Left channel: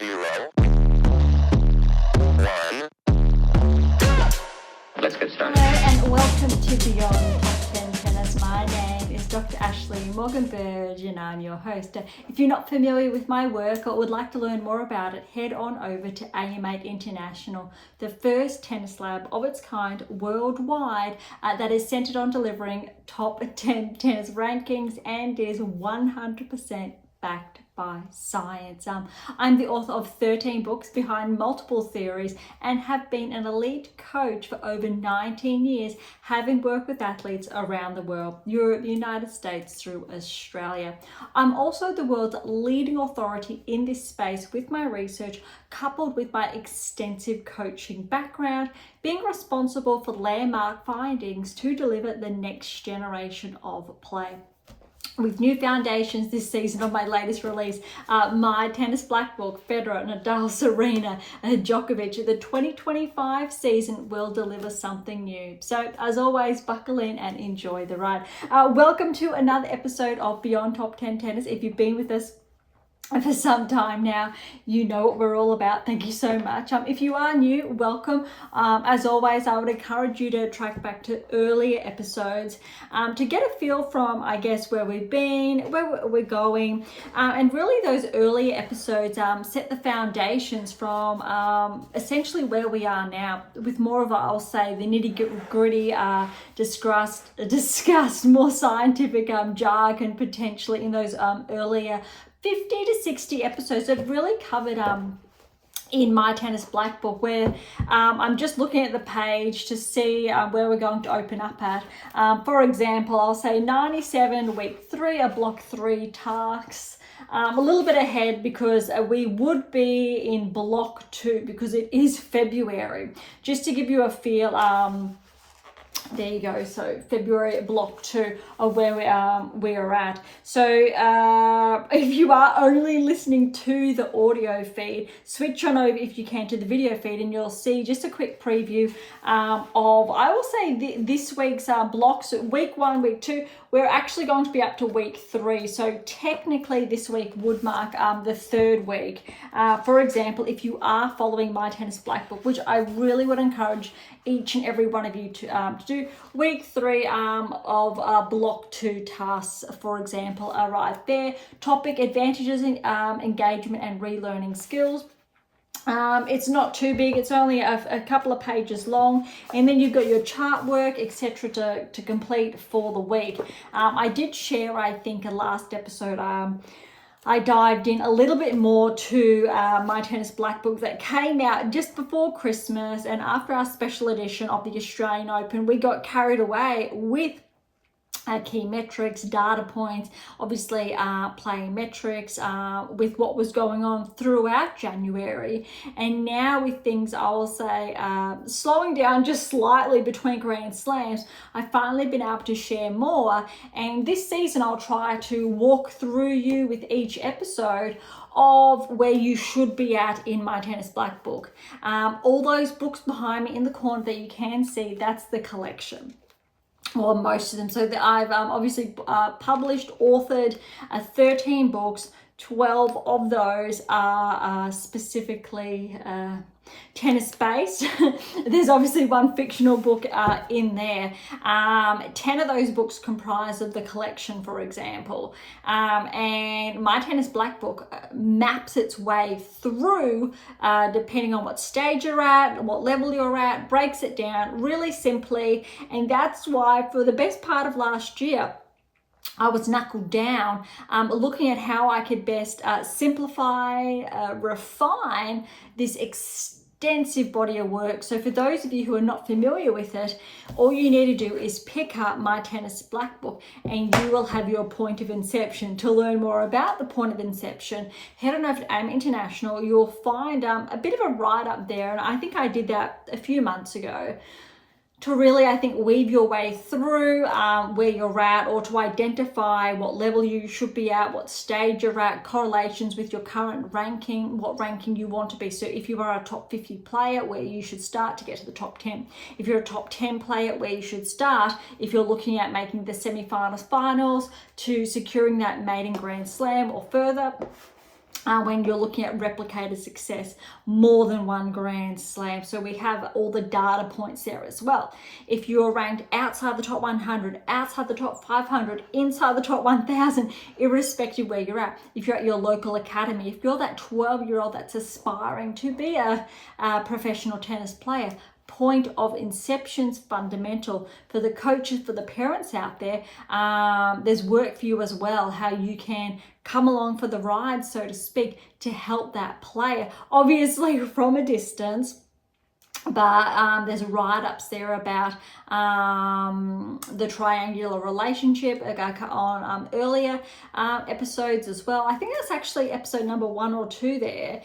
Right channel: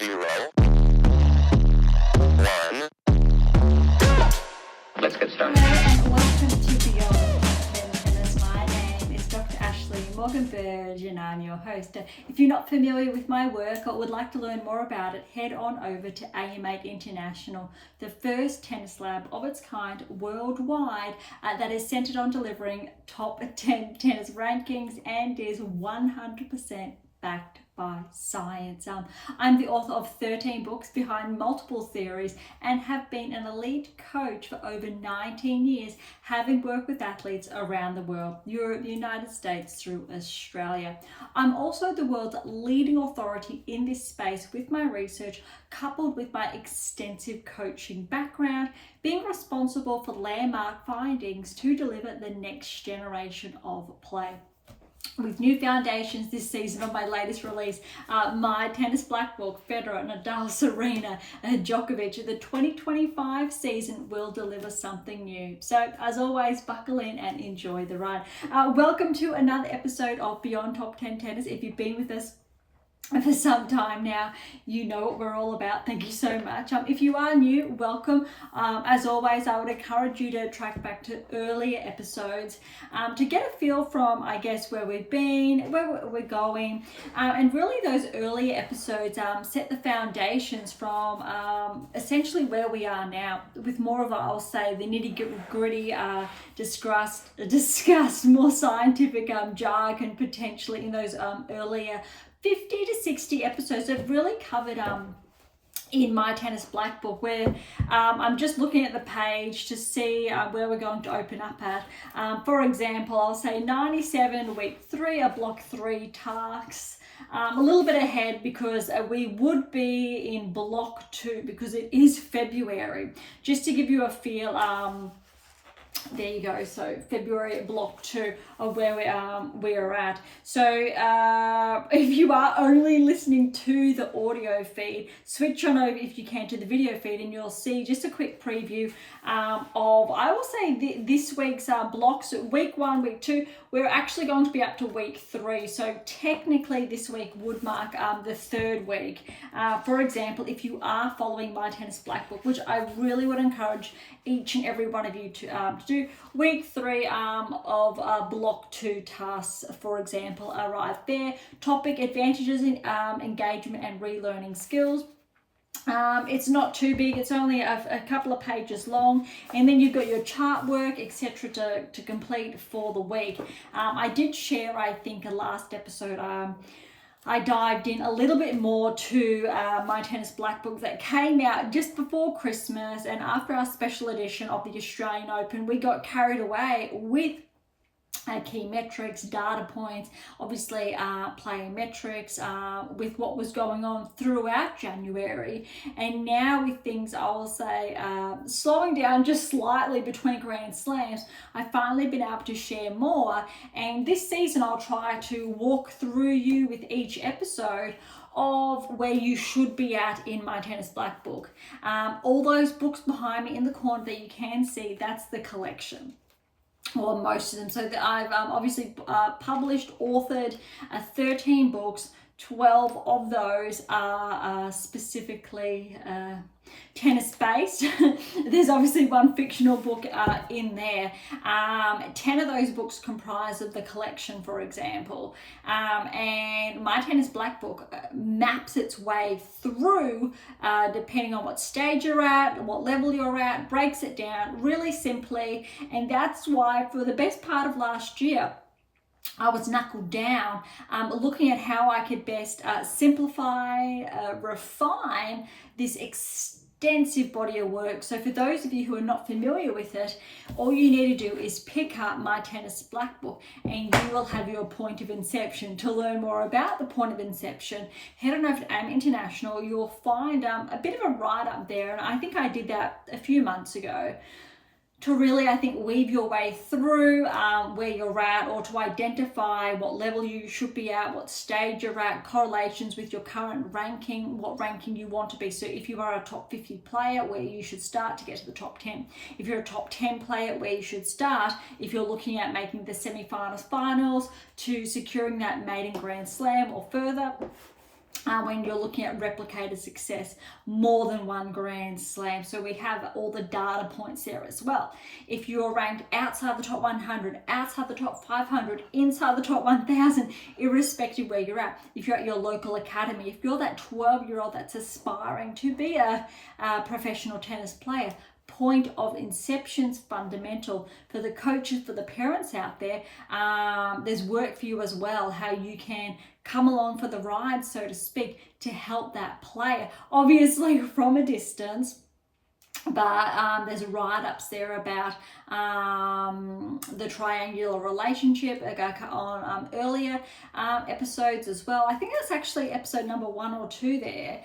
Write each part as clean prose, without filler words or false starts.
0, 1. Let's get started. Hello and welcome to Beyond Tennis. My name is Dr. Ashley Morgan Berge and I'm your host. If you're not familiar with my work or would like to learn more about it, head on over to AM8 International, the first tennis lab of its kind worldwide that is centered on delivering top 10 tennis rankings and is 100% backed by science. I'm the author of 13 books behind multiple theories and have been an elite coach for over 19 years, having worked with athletes around the world, Europe, United States through Australia. I'm also the world's leading authority in this space with my research, coupled with my extensive coaching background, being responsible for landmark findings to deliver the next generation of play. With new foundations this season of my latest release, my tennis black book, Federer, Nadal, Serena, Djokovic, the 2025 season will deliver something new. So as always, buckle in and enjoy the ride. Welcome to another episode of Beyond Top 10 Tennis. If you've been with us for some time now, you know what we're all about. Thank you so much. If you are new, welcome. As always, I would encourage you to track back to earlier episodes to get a feel from, I guess, where we've been, where we're going, and really those earlier episodes set the foundations from essentially where we are now, with more of, I'll say, the nitty-gritty discussed more scientific jargon potentially in those earlier 50 to 60 episodes that really covered in my tennis black book, where I'm just looking at the page to see where we're going to open up at. For example, I'll say 97 week 3, a block 3 tasks. A little bit ahead because we would be in block 2 because it is February. Just to give you a feel, there you go. So February block 2 of where we're at. So if you are only listening to the audio feed, switch on over if you can to the video feed and you'll see just a quick preview of, I will say, this week's blocks. Week 1, week 2, we're actually going to be up to week 3. So technically this week would mark the 3rd week. For example, if you are following my tennis black book, which I really would encourage each and every one of you to do, week 3 of block 2 tasks, for example, are right there. Topic: advantages in engagement and relearning skills. It's not too big, it's only a couple of pages long, and then you've got your chart work, etc. to complete for the week. I did share, I think, a last episode, I dived in a little bit more to my tennis black book that came out just before Christmas, and after our special edition of the Australian Open, we got carried away with key metrics, data points, obviously playing metrics with what was going on throughout January. And now with things, I will say, slowing down just slightly between Grand Slams, I've finally been able to share more. And this season, I'll try to walk through you with each episode of where you should be at in my tennis black book. All those books behind me in the corner that you can see, that's the collection. Well, most of them. So I've obviously published, authored 13 books. 12 of those are specifically tennis based. There's obviously one fictional book in there. 10 of those books comprise of the collection, for example. And my tennis black book maps its way through, depending on what stage you're at, what level you're at, breaks it down really simply. And that's why for the best part of last year, I was knuckled down looking at how I could best simplify, refine this extensive body of work. So for those of you who are not familiar with it, all you need to do is pick up my tennis black book and you will have your point of inception. To learn more about the point of inception, head on over to AM8 International. You'll find a bit of a write-up there, and I think I did that a few months ago, to really, I think, weave your way through where you're at, or to identify what level you should be at, what stage you're at, correlations with your current ranking, what ranking you want to be. So if you are a top 50 player, where you should start to get to the top 10. If you're a top 10 player, where you should start if you're looking at making the semi-finals, finals, to securing that maiden Grand Slam or further. when you're looking at replicated success, more than one Grand Slam. So we have all the data points there as well. If you're ranked outside the top 100, outside the top 500, inside the top 1000, irrespective where you're at, if you're at your local academy, if you're that 12-year-old that's aspiring to be a professional tennis player, point of inception's fundamental. For the coaches, for the parents out there, there's work for you as well, how you can come along for the ride, so to speak, to help that player, obviously from a distance. But there's write-ups there about the triangular relationship on earlier episodes as well. I think that's actually episode number 1 or 2 there.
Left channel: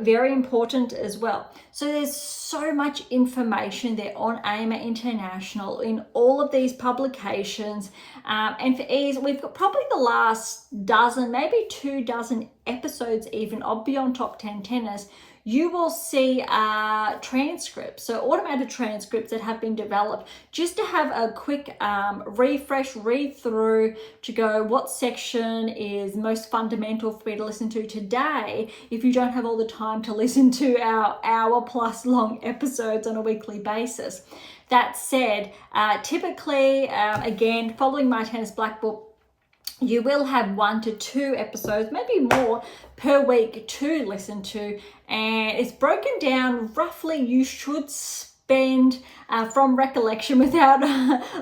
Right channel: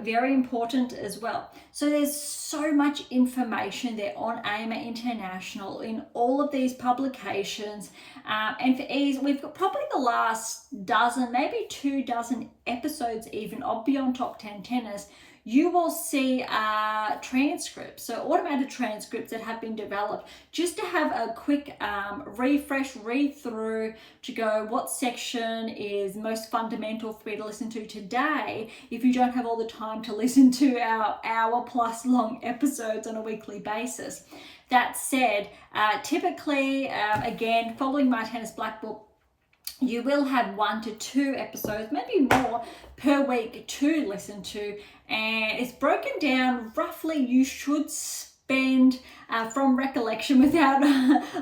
Very important as well. So there's so much information there on AM8 International in all of these publications. And for ease, we've got probably the last dozen, maybe 2 dozen episodes even of Beyond Top 10 Tennis. You will see transcripts, so automated transcripts that have been developed just to have a quick refresh, read through, to go what section is most fundamental for me to listen to today if you don't have all the time to listen to our hour-plus long episodes on a weekly basis. That said, typically, again, following my Tennis Black Book, you will have 1 to 2 episodes, maybe more, per week to listen to. And it's broken down roughly. You should spend, from recollection without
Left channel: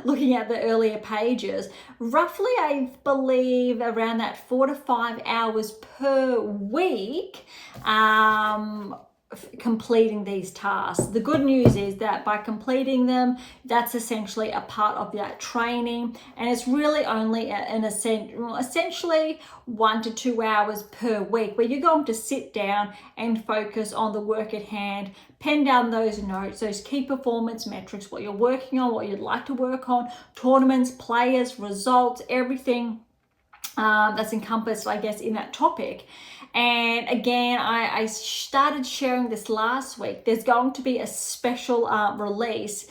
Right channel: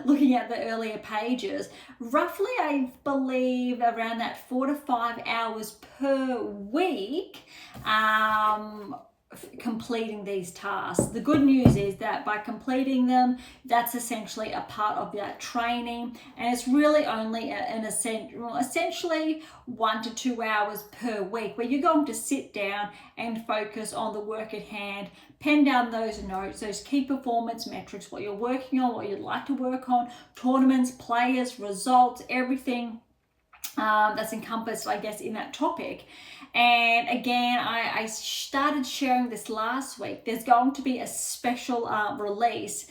looking at the earlier pages, roughly, I believe, around that 4 to 5 hours per week completing these tasks. The good news is that by completing them, that's essentially a part of that training, and it's really only essentially 1 to 2 hours per week where you're going to sit down and focus on the work at hand, pen down those notes, those key performance metrics, what you're working on, what you'd like to work on, tournaments, players, results, everything that's encompassed, I guess, in that topic. And again, I started sharing this last week. There's going to be a special release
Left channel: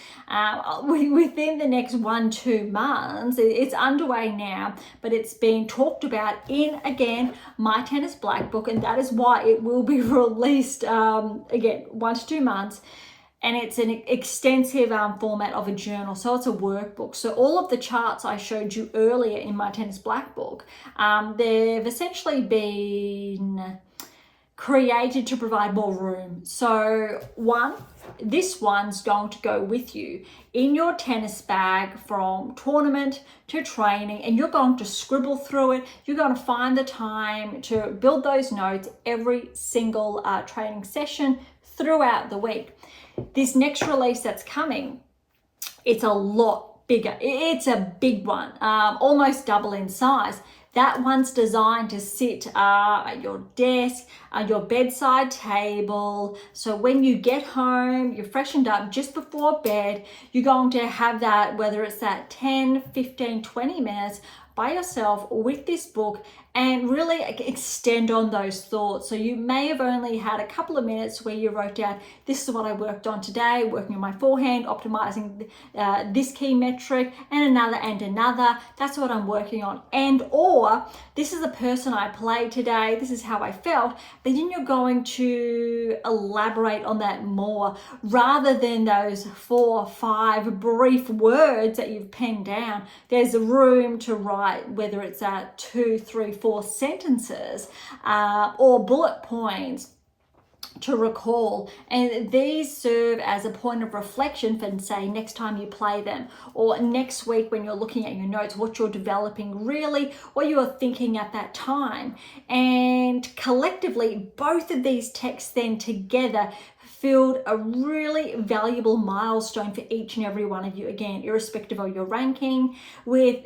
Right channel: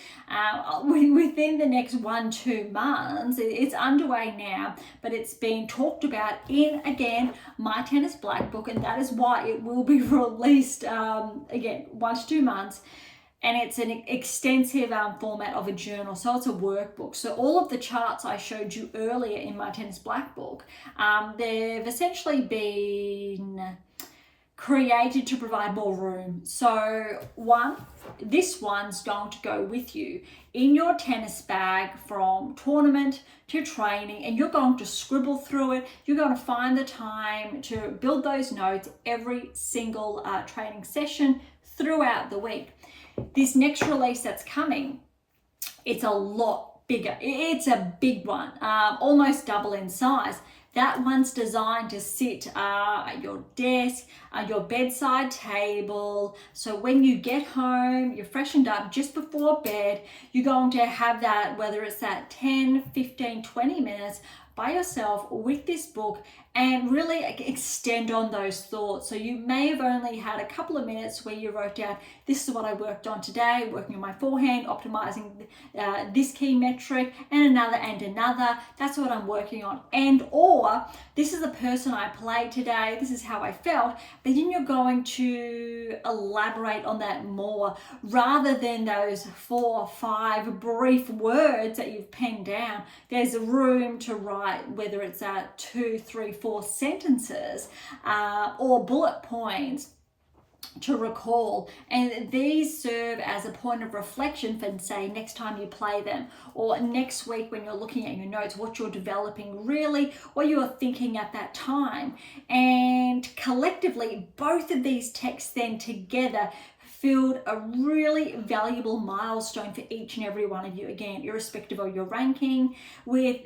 within the next 1-2 months. It's underway now, but it's being talked about in, again, my Tennis Black Book, and that is why it will be released, again, 1 to 2 months. And it's an extensive format of a journal, so it's a workbook. So all of the charts I showed you earlier in my Tennis Black Book, they've essentially been created to provide more room. So this one's going to go with you in your tennis bag from tournament to training, and you're going to scribble through it. You're going to find the time to build those notes every single training session throughout the week. This next release that's coming, it's a lot bigger. It's a big one, almost double in size. That one's designed to sit at your desk, at your bedside table. So when you get home, you're freshened up just before bed, you're going to have that, whether it's that 10, 15, 20 minutes by yourself with this book, and really extend on those thoughts. So you may have only had a couple of minutes where you wrote down, this is what I worked on today, working on my forehand, optimizing this key metric, and another. That's what I'm working on. And or, this is the person I played today, this is how I felt. But then you're going to elaborate on that more, rather than those 4 or 5 brief words that you've penned down. There's a room to write, whether it's 2, 3, 4 sentences or bullet points to recall, and these serve as a point of reflection for, say, next time you play them, or next week when you're looking at your notes, what you're developing, really what you are thinking at that time. And collectively, both of these texts then together filled a really valuable milestone for each and every one of you, again, irrespective of your ranking, with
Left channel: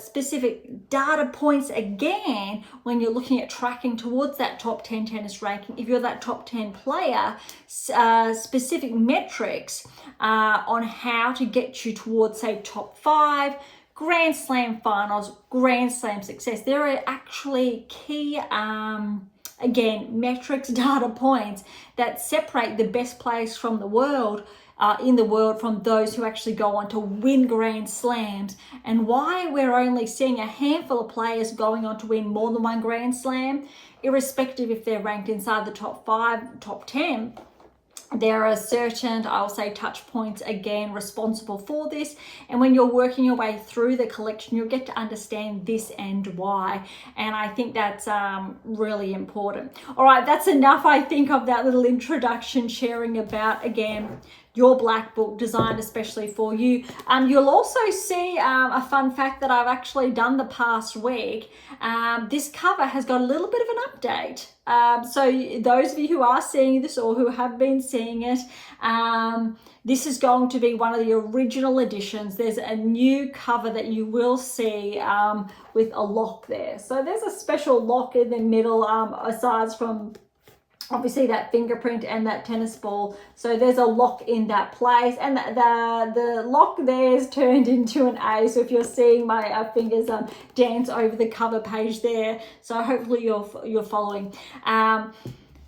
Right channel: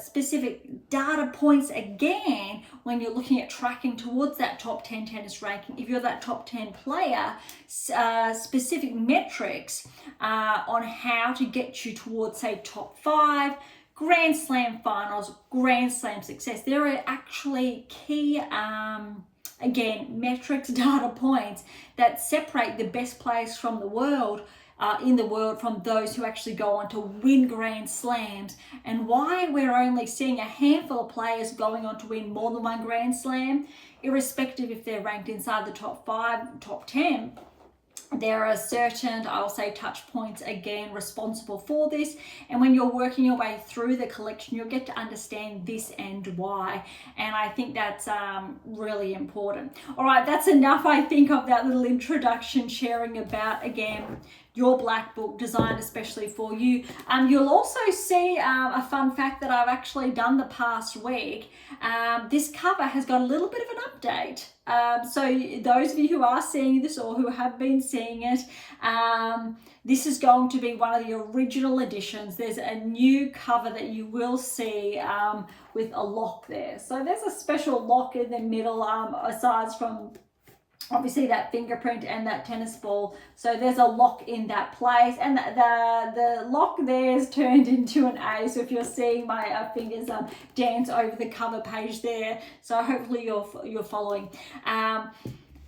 specific data points, again, when you're looking at tracking towards that top 10 tennis ranking. If you're that top 10 player, specific metrics on how to get you towards, say, top 5, Grand Slam finals, Grand Slam success. There are actually key again, metrics, data points that separate the best players from the world, in the world, from those who actually go on to win Grand Slams, and why we're only seeing a handful of players going on to win more than 1 Grand Slam. irrespective if they're ranked inside the top 5, top 10, there are certain, I'll say, touch points again responsible for this. And when you're working your way through the collection, you'll get to understand this and why. And I think that's really important. All right, that's enough, I think, of that little introduction, sharing about, again, your black book designed especially for you. You'll also see a fun fact that I've actually done the past week. This cover has got a little bit of an update. So those of you who are seeing this or who have been seeing it, this is going to be one of the original editions. There's a new cover that you will see with a lock there. So there's a special lock in the middle, aside from obviously that fingerprint and that tennis ball. So there's a lock in that place, and the lock there is turned into an A. So if you're seeing my fingers dance over the cover page there, so hopefully you're following.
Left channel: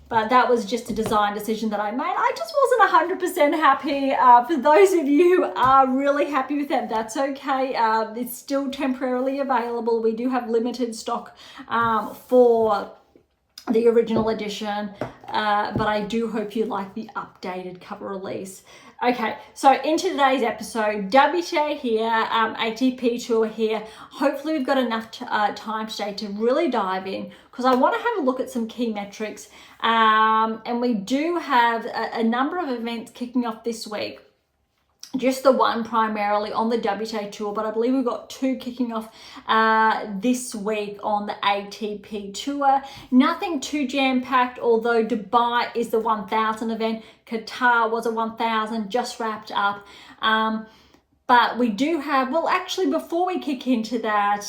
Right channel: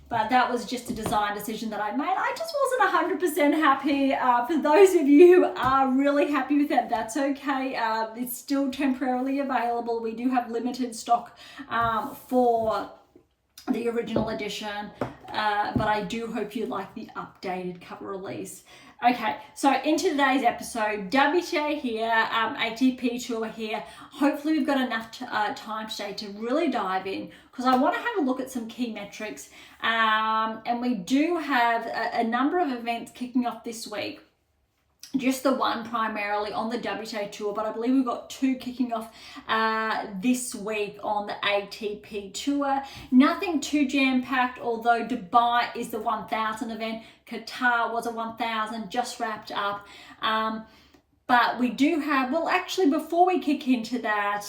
But that was just a design decision that I made. I just wasn't 100% happy. For those of you who are really happy with that, that's okay. It's still temporarily available. We do have limited stock for the original edition, but I do hope you like the updated cover release. Okay, so into today's episode, WTA here, ATP Tour here. Hopefully we've got enough time today to really dive in, because I want to have a look at some key metrics. And we do have a number of events kicking off this week. Just the one primarily on the WTA Tour, but I believe we've got 2 kicking off this week on the ATP Tour. Nothing too jam-packed, although Dubai is the 1000 event. Qatar was a 1000, just wrapped up. But we do have, well, actually, before we kick into that,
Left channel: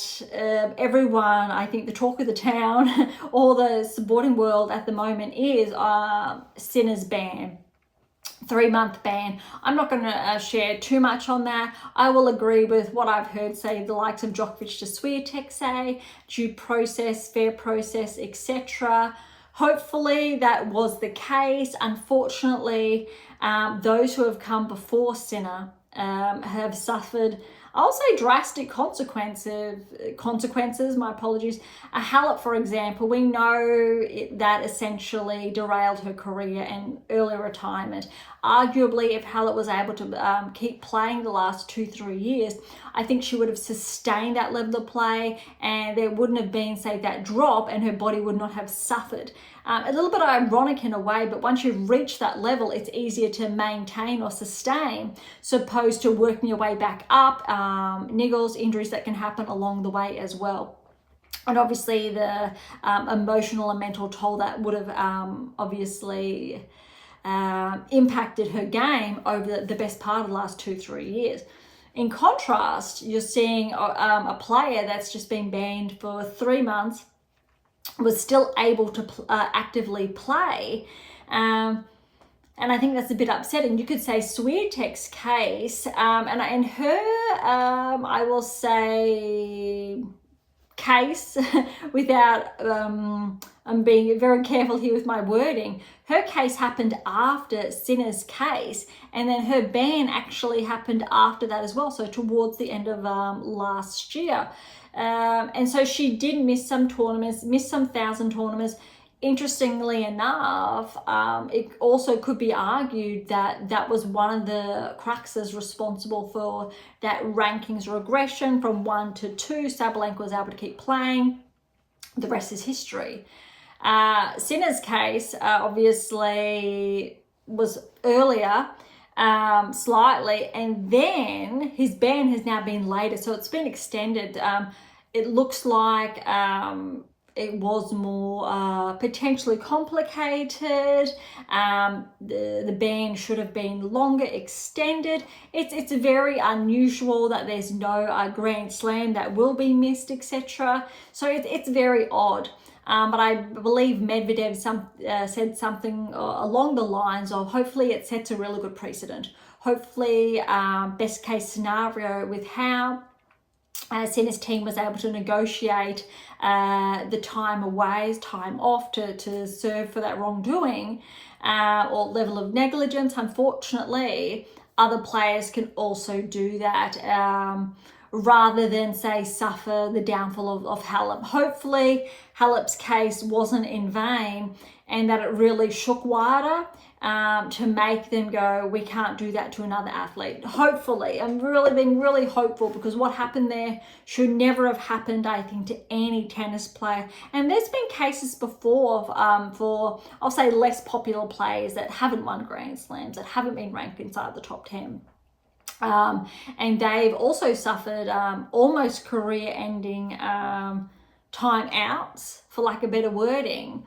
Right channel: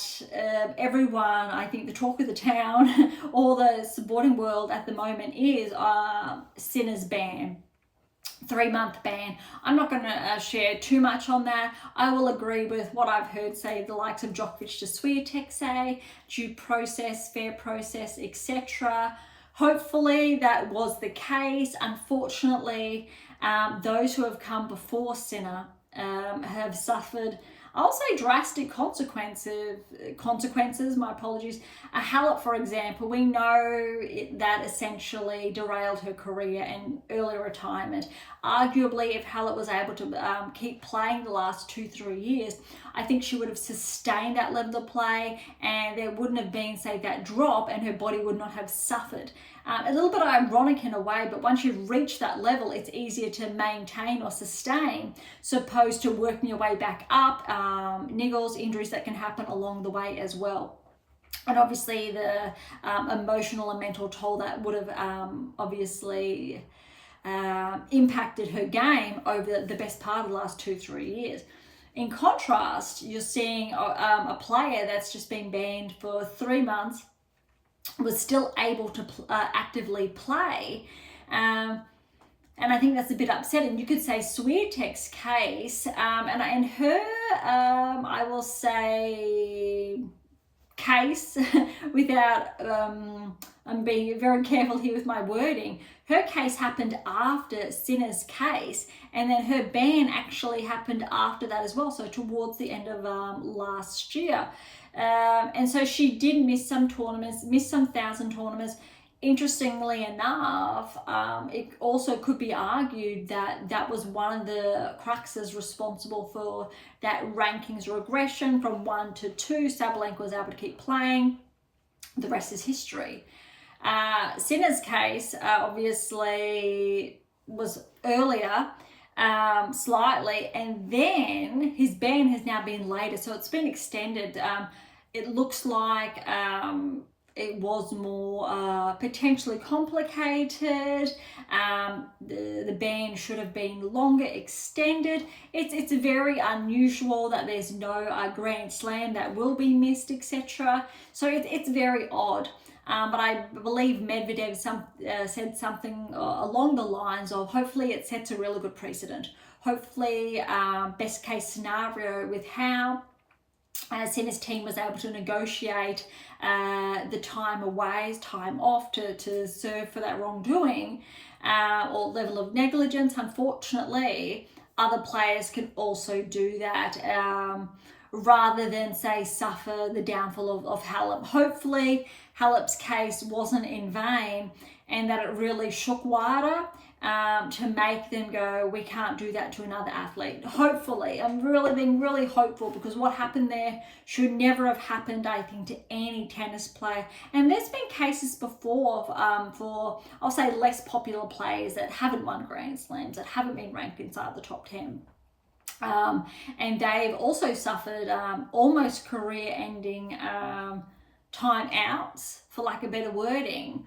everyone, I think the talk of the town or the sporting world at the moment is Sinner's ban. 3-month ban. I'm not going to share too much on that. I will agree with what I've heard say the likes of Djokovic to Swiatek say, due process, fair process, etc. Hopefully that was the case. Unfortunately, those who have come before Sinner have suffered, I'll say, drastic consequences, my apologies. Halep, for example, we know that essentially derailed her career and early retirement. Arguably, if Halep was able to keep playing the last 2-3 years, I think she would have sustained that level of play, and there wouldn't have been, say, that drop, and her body would not have suffered. A little bit ironic in a way, but once you've reached that level, it's easier to maintain or sustain, so opposed to working your way back up, niggles, injuries that can happen along the way as well. And obviously the emotional and mental toll that would have obviously impacted her game over the best part of the last 2-3 years. In contrast, you're seeing a player that's just been banned for 3 months, was still able to actively play, and I think that's a bit upsetting. You could say Swiatek's case, and her, I will say, case, without, I'm being very careful here with my wording, her case happened after Sinner's case, and then her ban actually happened after that as well, so towards the end of last year. And so she did miss some tournaments, miss some 1000 tournaments. Interestingly enough, it also could be argued that that was one of the cruxes responsible for that rankings regression from 1 to 2. Sabalenka was able to keep playing. The rest is history. Sinner's case obviously was earlier, slightly, and then his ban has now been later, so it's been extended. It looks like it was more potentially complicated. The ban should have been longer, extended. It's very unusual that there's no Grand Slam that will be missed, etc. So it's very odd. But I believe Medvedev said something along the lines of, hopefully it sets a really good precedent. Hopefully, best case scenario with how Sinner's team was able to negotiate the time away, time off to serve for that wrongdoing or level of negligence. Unfortunately, other players can also do that rather than, say, suffer the downfall of Halep. Hopefully, Halep's case wasn't in vain, and that it really shook WADA to make them go, we can't do that to another athlete. Hopefully, I'm really being really hopeful, because what happened there should never have happened, I think, to any tennis player. And there's been cases before for, I'll say, less popular players that haven't won Grand Slams, that haven't been ranked inside the top 10. And they've also suffered almost career-ending timeouts, for lack of better wording.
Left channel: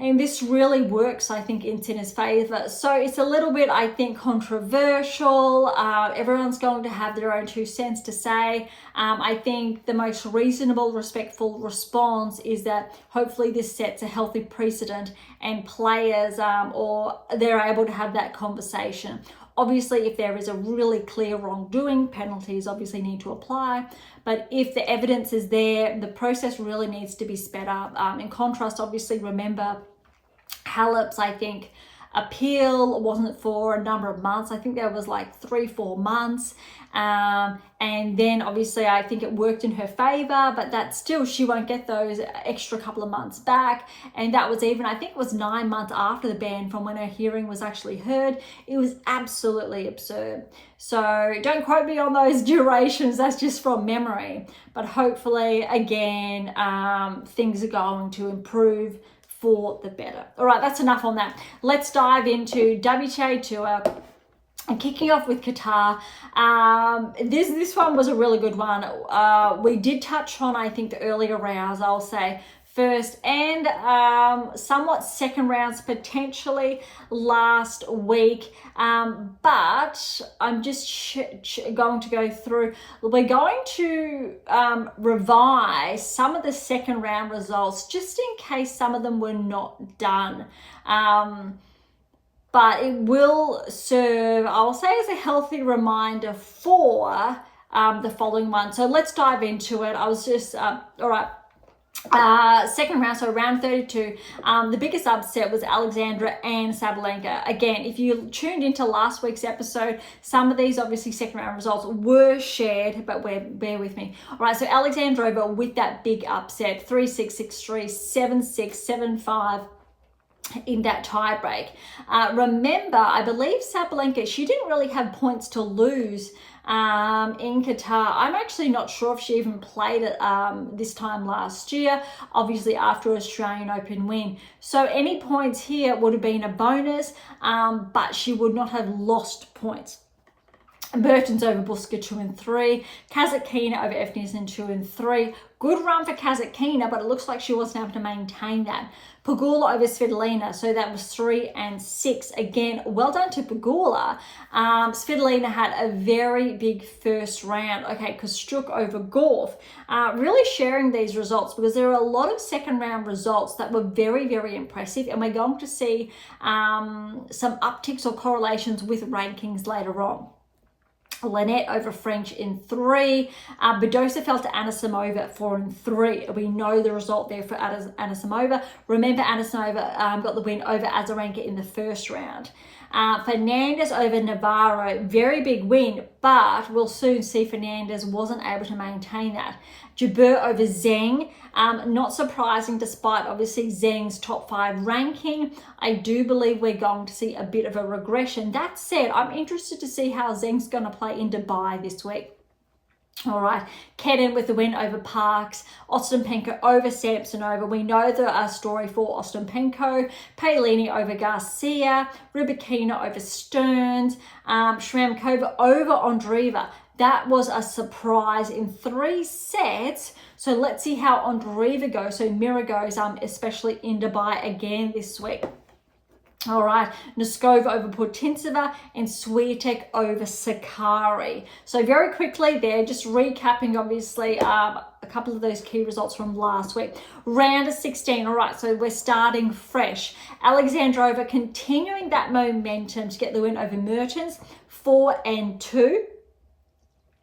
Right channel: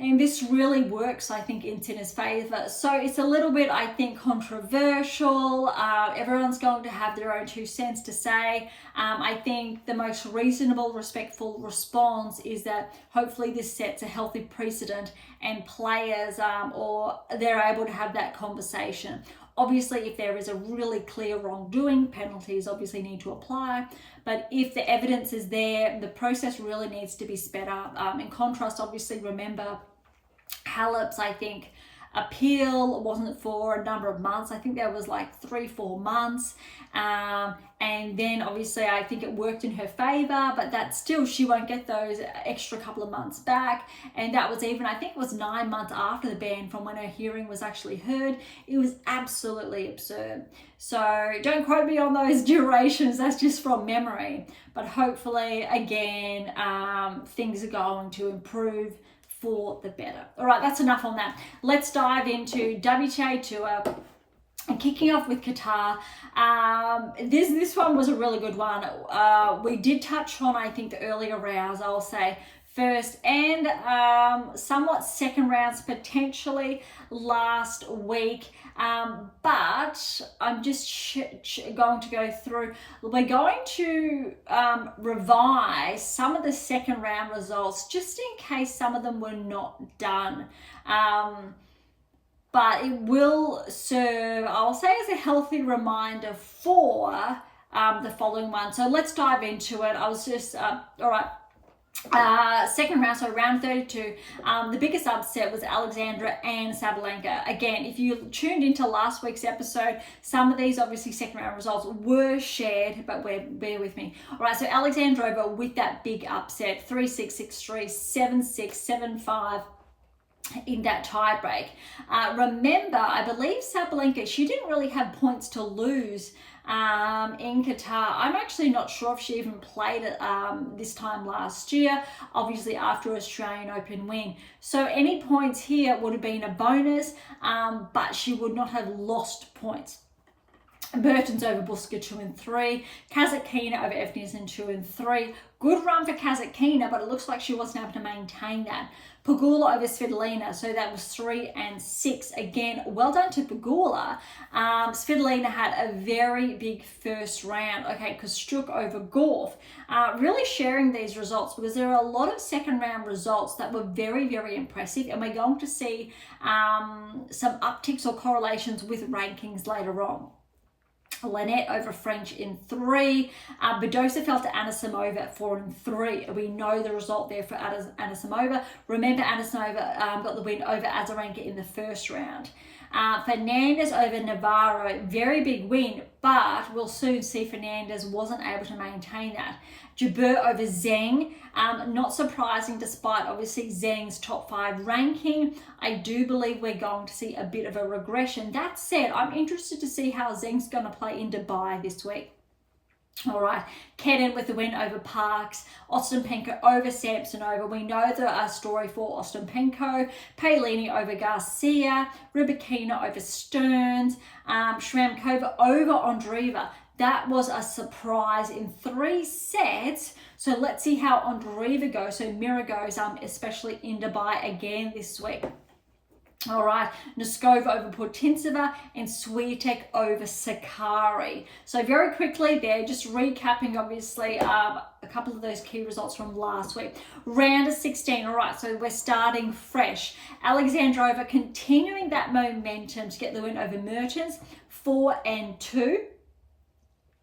And this really works, I think, in tennis favour. So it's a little bit, I think, controversial. Everyone's going to have their own 2 cents to say. I think the most reasonable, respectful response is that hopefully this sets a healthy precedent, and players or they're able to have that conversation. Obviously, if there is a really clear wrongdoing, penalties obviously need to apply. But if the evidence is there, the process really needs to be sped up. In contrast, obviously, remember, Halep's, I think, appeal wasn't for a number of months. I think there was like 3-4 months. And then obviously I think it worked in her favor, but that still, she won't get those extra couple of months back. And that was even, I think it was 9 months after the ban from when her hearing was actually heard. It was absolutely absurd. So don't quote me on those durations, that's just from memory. But hopefully, again, things are going to improve for the better. All right, that's enough on that. Let's dive into WTA Tour. And kicking off with Qatar, this one was a really good one. We did touch on, I think, the earlier rounds, I'll say, first and somewhat second rounds potentially last week. But I'm just going to go through. We're going to revise some of the second round results just in case some of them were not done. But it will serve, I'll say, as a healthy reminder for the following one. So let's dive into it. I was just, all right. Second round, so round 32, the biggest upset was Alexandra and Sabalenka. Again, if you tuned into last week's episode, some of these obviously second round results were shared, but bear with me. All right, so Alexandrova with that big upset, 3-6, 6-3, 7-6, 7-5. In that tie break. Remember, I believe Sabalenka, she didn't really have points to lose in Qatar. I'm actually not sure if she even played it this time last year, obviously after Australian Open win. So any points here would have been a bonus, but she would not have lost points. Mertens over Buska 2-3, Kasatkina over Evnissen 2-3. Good run for Kasatkina, but it looks like she wasn't able to maintain that. Pegula over Svitolina, so that was 3-6. Again, well done to Pegula. Svitolina had a very big first round. Okay, Kostyuk over Gauff. Really sharing these results because there are a lot of second round results that were very, very impressive, and we're going to see some upticks or correlations with rankings later on. Lynette over French in 3. Badosa fell to Anisimova at 4-3. We know the result there for Anisimova. Remember, Anisimova got the win over Azarenka in the first round. Fernandez over Navarro, very big win, but we'll soon see Fernandez wasn't able to maintain that. Jabeur over Zheng, not surprising despite obviously Zheng's top 5 ranking. I do believe we're going to see a bit of a regression. That said, I'm interested to see how Zheng's going to play in Dubai this week. All right, Kedden with the win over Parks, Ostapenko over Samsonova. We know the story for Ostapenko. Paolini over Garcia, Rybakina over Stearns, Shramkova over Andreeva. That was a surprise in 3 sets. So let's see how Andreeva goes. So Mira goes, especially in Dubai again this week. All right, Noskova over Putintseva and Swiatek over Sakari. So very quickly there, just recapping obviously a couple of those key results from last week. Round of 16, all right, so we're starting fresh. Alexandrova continuing that momentum to get the win over Mertens, 4-2.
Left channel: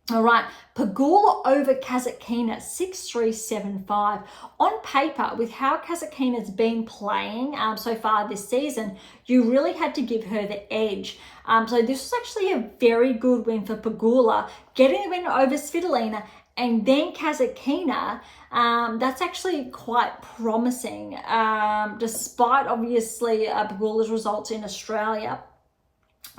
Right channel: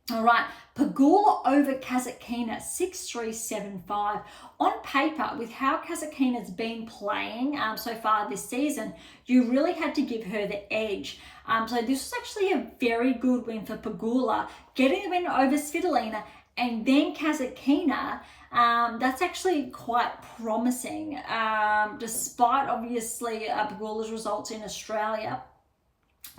All right, Pegula over Kasatkina, 6-3, 7-5. On paper, with how Kasatkina's been playing so far this season, you really had to give her the edge. So this was actually a very good win for Pegula, getting the win over Svitolina, and then Kasatkina That's actually quite promising, despite obviously Pegula's results in Australia.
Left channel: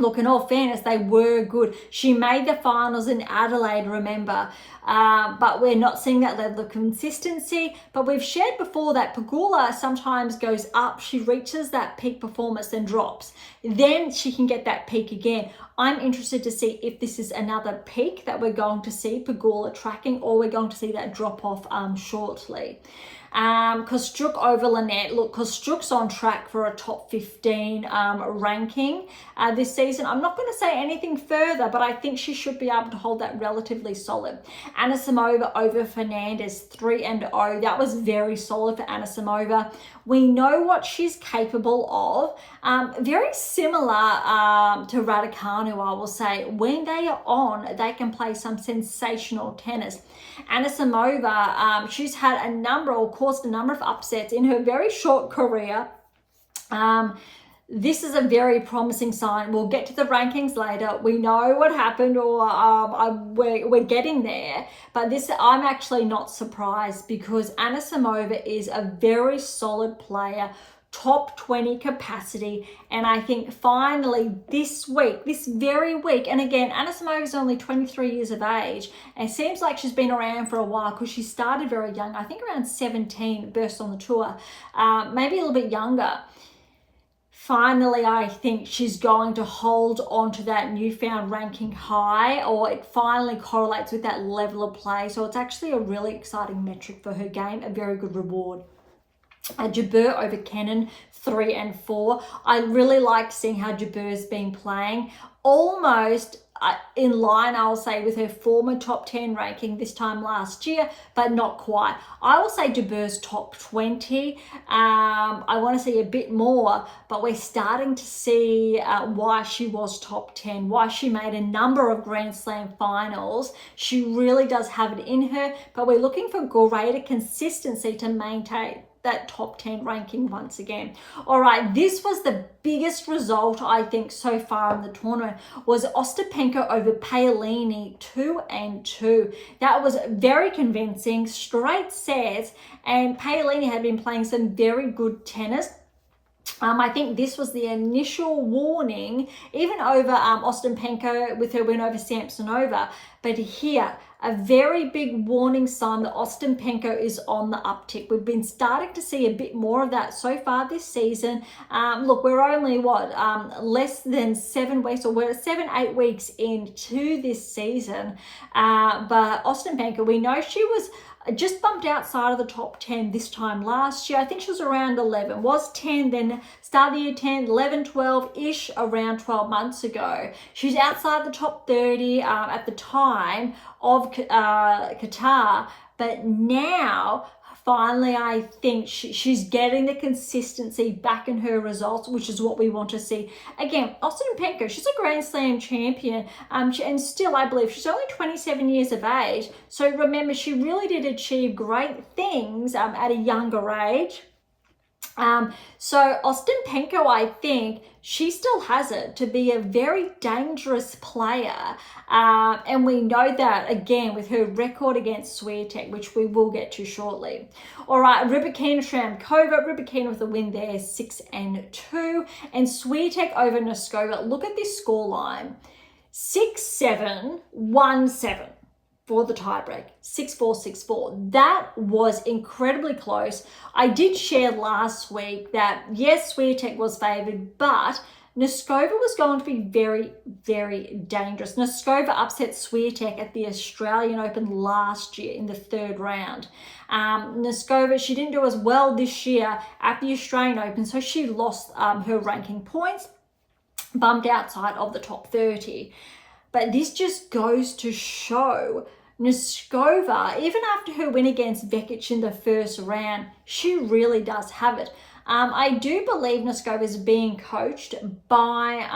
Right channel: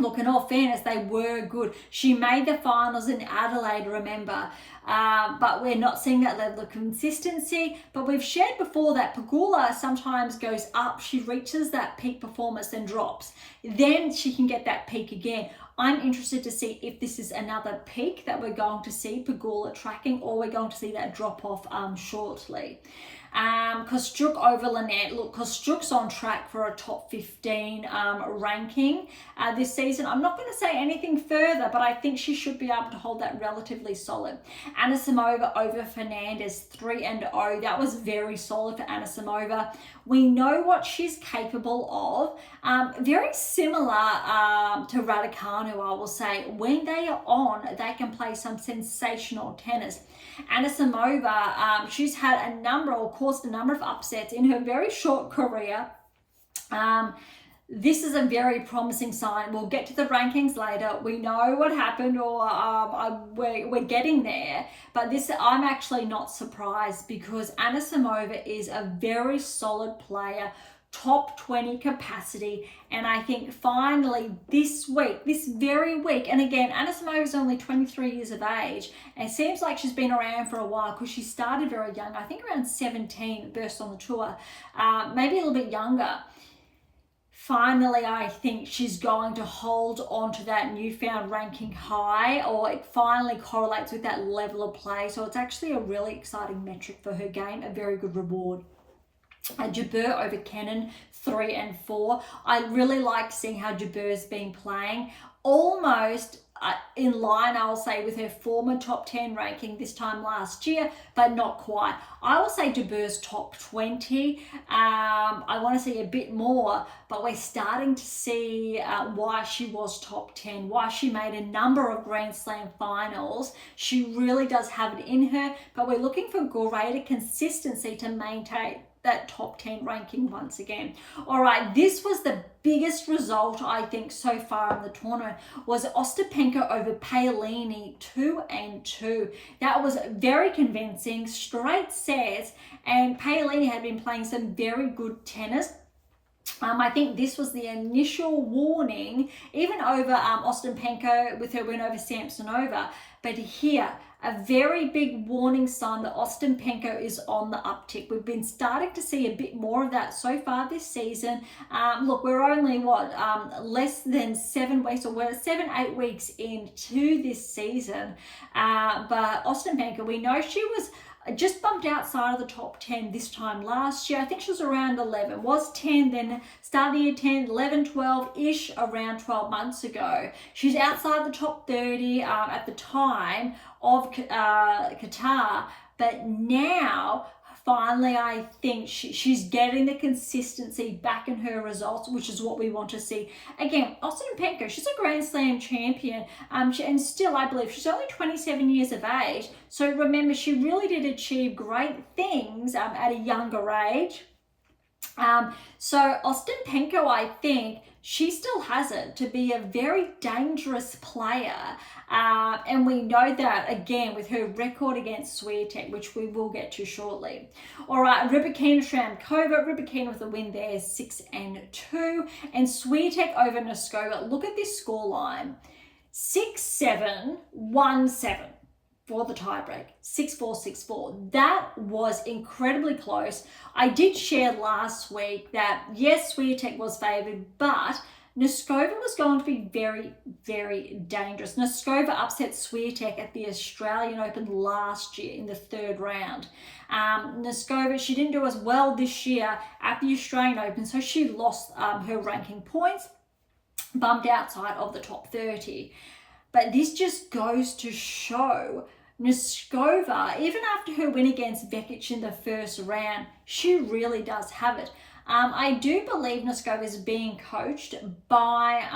Look, in all fairness, they were good. She made the finals in Adelaide, remember, but we're not seeing that level of consistency. But we've shared before that Pegula sometimes goes up, she reaches that peak performance and drops. Then she can get that peak again. I'm interested to see if this is another peak that we're going to see Pegula tracking, or we're going to see that drop off shortly. Kostyuk over Lynette. Look, Kostyuk's on track for a top 15 ranking this season. I'm not going to say anything further, but I think she should be able to hold that relatively solid. Anisimova over Fernandez, 3-0. That was very solid for Anisimova. We know what she's capable of. Very similar to Raducanu, I will say. When they are on, they can play some sensational tennis. Anisimova, she's had a number of upsets in her very short career. This is a very promising sign. We'll get to the rankings later. We know what happened, or we're getting there. But this, I'm actually not surprised, because Anisimova is a very solid player, top 20 capacity, and I think finally this very week, and again, Anisimova is only 23 years of age, and it seems like she's been around for a while, because she started very young, I think around 17, burst on the tour, maybe a little bit younger. Finally, I think she's going to hold on to that newfound ranking high, or it finally correlates with that level of play, so it's actually a really exciting metric for her game, a very good reward. Jabeur over Kenin, 3-4. I really like seeing how Jabeur's been playing. Almost in line, I'll say, with her former top 10 ranking this time last year, but not quite. I will say Jabeur's top 20. I want to see a bit more, but we're starting to see why she was top 10, why she made a number of Grand Slam finals. She really does have it in her, but we're looking for greater consistency to maintain that top 10 ranking once again. All right, this was the biggest result, I think, so far in the tournament, was Ostapenko over Paolini, 2-2. That was very convincing, straight sets, and Paolini had been playing some very good tennis. I think this was the initial warning, even over Ostapenko with her win over Samsonova, but here, a very big warning sign that Ostapenko is on the uptick. We've been starting to see a bit more of that so far this season. Look, we're only, less than 7 weeks, or we're 7-8 weeks into this season. But Ostapenko, we know she was just bumped outside of the top 10 this time last year. I think she was around 11, was 10, then started the year 10, 11, 12-ish around 12 months ago. She's outside the top 30 at the time of Qatar, but now finally I think she's getting the consistency back in her results, which is what we want to see. Again, Ostapenko, she's a Grand Slam champion, and still I believe she's only 27 years of age, so remember, she really did achieve great things at a younger age. So Ostapenko, I think she still has it to be a very dangerous player, and we know that again with her record against Swiatek, which we will get to shortly. All right, Rybakina Shramkova, Rybakina with a win there, 6-2, and Swiatek over Noskova. Look at this scoreline, 6-7, 1-7. For the tiebreak, 6-4, 6-4. That was incredibly close. I did share last week that, yes, Swiatek was favoured, but Noskova was going to be very, very dangerous. Noskova upset Swiatek at the Australian Open last year in the 3rd round. Noskova, she didn't do as well this year at the Australian Open, so she lost her ranking points, bumped outside of the top 30. But this just goes to show Noskova, even after her win against Vekic in the 1st round, she really does have it. I do believe Noskova is being coached by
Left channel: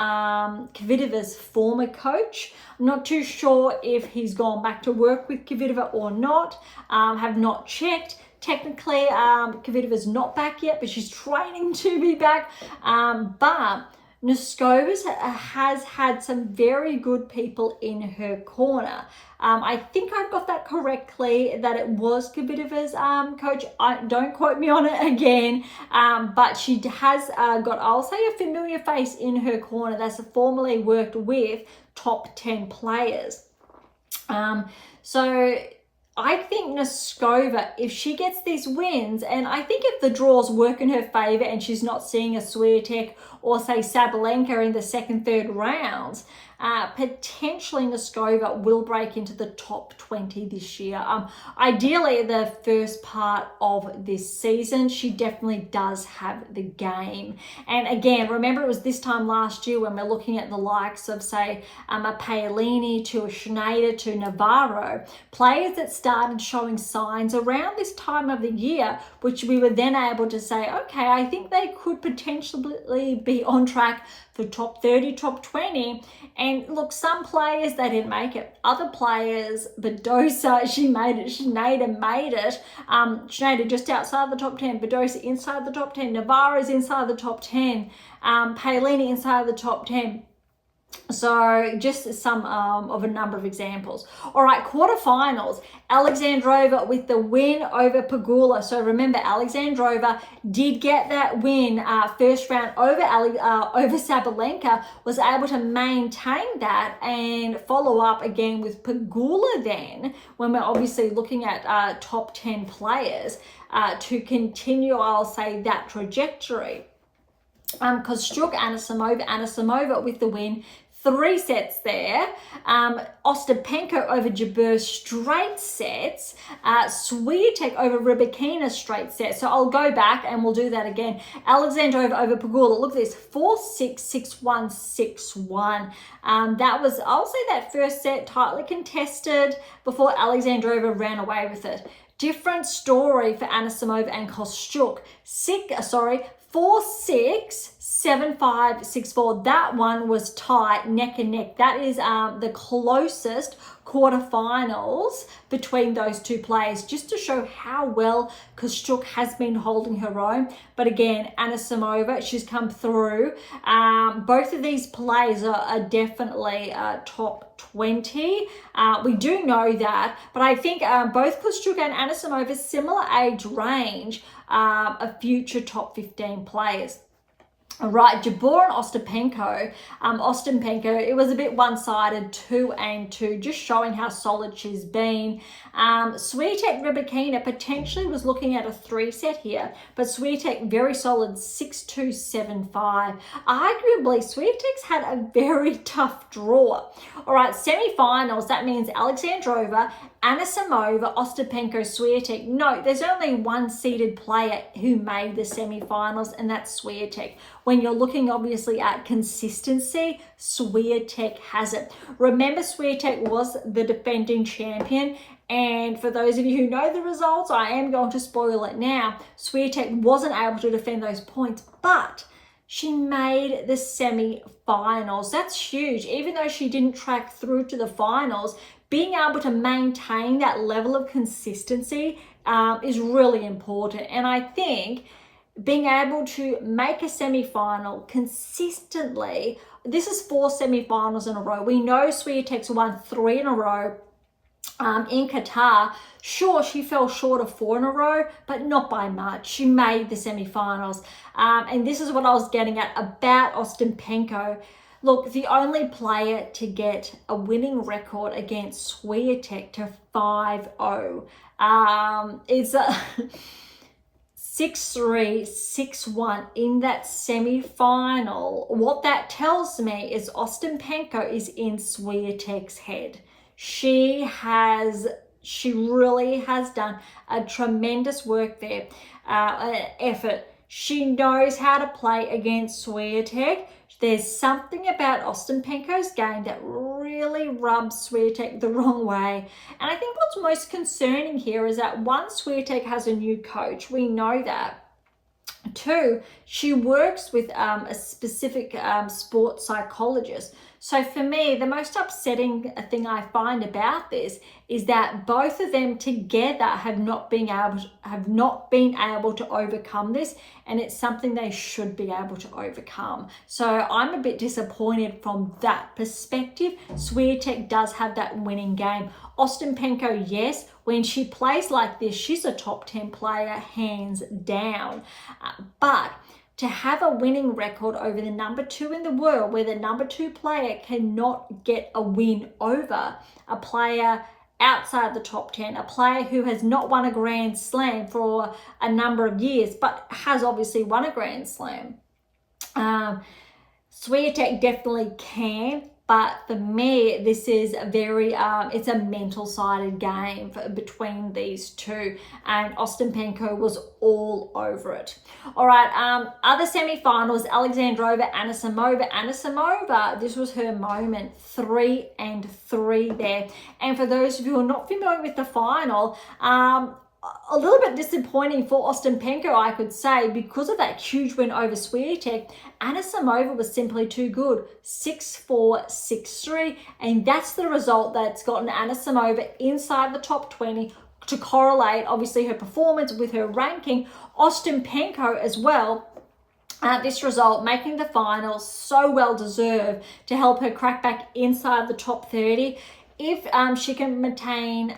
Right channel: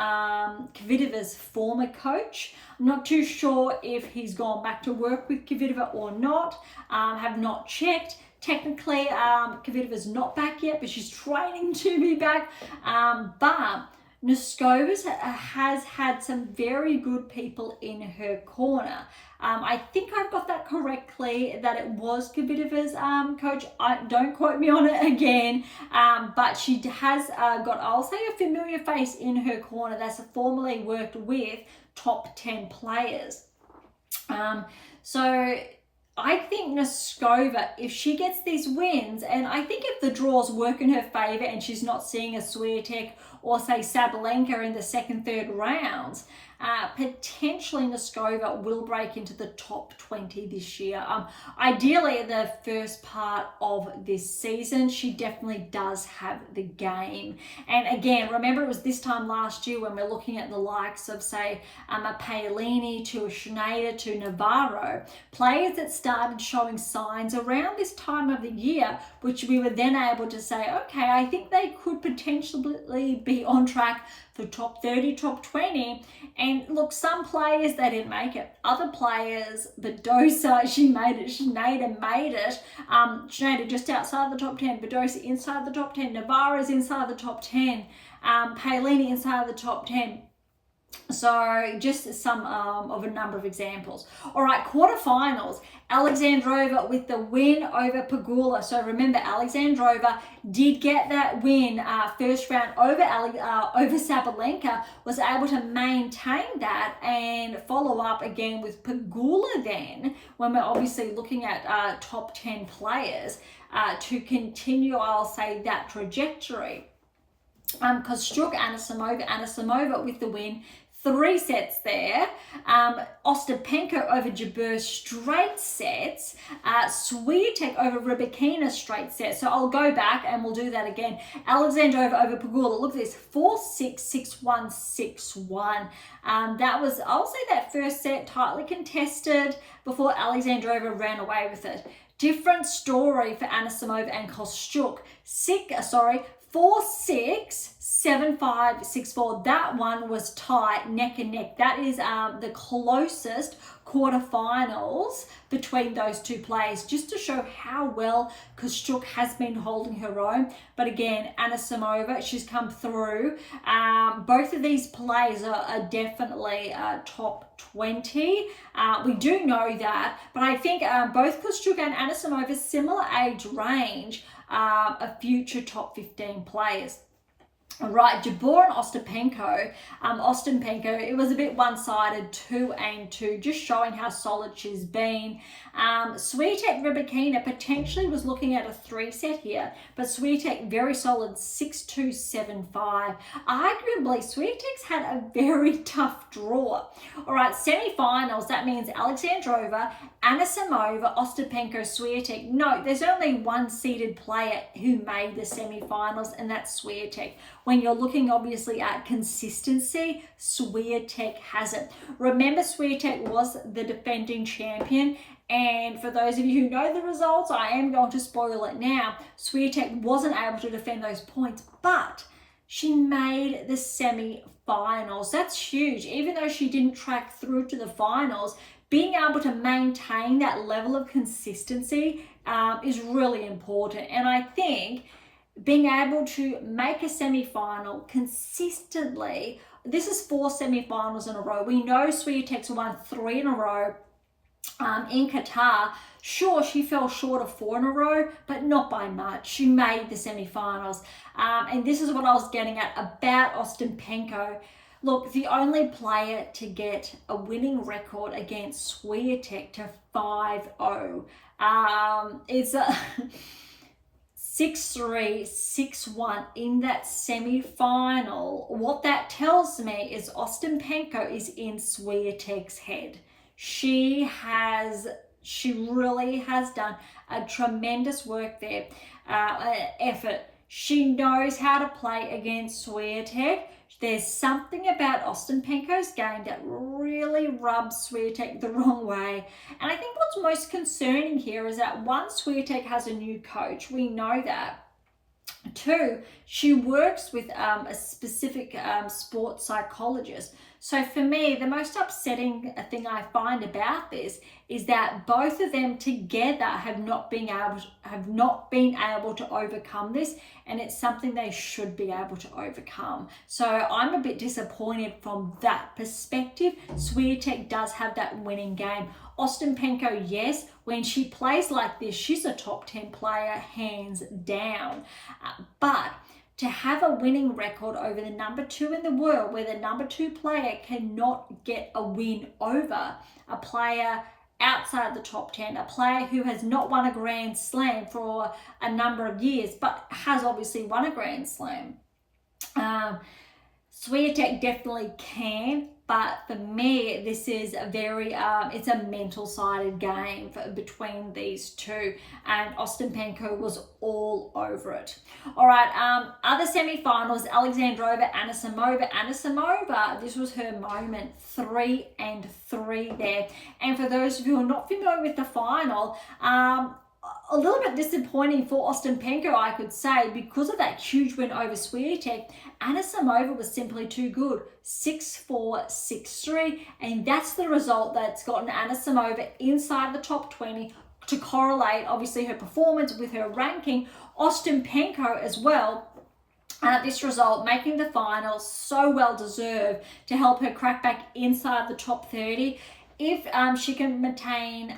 Kvitova's former coach. I'm not too sure if he's gone back to work with Kvitova or not. Have not checked. Technically, Kvitova's not back yet, but she's training to be back. But Noskova has had some very good people in her corner. I think I've got that correctly, that it was Kvitova's coach. Don't quote me on it again, but she has got, I'll say, a familiar face in her corner that's formerly worked with top 10 players. So I think Noskova, if she gets these wins, and I think if the draws work in her favour and she's not seeing a Swiatek or say Sabalenka in the second, third rounds, potentially Noskova will break into the top 20 this year. Ideally, the first part of this season, she definitely does have the game. And again, remember, it was this time last year when we're looking at the likes of, say, a Paolini to a Schneider to Navarro, players that started showing signs around this time of the year, which we were then able to say, okay, I think they could potentially be on track for top 30, top 20. And look, some players, they didn't make it. Other players, Badosa, she made it. Schneider made it. Schneider just outside the top 10. Badosa inside the top 10. Navarro's inside the top 10. Paolini inside the top 10. So just some of a number of examples. All right, quarterfinals. Alexandrova with the win over Pegula. So remember, Alexandrova did get that win first round over Sabalenka, was able to maintain that and follow up again with Pegula then, when we're obviously looking at top 10 players, to continue, I'll say, that trajectory. Kostyuk, Anisimova with the win. 3 sets there. Ostapenko over Jabeur, straight sets. Swiatek over Rybakina, straight sets. So I'll go back and we'll do that again. Alexandrova over Pegula. Look at this, 4-6, 6-1, 6-1. That was, I'll say, that first set tightly contested before Alexandrova ran away with it. Different story for Anisimova and Kostyuk. 4-6, 7-5, 6-4. That one was tight, neck and neck. That is the closest quarterfinals between those two players, just to show how well Kostyuk has been holding her own. But again, Anisimova, she's come through. Both of these players are definitely top 20. We do know that, but I think both Kostyuk and Anisimova, similar age range, are future top 15 players. All right, Jabeur and Ostapenko. Ostapenko, it was a bit one-sided, 2-2, just showing how solid she's been. Swiatek Rybakina potentially was looking at a 3-set here, but Swiatek very solid, 6-2, 7-5. Arguably, Swiatek's had a very tough draw. All right, semi-finals, that means Alexandrova, Anisimova, Ostapenko, Swiatek. No, there's only one seeded player who made the semi-finals, and that's Swiatek. When you're looking obviously at consistency, Swiatek has it. Remember, Swiatek was the defending champion, and for those of you who know the results, I am going to spoil it now. Swiatek wasn't able to defend those points, but she made the semi-finals. That's huge. Even though she didn't track through to the finals, being able to maintain that level of consistency is really important. And I think being able to make a semi-final consistently, this is 4 semi-finals in a row. We know Swiatek's won 3 in a row in Qatar. Sure, she fell short of 4 in a row, but not by much. She made the semi-finals. And this is what I was getting at about Ostapenko. Look, the only player to get a winning record against Swiatek to 5-0 is 6-3, 6-1 in that semi-final. What that tells me is Ostapenko is in Swiatek's head. She really has done a tremendous work there, effort. She knows how to play against Swiatek. There's something about Ostapenko's game that really rubs Swiatek the wrong way. And I think what's most concerning here is that 1, Swiatek has a new coach. We know that. 2, she works with a specific sports psychologist. So for me, the most upsetting thing I find about this is that both of them together have not been able to overcome this, and it's something they should be able to overcome. So I'm a bit disappointed from that perspective. Swiatek does have that winning game. Ostapenko, yes, when she plays like this, she's a top 10 player, hands down. But to have a winning record over the number 2 in the world, where the number 2 player cannot get a win over a player outside the top 10, a player who has not won a Grand Slam for a number of years, but has obviously won a Grand Slam. Swiatek definitely can, but for me, this is a very, it's a mental-sided game between these two, and Ostapenko was all over it. All right, other semi-finals, Alexandrova, Anisimova. Anisimova, this was her moment, 3-3 there. And for those of you who are not familiar with the final, a little bit disappointing for Ostapenko, I could say, because of that huge win over Swiatek. Anisimova was simply too good, 6-4, 6-3, and that's the result that's gotten Anisimova inside the top 20 to correlate, obviously, her performance with her ranking. Ostapenko as well, this result making the final, so well deserved to help her crack back inside the top 30. If she can maintain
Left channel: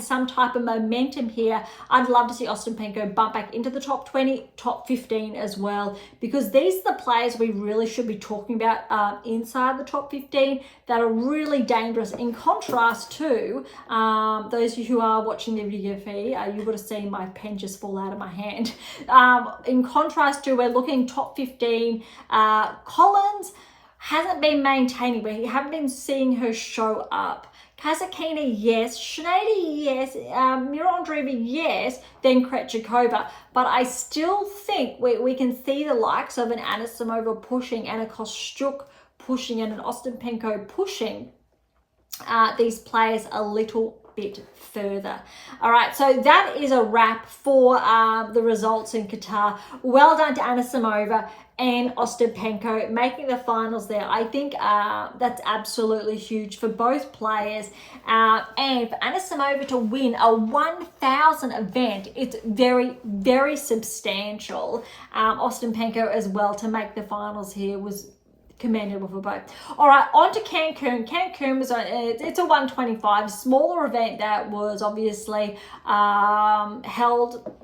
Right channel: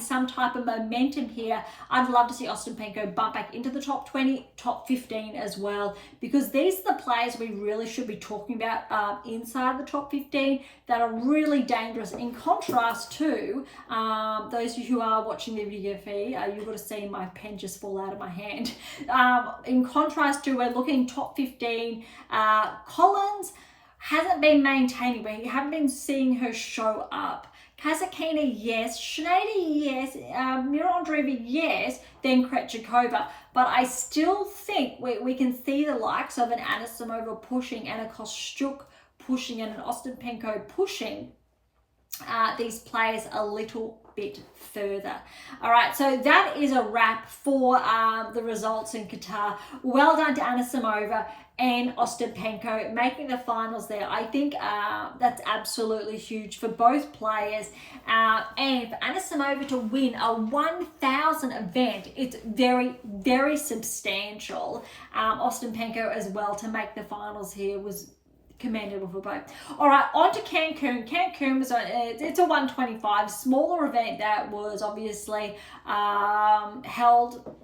some type of momentum here, I'd love to see Ostapenko bump back into the top 20, top 15 as well, because these are the players we really should be talking about inside the top 15 that are really dangerous. In contrast to those who are watching the video feed, you would have seen my pen just fall out of my hand. In contrast to, we're looking top 15, Collins hasn't been maintaining, but you haven't been seeing her show up. Kasatkina, yes. Schneider, yes. Mirandreva, yes. Then Krejcikova. But I still think we can see the likes of an Anisimova pushing, and a Kostyuk pushing, and an Ostapenko pushing these players a little bit further. All right, so that is a wrap for the results in Qatar. Well done to Anisimova and Ostapenko making the finals there. I think that's absolutely huge for both players. And for Anisimova to win a 1,000 event, it's very, very substantial. Ostapenko as well to make the finals here was commendable for both. All right, on to Cancun. Cancun was it's a 125, smaller event that was obviously held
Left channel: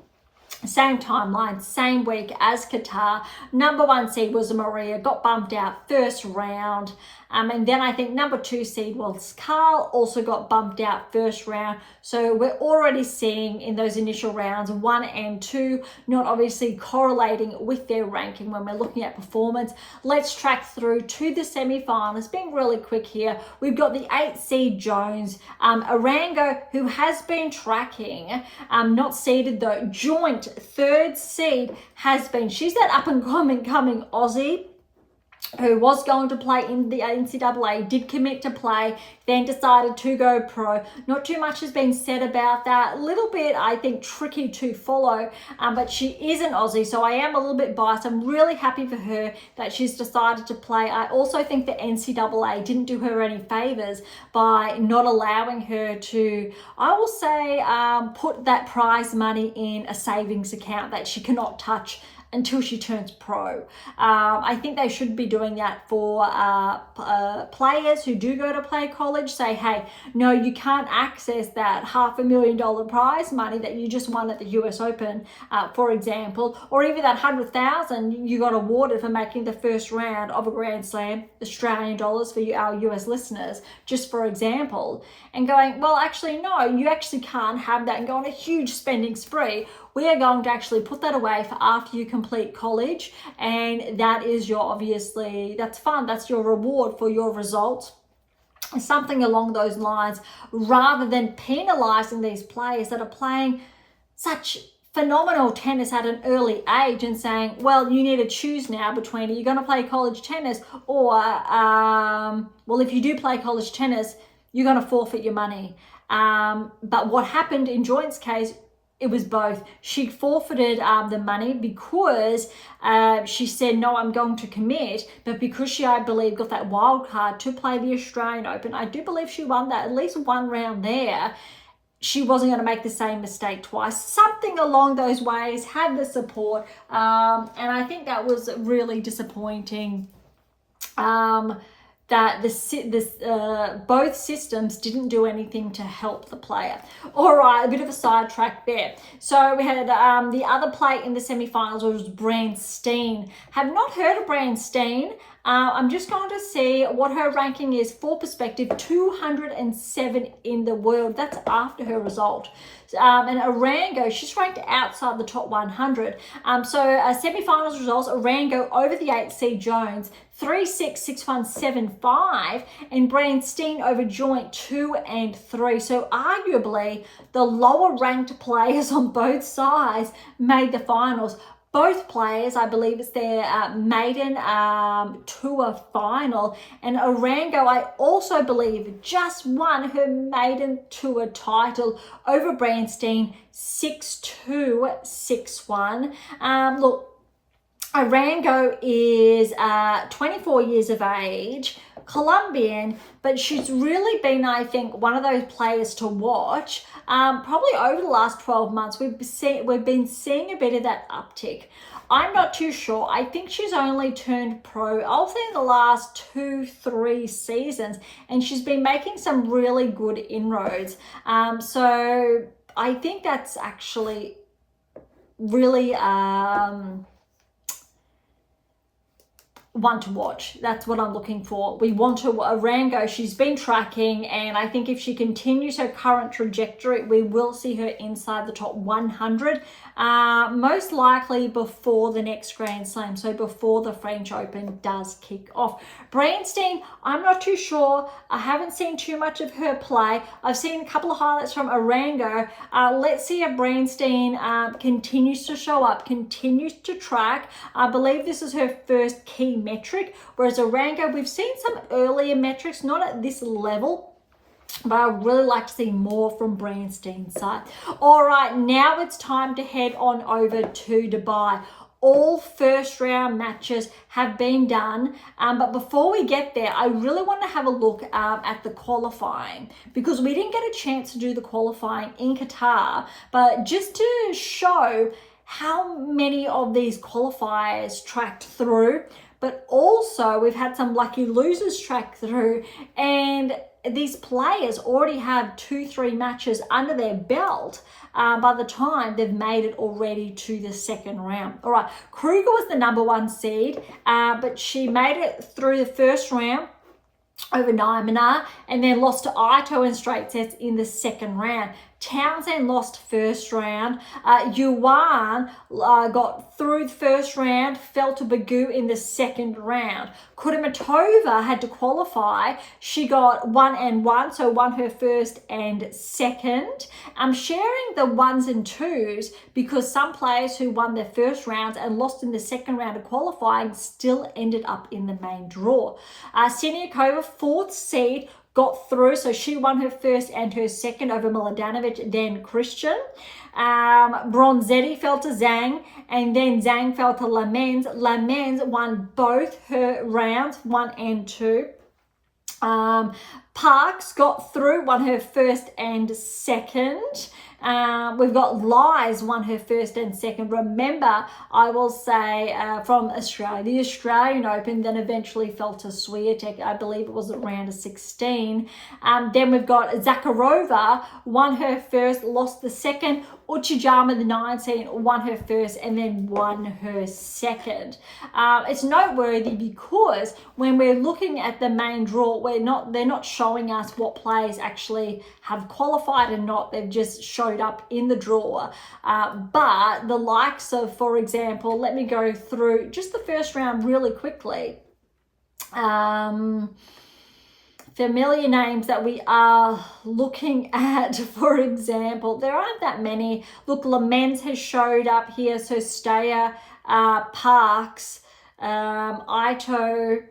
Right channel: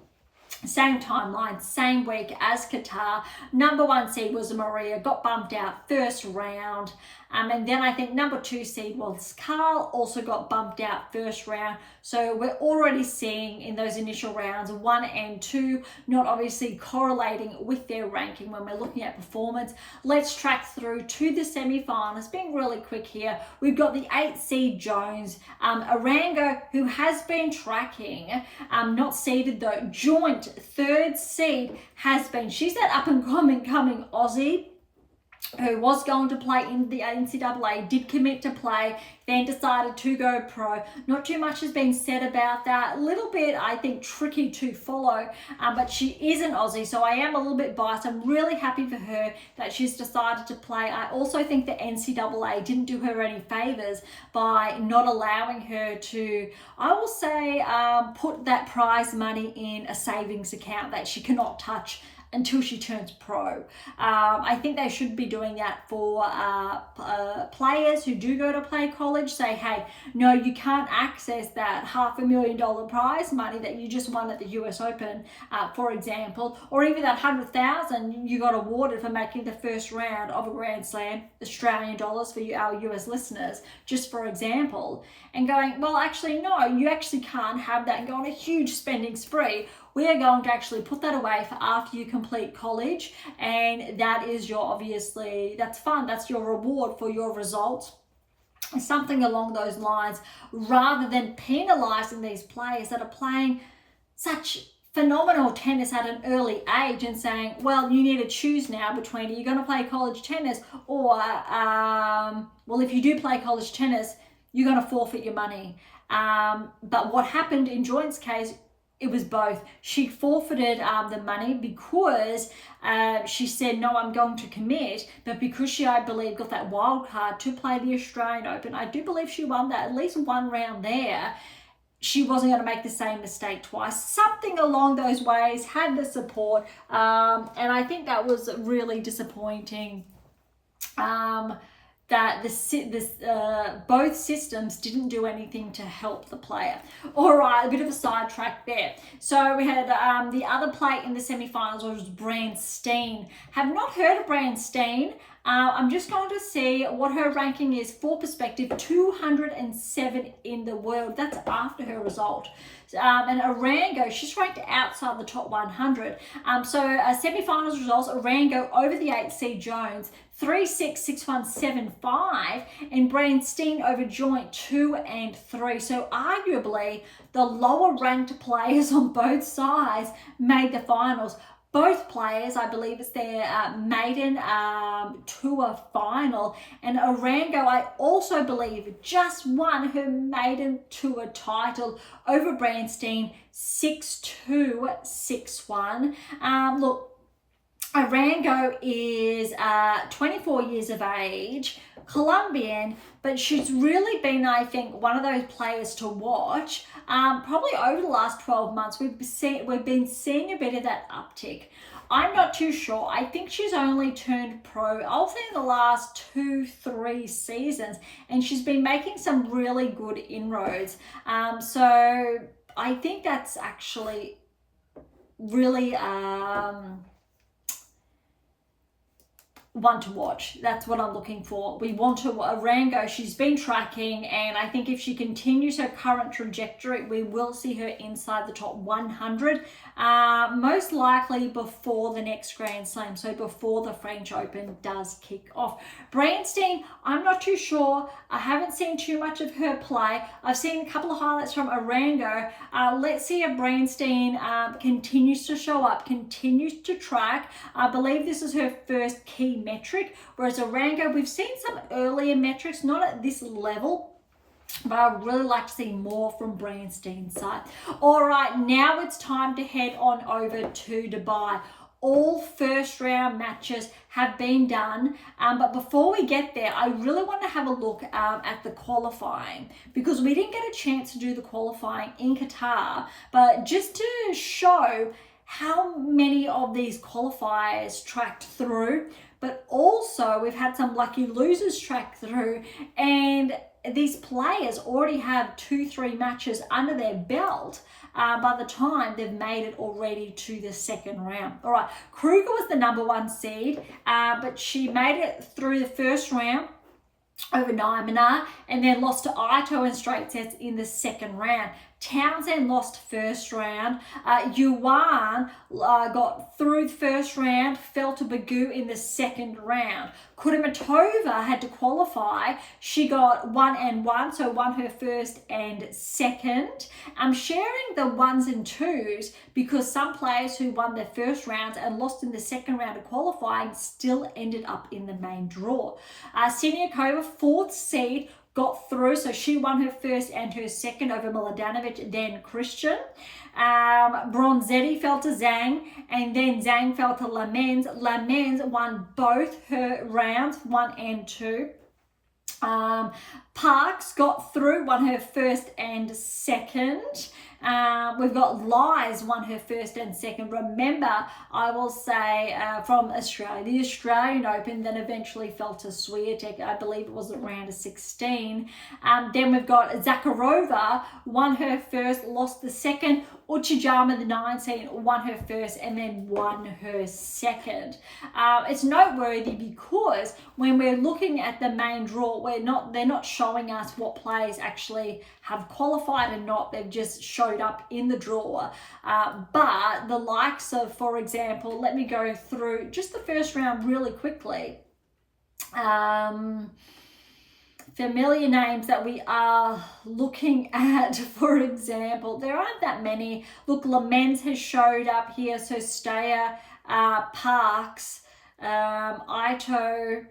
same timeline, same week as Qatar. Number 1 seed was Maria, got bumped out first round. And then I think number 2 seed was Carl, also got bumped out first round. So we're already seeing in those initial rounds 1 and 2 not obviously correlating with their ranking when we're looking at performance. Let's track through to the semi-finals. Being really quick here, we've got the 8 seed Jones, Arango, who has been tracking, not seeded though, joint 3rd seed has been. She's that up and coming Aussie who was going to play in the NCAA, did commit to play, then decided to go pro. Not too much has been said about that. A little bit, I think, tricky to follow, but she is an Aussie, so I am a little bit biased. I'm really happy for her that she's decided to play. I also think the NCAA didn't do her any favors by not allowing her to, I will say, put that prize money in a savings account that she cannot touch until she turns pro. I think they should be doing that for players who do go to play college. Say, hey, no, you can't access that $500,000 prize money that you just won at the US Open, for example, or even that $100,000 you got awarded for making the first round of a Grand Slam, Australian dollars for you, our US listeners, just for example, and going, well, actually, no, you actually can't have that and go on a huge spending spree. We are going to actually put that away for after you complete college, and that is your, obviously, that's fun. That's your reward for your results. Something along those lines, rather than penalizing these players that are playing such phenomenal tennis at an early age and saying, well, you need to choose now between, are you going to play college tennis or, well, if you do play college tennis, you're going to forfeit your money. But what happened in Joint's case, it was both. She forfeited the money because she said, no, I'm going to commit. But because she, I believe, got that wild card to play the Australian Open, I do believe she won that, at least one round there. She wasn't going to make the same mistake twice. Something along those ways, had the support. And I think that was really disappointing. That both systems didn't do anything to help the player. All right, a bit of a sidetrack there. So we had the other play in the semifinals was Brand Steen. Have not heard of Brand Steen. I'm just going to see what her ranking is for perspective. 207 in the world. That's after her result. And Arango, she's ranked outside the top 100. So semi-finals results, Arango over the 8 Jones, 3-6, 6-1, 7-5, and Brandstein over joint 2 and 3. So arguably the lower ranked players on both sides made the finals. Both players, I believe it's their maiden tour final. And Arango, I also believe, just won her maiden tour title over Brandstein, 6-2, 6-1. Look, Arango is 24 years of age, Colombian, but she's really been, I think, one of those players to watch. Probably over the last 12 months, we've been seeing a bit of that uptick. I'm not too sure. I think she's only turned pro, I'll say, in the last 2-3 seasons, and she's been making some really good inroads. So I think that's actually really one to watch. That's what I'm looking for. We want to Arango. She's been tracking, and I think if she continues her current trajectory, we will see her inside the top 100, most likely before the next Grand Slam, so before the French Open does kick off. Brandstein, I'm not too sure. I haven't seen too much of her play. I've seen a couple of highlights from Arango. Let's see if Brandstein continues to show up, continues to track. I believe this is her first key metric, whereas Arango, we've seen some earlier metrics, not at this level, but I'd really like to see more from Brandstein's side. All right, now it's time to head on over to Dubai. All first round matches have been done, but before we get there, I really want to have a look at the qualifying, because we didn't get a chance to do the qualifying in Qatar, but just to show how many of these qualifiers tracked through, but also we've had some lucky losers track through, and these players already have 2-3 matches under their belt by the time they've made it already to the second round. All right, Kruger was the #1 seed, but she made it through the first round over Naimana, and then lost to Ito in straight sets in the second round. Townsend lost first round. Yuan got through the first round, fell to Berge in the second round. Kudermetova had to qualify. She got 1 and 1, so won her first and second. I'm sharing the 1s and 2s because some players who won their first rounds and lost in the second round of qualifying still ended up in the main draw. Siniakova, 4th seed, got through, so she won her first and her second over Mladenovic, then Christian. Bronzetti fell to Zhang, and then Zhang fell to Lamens. Lamens won both her rounds, 1 and 2. Parks got through, won her first and second. We've got Lies won her first and second. Remember, I will say from Australia, the Australian Open, then eventually fell to Swiatek. I believe it was at round of 16. Then we've got Zakharova, won her first, lost the second. Uchijama, the 19, won her first and then won her second. It's noteworthy because when we're looking at the main draw, they're not showing us what players actually have qualified or not. They've just showed up in the draw. But the likes of, for example, let me go through just the first round really quickly. Familiar names that we are looking at, for example, there aren't that many. Look, Lamens has showed up here, so Steyer, Parks, Ito,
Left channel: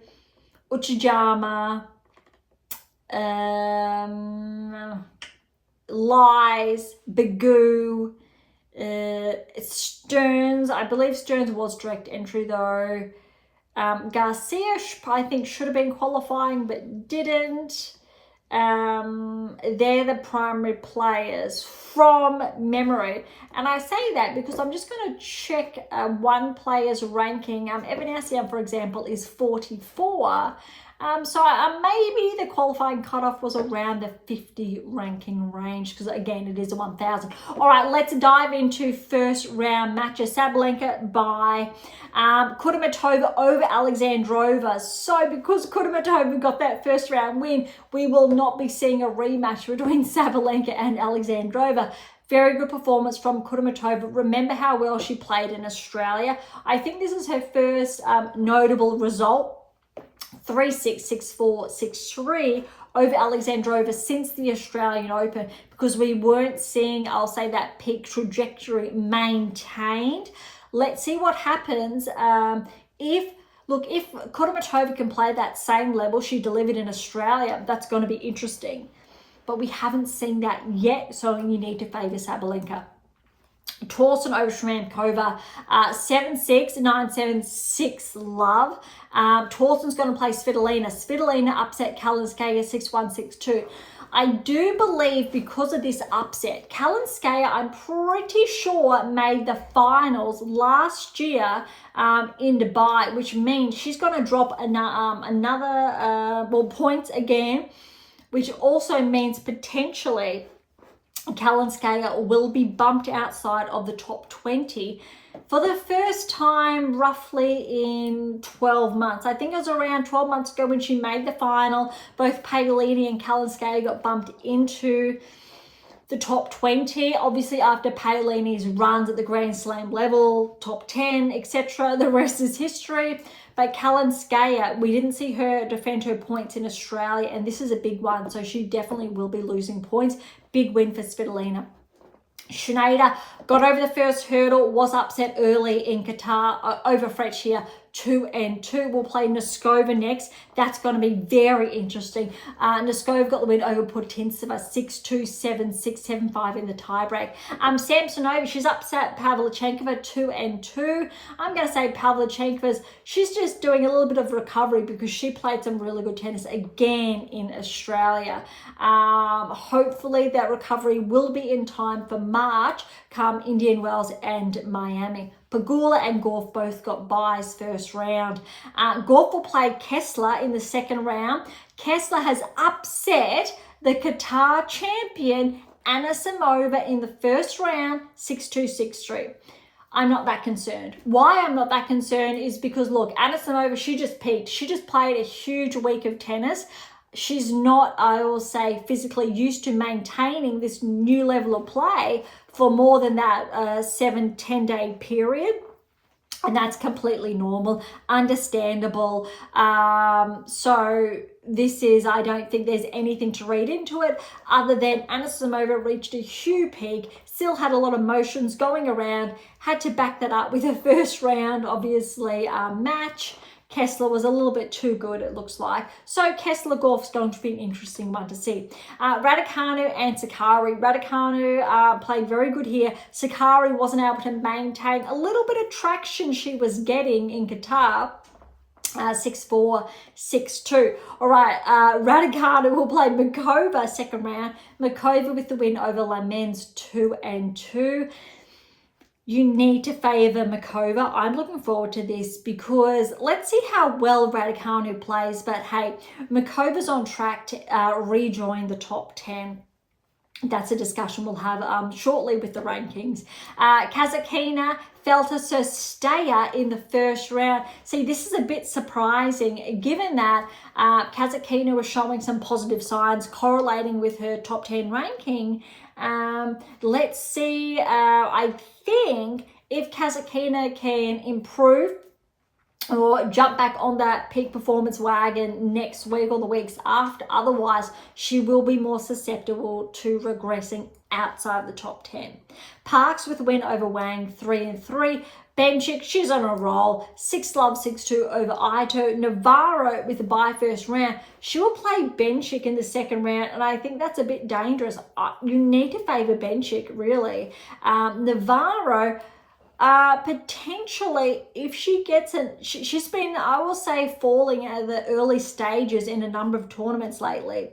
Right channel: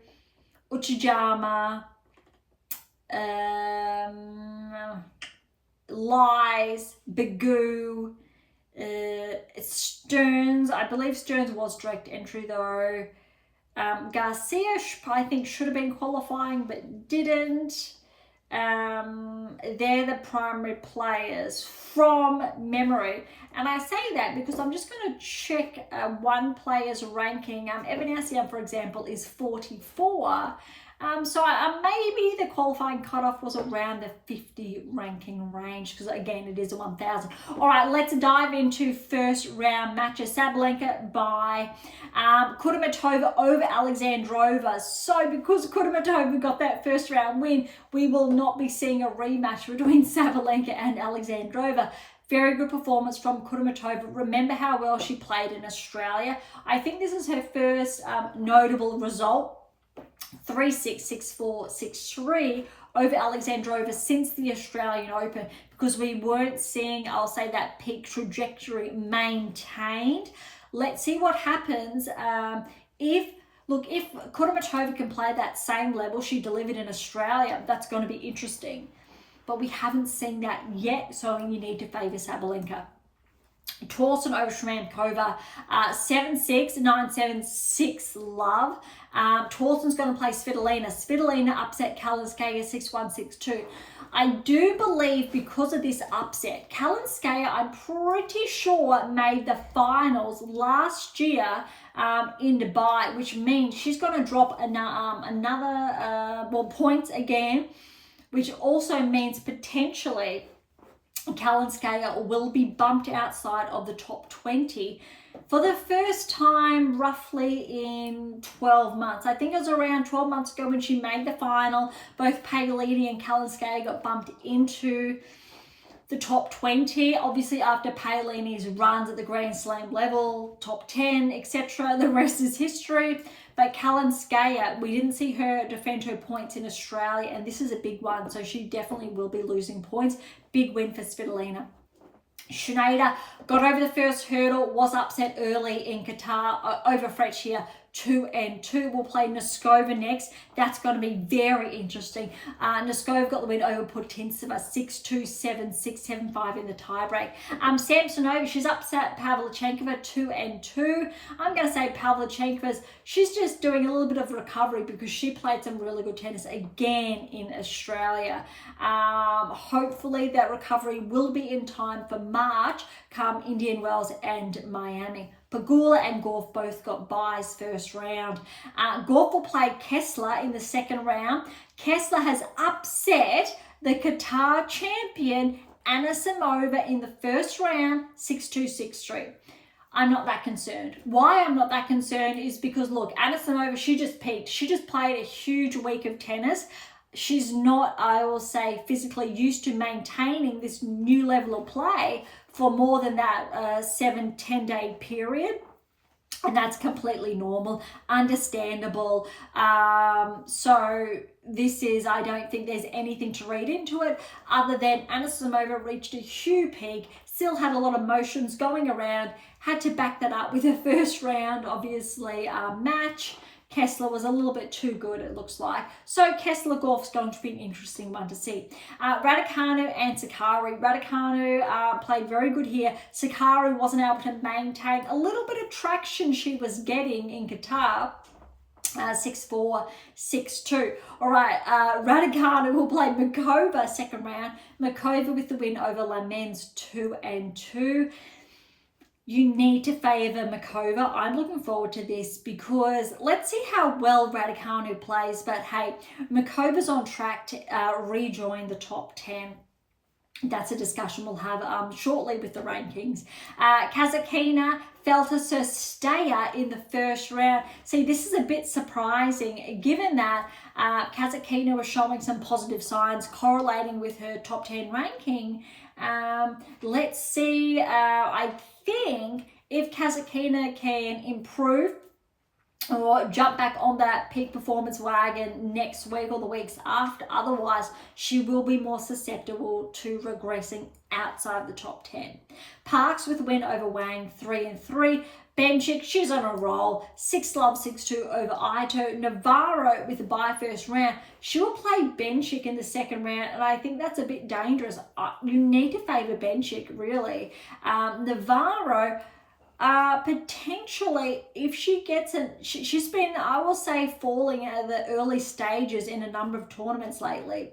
Uchijama, Lies, Bagoo, Stearns, I believe Stearns was direct entry though. Garcia, I think, should have been qualifying but didn't. They're the primary players from memory. And I say that because I'm just going to check one player's ranking. Evan Assia, for example, is 44. So maybe the qualifying cutoff was around the 50 ranking range because, again, it is a 1,000. All right, let's dive into first round matches. Sabalenka by Kudermetova over Alexandrova. So because Kudermetova got that first round win, we will not be seeing a rematch between Sabalenka and Alexandrova. Very good performance from Kudermetova. Remember how well she played in Australia. I think this is her first notable result. 3-6, 6-4, 6-3 over Alexandrova since the Australian Open, because we weren't seeing, I'll say, that peak trajectory maintained. Let's see what happens if Kudermetova can play that same level she delivered in Australia. That's going to be interesting. But we haven't seen that yet, so you need to favour Sabalenka. Torsten over Shmankova, 7-6, 9-7, 6-love. Torsten's going to play Svitolina. Svitolina upset Kalinskaya 6-1, 6-2. I do believe because of this upset, Kalinskaya, I'm pretty sure, made the finals last year in Dubai, which means she's going to drop another points again, which also means potentially Kalinskaya will be bumped outside of the top 20 for the first time roughly in 12 months. I think it was around 12 months ago when she made the final. Both Paolini and Kalinskaya got bumped into the top 20. Obviously, after Paolini's runs at the Grand Slam level, top 10, etc., the rest is history. But Kalinskaya, we didn't see her defend her points in Australia, and this is a big one, so she definitely will be losing points. Big win for Svitolina. Schneider got over the first hurdle, was upset early in Qatar over French here. 2-2. We'll play Noskova next. That's going to be very interesting. Noskova got the win over Putintseva 6-2, 7-6, 7-5 in the tiebreak. Samsonova, she's upset Pavlyuchenkova 2-2. I'm going to say Pavlyuchenkova's, she's just doing a little bit of recovery because she played some really good tennis again in Australia. Hopefully that recovery will be in time for March come Indian Wells and Miami. Pegula and Gauff both got byes first round. Gauff will play Kessler in the second round. Kessler has upset the Qatar champion Anisimova in the first round, 6-2, 6-3. I'm not that concerned. Why I'm not that concerned is because, look, Anisimova, she just peaked. She just played a huge week of tennis. She's not, I will say, physically used to maintaining this new level of play for more than that 7-10 day period. And that's completely normal, understandable. So this is, I don't think there's anything to read into it other than Anisimova reached a huge peak, still had a lot of motions going around, had to back that up with a first round, obviously, match. Kessler was a little bit too good, it looks like. So Kessler-Gauff's going to be an interesting one to see. Raducanu and Sakari. Raducanu played very good here. Sakari wasn't able to maintain a little bit of traction she was getting in Qatar. 6-4, 6-2. All right, Raducanu will play Mikova second round. Mikova with the win over Lamens 2-2. You need to favour Mikova. I'm looking forward to this because let's see how well Raducanu plays. But hey, Mikova's on track to rejoin the top 10. That's a discussion we'll have shortly with the rankings. Kasatkina fell to Sestaya in the first round. See, this is a bit surprising given that Kasatkina was showing some positive signs correlating with her top 10 ranking. Let's see. I think if Kasatkina can improve or jump back on that peak performance wagon next week or the weeks after, otherwise she will be more susceptible to regressing outside the top 10. Parks with a win over Wang 3-3. Benchik, she's on a roll. 6-love, 6-2 over Ito. Navarro with the bye first round. She will play Benchik in the second round, and I think that's a bit dangerous. You need to favour Benchik, really. Navarro, potentially, if she gets she's been, I will say, falling at the early stages in a number of tournaments lately.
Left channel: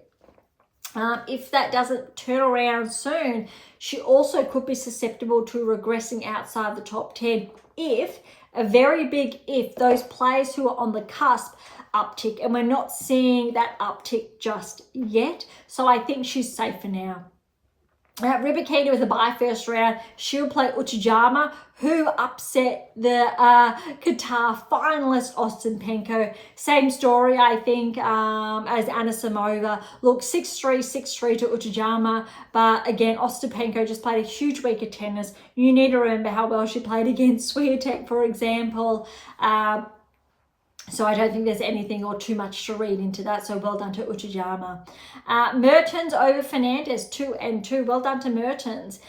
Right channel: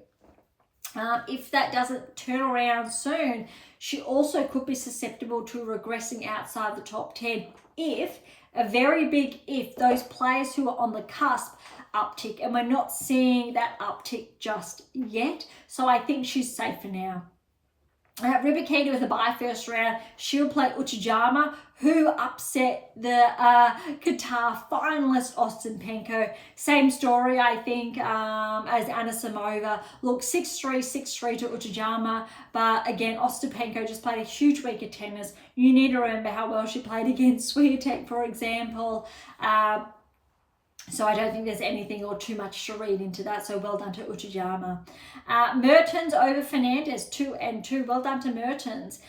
If that doesn't turn around soon, she also could be susceptible to regressing outside the top 10 if, a very big if, those players who are on the cusp uptick, and we're not seeing that uptick just yet. So I think she's safe for now. Rybakina with a bye first round. She'll play Uchijama, who upset the Qatar finalist Ostapenko. Same story, I think, as Anisimova. Look, 6-3, 6-3 to Uchijama. But again, Ostapenko just played a huge week of tennis. You need to remember how well she played against Swiatek, for example. So I don't think there's anything or too much to read into that. So well done to Uchijama. Mertens over Fernandez, 2-2. Well done to Mertens.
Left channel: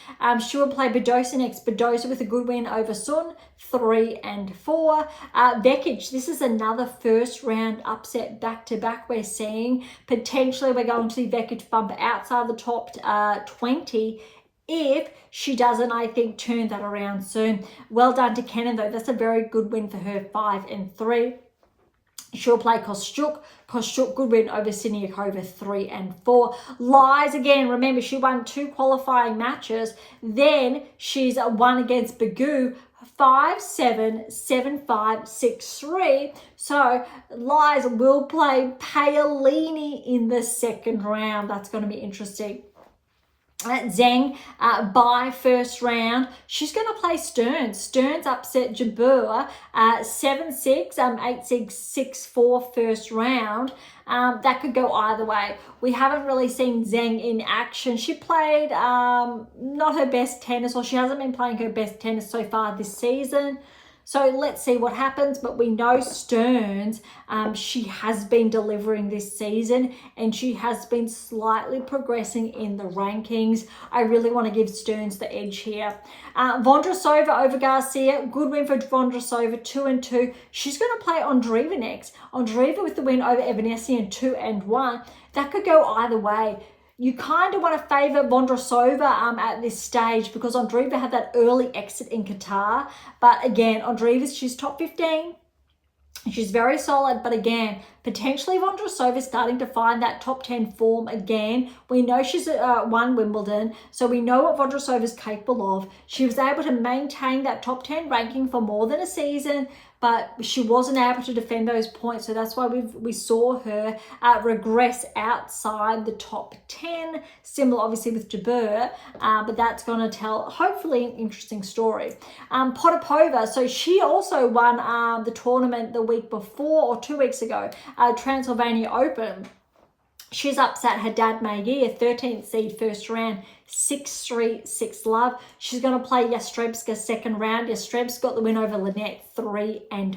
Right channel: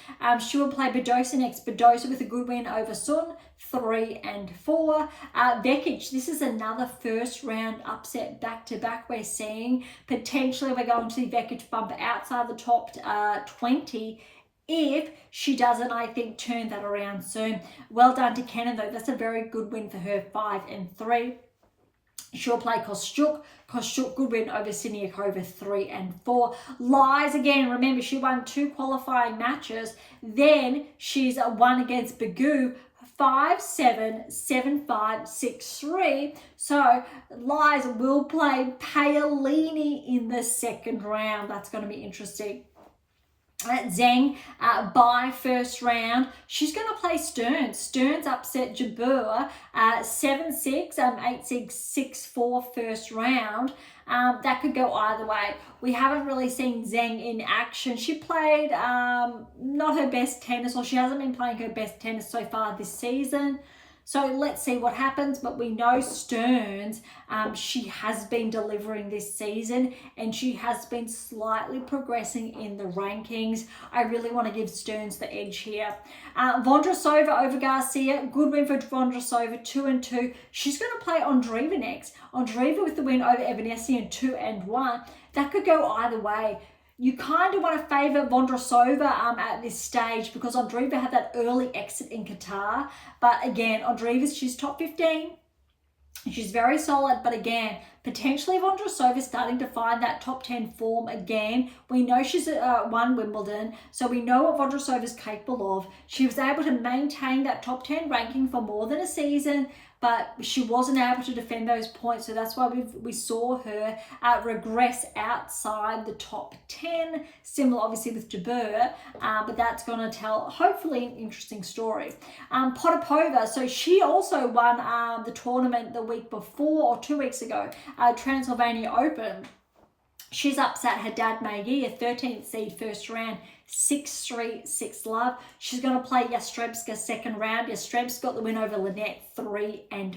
She will play Badosa next. Badosa with a good win over Sun, 3-4. Vekic, this is another first round upset back-to-back we're seeing. Potentially we're going to see Vekic bump outside the top 20 if she doesn't, I think, turn that around soon. Well done to Kenin, though. That's a very good win for her, 5-3. She'll play Kostyuk. Kostyuk, good win over Siniakova, 3-4. Lies again. Remember, she won 2 qualifying matches. Then she's won against Berge, 5-7, 7-5, 6-3. So Lies will play Paolini in the second round. That's going to be interesting. Zheng by first round. She's going to play Stearns. Stearns upset Jabeur 7-6, 8-6, 6-4 first round. That could go either way. We haven't really seen Zheng in action. She played not her best tennis, or she hasn't been playing her best tennis so far this season. So let's see what happens. But we know Stearns, she has been delivering this season, and she has been slightly progressing in the rankings. I really want to give Stearns the edge here. Vondrousova over Garcia. Good win for Vondrousova, 2-2. She's going to play Andreeva next. Andreeva with the win over Evanescence, 2-1. That could go either way. You kind of want to favour Vondrousova at this stage because Andreeva had that early exit in Qatar. But again, she's top 15. She's very solid. But again, potentially Vondrousova starting to find that top 10 form again. We know she's won Wimbledon, so we know what Vondrousova is capable of. She was able to maintain that top 10 ranking for more than a season, but she wasn't able to defend those points. So that's why we saw her regress outside the top 10. Similar, obviously, with Jabeur, but that's going to tell, hopefully, an interesting story. Potapova, so she also won the tournament the week before, or 2 weeks ago, Transylvania Open. She's upset her dad, Maggie, a 13th seed first round, 6-3, 6-love. She's going to play Yastrebska second round. Yastrebska got the win over Lynette, 3-5.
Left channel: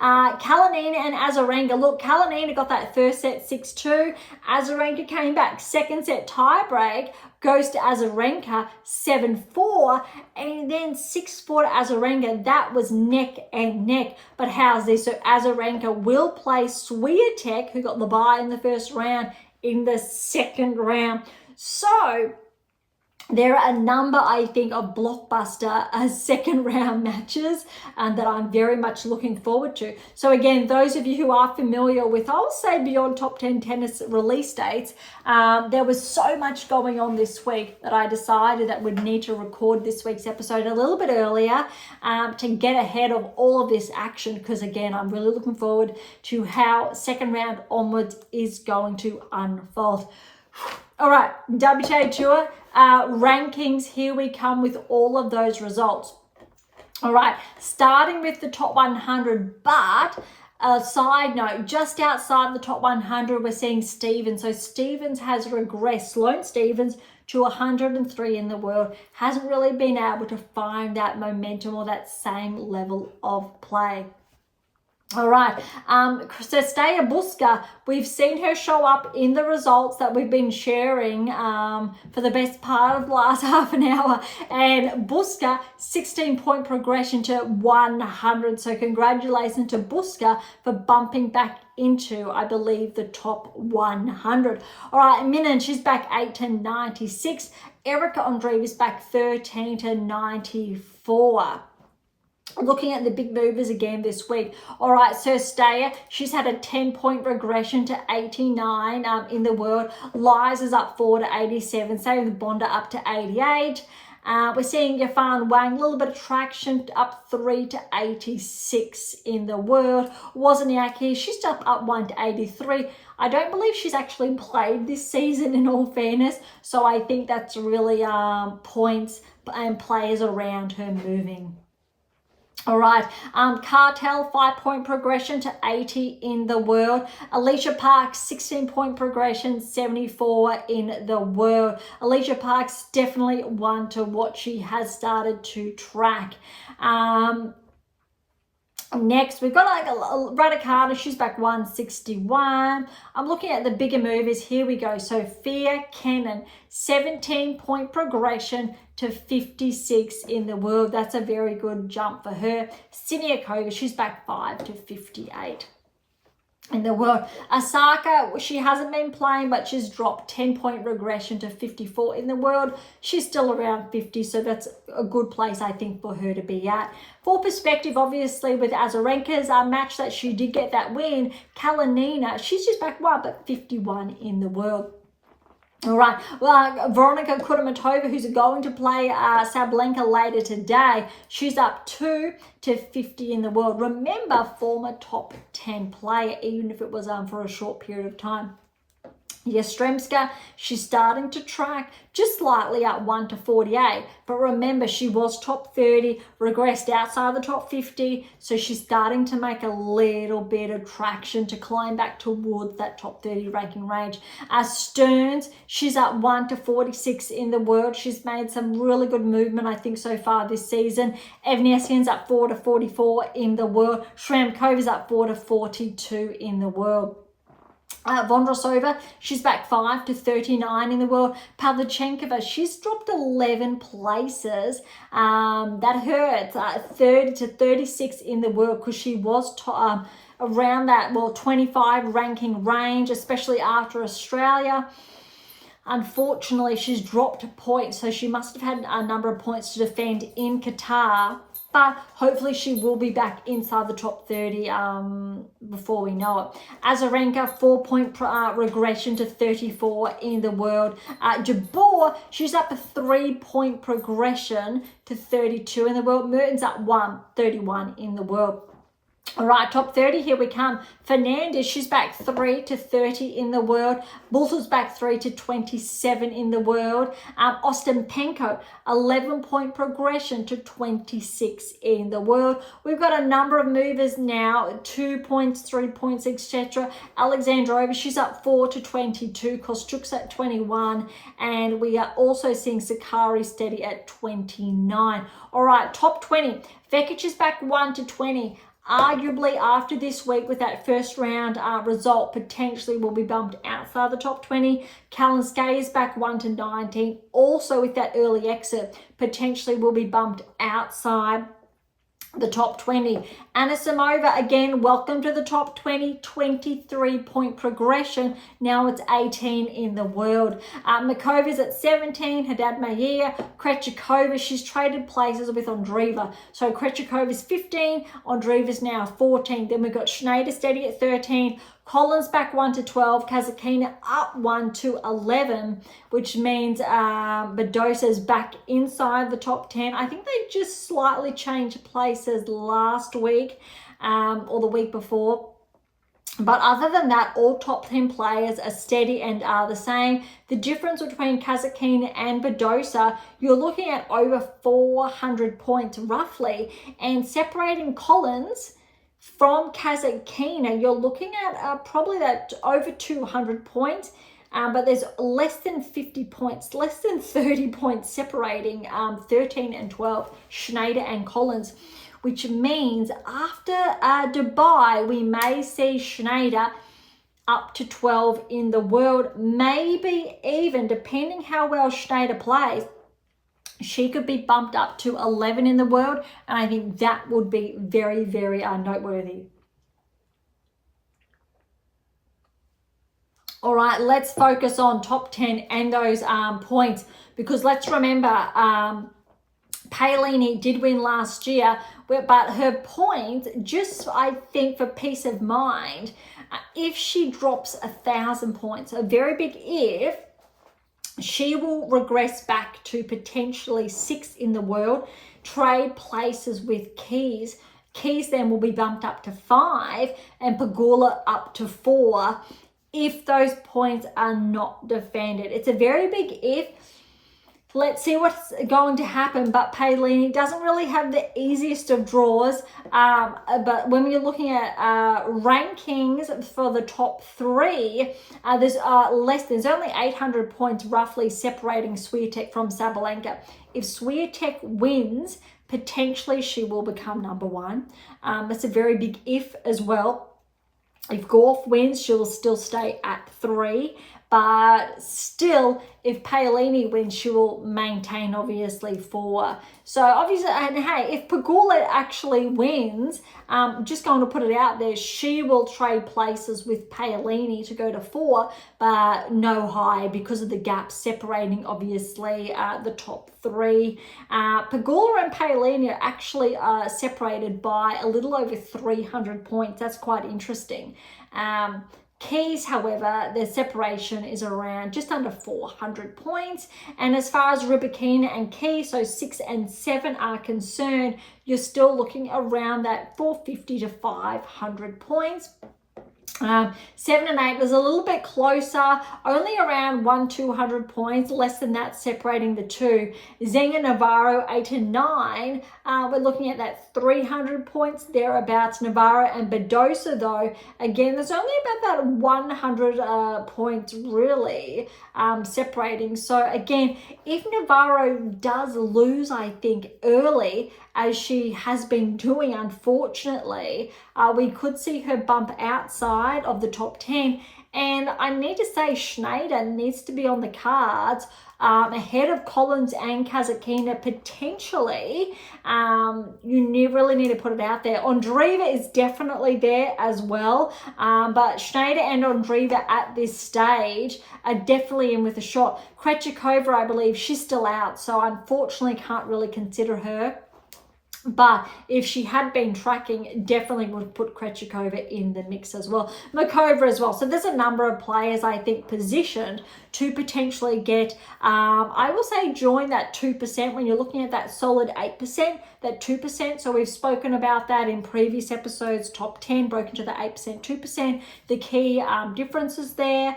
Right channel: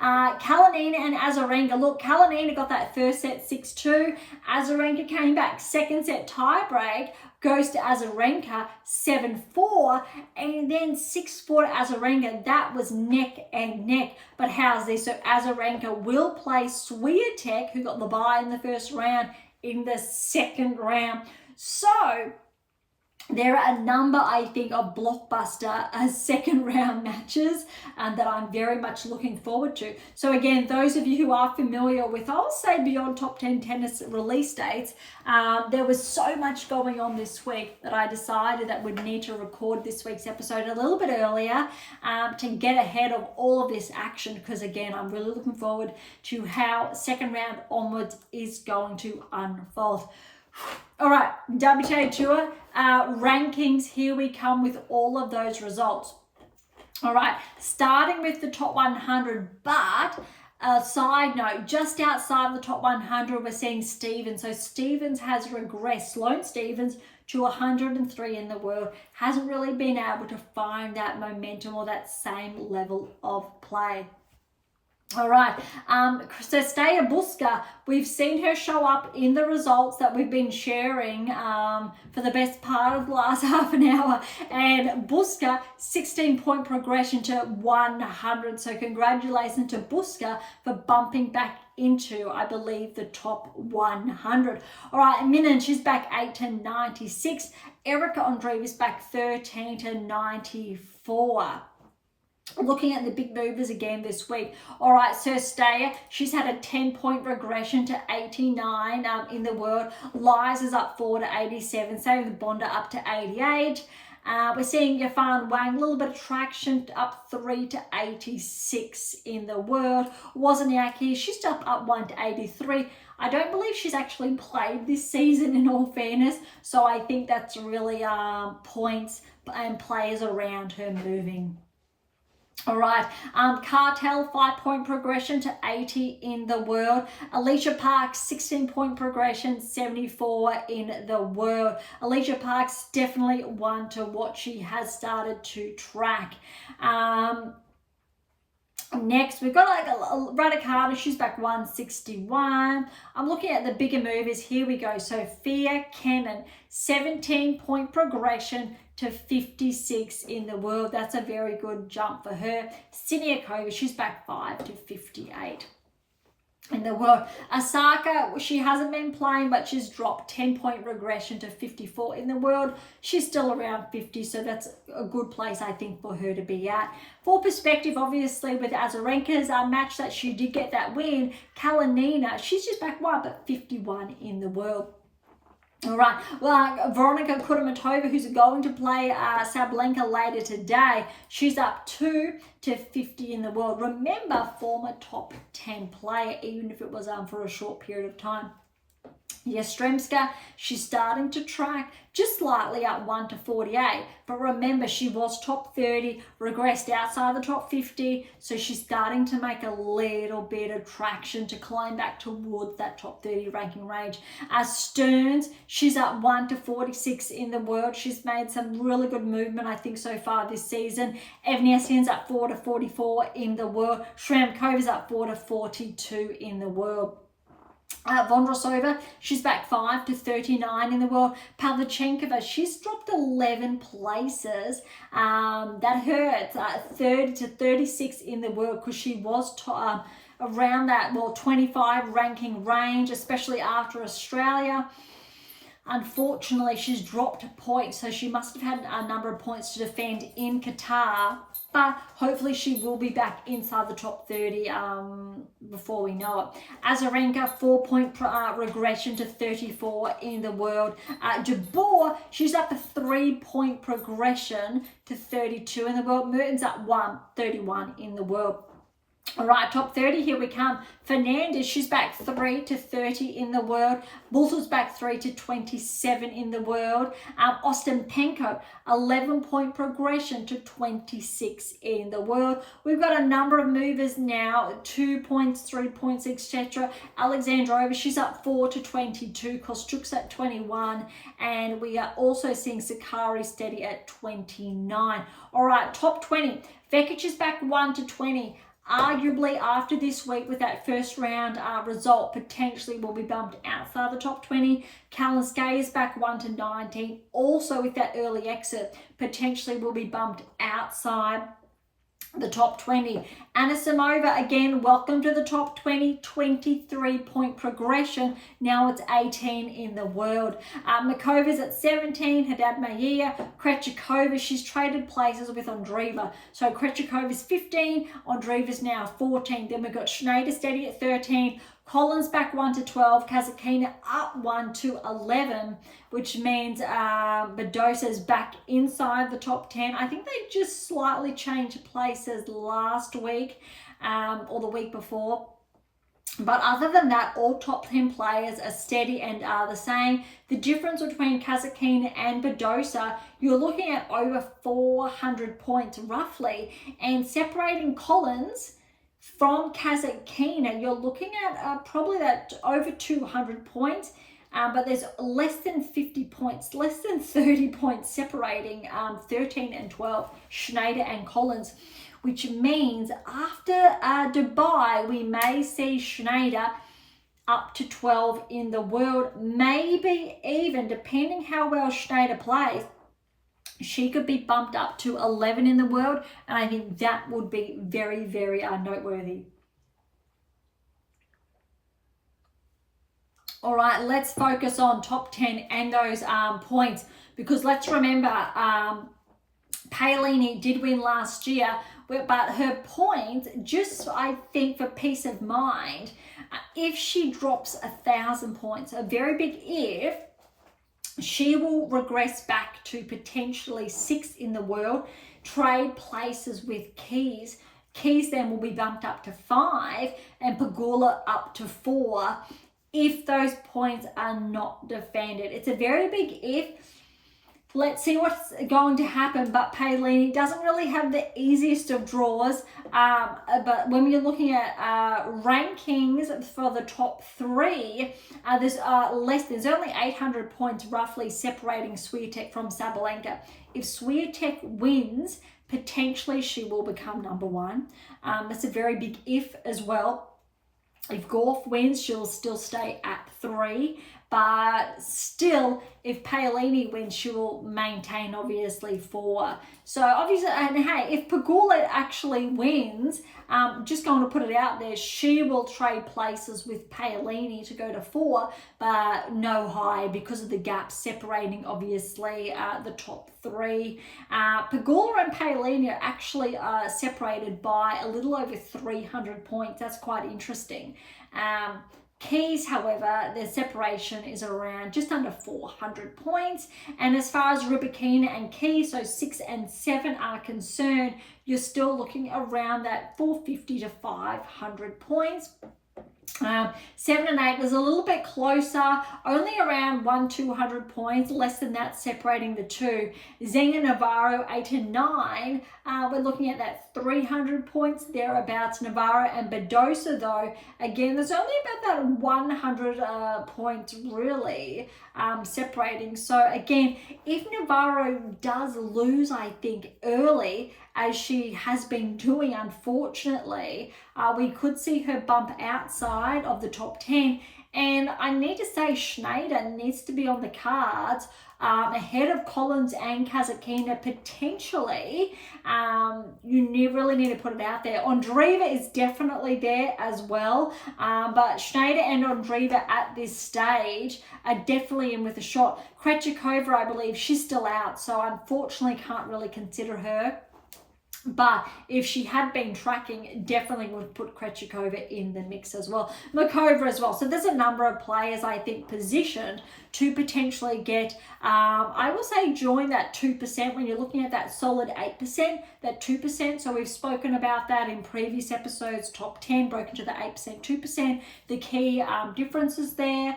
Kalinina and Azarenka. Look, Kalinina got that first set, 6-2. Azarenka came back. Second set tiebreak goes to Azarenka, 7-4. And then 6-4 to Azarenka. That was neck and neck. But how's this? So Azarenka will play Swiatek, who got the bye in the first round, in the second round. So there are a number, I think, of blockbuster second round matches that I'm very much looking forward to. So again, those of you who are familiar with, I'll say, beyond top 10 tennis release dates, there was so much going on this week that I decided that we'd need to record this week's episode a little bit earlier to get ahead of all of this action, because again, I'm really looking forward to how second round onwards is going to unfold. All right, WTA Tour rankings. Here we come with all of those results. All right, starting with the top 100, but a side note, just outside the top 100, we're seeing Stevens. So Stevens has regressed. Sloane Stevens to 103 in the world. Hasn't really been able to find that momentum or that same level of play. All right, so Staya Buska, we've seen her show up in the results that we've been sharing for the best part of the last half an hour. And Buska, 16-point progression to 100. So congratulations to Buska for bumping back into, I believe, the top 100. All right, Minan, she's back 8 to 96. Erica Andreeva is back 13 to 94. Looking at the big movers again this week. All right, so Staya, she's had a 10-point regression to 89 in the world. Lies is up 4 to 87. Same with Bonda up to 88. We're seeing Yafan Wang, a little bit of traction, up 3 to 86 in the world. Wozniacki, she's still up 1 to 83. I don't believe she's actually played this season, in all fairness. So I think that's really points and players around her moving. All right, Cartel, 5-point progression to 80 in the world. Alicia Parks, 16-point progression, 74 in the world. Alicia Parks, definitely one to watch. She has started to track. Next, we've got like a Raducanu. She's back 161. I'm looking at the bigger movers. Here we go. Sophia Kenin, 17-point progression to 56 in the world. That's a very good jump for her. Siniakova, she's back 5 to 58 in the world. Osaka, she hasn't been playing, but she's dropped 10-point regression to 54 in the world. She's still around 50, so that's a good place, I think, for her to be at. For perspective, obviously, with Azarenka's match that she did get that win, Kalinina, she's just back 1, but 51 in the world. All right, well, Veronika Kudermetova, who's going to play Sabalenka later today, she's up 2 to 50 in the world. Remember, former top 10 player, even if it was for a short period of time. Yastremska, she's starting to track just slightly up 1 to 48. But remember, she was top 30, regressed outside the top 50. So she's starting to make a little bit of traction to climb back towards that top 30 ranking range. Stearns, she's up 1 to 46 in the world. She's made some really good movement, I think, so far this season. Evnesian's up 4 to 44 in the world. Shramkova's up 4 to 42 in the world. Vondrousova, she's back 5 to 39 in the world. Pavlyuchenkova, she's dropped 11 places. That hurts. 30 to 36 in the world because she was around that 25 ranking range, especially after Australia. Unfortunately, she's dropped points, so she must have had a number of points to defend in Qatar. But hopefully she will be back inside the top 30 before we know it. Azarenka, 4-point regression to 34 in the world. Jabeur, she's up a 3-point progression to 32 in the world. Mertens up 1, 31 in the world. All right, top 30, here we come. Fernandez, she's back 3 to 30 in the world. Bulter's back 3 to 27 in the world. Ostapenko, 11-point progression to 26 in the world. We've got a number of movers now, 2 points, 3 points, etc. Alexandrova, she's up 4 to 22. Kostuk's at 21. And we are also seeing Sakari steady at 29. All right, top 20. Vekic is back 1 to 20. Arguably, after this week with that first round result, potentially will be bumped outside the top 20. Kalinskaya is back 1 to 19. Also with that early exit, potentially will be bumped outside the top 20. Anisimova, again, welcome to the top 20, 23-point progression. Now it's 18 in the world. Makova's at 17, Haddad Mayer. Krejcikova, she's traded places with Andreeva. So Krejcikova's 15, Andreeva's now 14. Then we've got Schneider steady at 13. Collins back 1 to 12, Kazatkina up 1 to 11, which means Badosa's back inside the top 10. I think they just slightly changed places last week or the week before. But other than that, all top 10 players are steady and are the same. The difference between Kazatkina and Badosa, you're looking at over 400 points roughly, and separating Collins from Kazatkina, you're looking at probably that over 200 points, but there's less than 50 points, less than 30 points separating 13 and 12, Schneider and Collins. which means after Dubai, we may see Schneider up to 12 in the world, maybe even, depending how well Schneider plays, she could be bumped up to 11 in the world, and I think that would be very, very noteworthy. All right, let's focus on top 10 and those points, because let's remember, Paolini did win last year, but her points, just I think for peace of mind, if she drops 1,000 points, a very big if, she will regress back to potentially 6th in the world, trade places with Keys. Keys then will be bumped up to 5 and Pegula up to 4 if those points are not defended. It's a very big if. Let's see what's going to happen, but Paolini doesn't really have the easiest of draws. But when you're looking at rankings for the top 3, there's only 800 points roughly separating Swiatek from Sabalenka. If Swiatek wins, potentially she will become number 1. That's a very big if as well. If Gauff wins, she'll still stay at 3. But still, if Paolini wins, she will maintain, obviously, 4. So, obviously, and hey, if Pegula actually wins, just going to put it out there, she will trade places with Paolini to go to 4, but no high because of the gap separating, obviously, the top 3. Pegula and Paolini are actually separated by a little over 300 points. That's quite interesting. Keys, however, the separation is around just under 400 points. And as far as Rybakina and Keys, so 6 and 7 are concerned, you're still looking around that 450 to 500 points. 7 and 8 was a little bit closer, only around 100-200 points, less than that separating the two. Zenga Navarro 8 and 9, we're looking at that 300 points thereabouts. Navarro and Badosa, though, again, there's only about that 100 points really separating. So again, if Navarro does lose, I think, early, as she has been doing, unfortunately, we could see her bump outside of the top 10. And I need to say Schneider needs to be on the cards ahead of Collins and Kasatkina potentially. You really need to put it out there. Ondreva is definitely there as well, but Schneider and Ondreva at this stage are definitely in with a shot. Krejcikova, I believe, she's still out, so unfortunately can't really consider her. But if she had been tracking, definitely would put Krejcikova in the mix as well. Makova as well. So there's a number of players, I think, positioned to potentially get, I will say, join that 2% when you're looking at that solid 8%, that 2%. So we've spoken about that in previous episodes, top 10 broken to the 8%, 2%. The key differences there,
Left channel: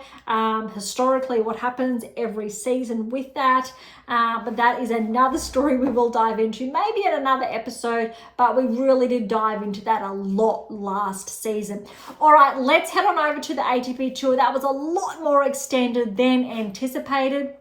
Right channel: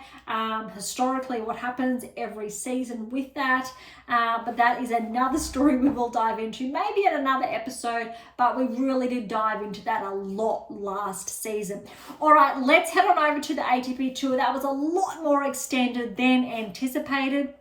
historically what happens every season with that. But that is another story we will dive into, maybe in another episode, but we really did dive into that a lot last season. All right, let's head on over to the ATP Tour. That was a lot more extended than anticipated.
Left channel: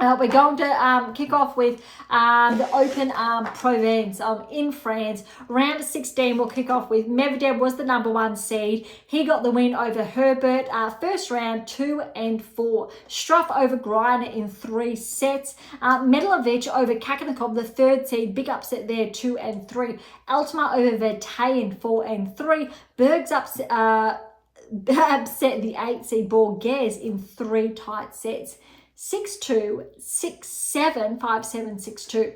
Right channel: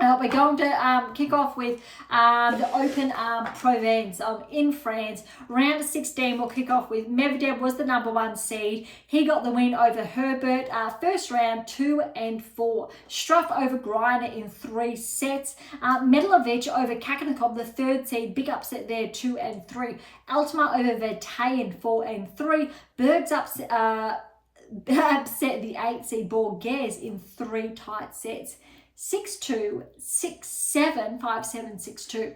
We're going to kick off with the Open Provence in France. Round of 16, we'll kick off with Medvedev was the number 1 seed. He got the win over Herbert. First round, 2 and 4. Struff over Greiner in 3 sets. Medvedev over Kakanakov, the 3rd seed. Big upset there, 2 and 3. Altmaier over Vertainen, 4 and 3. Berge's upset the 8th seed Borges in 3 tight sets. 6-2, 6-7, 5-7, 6-2.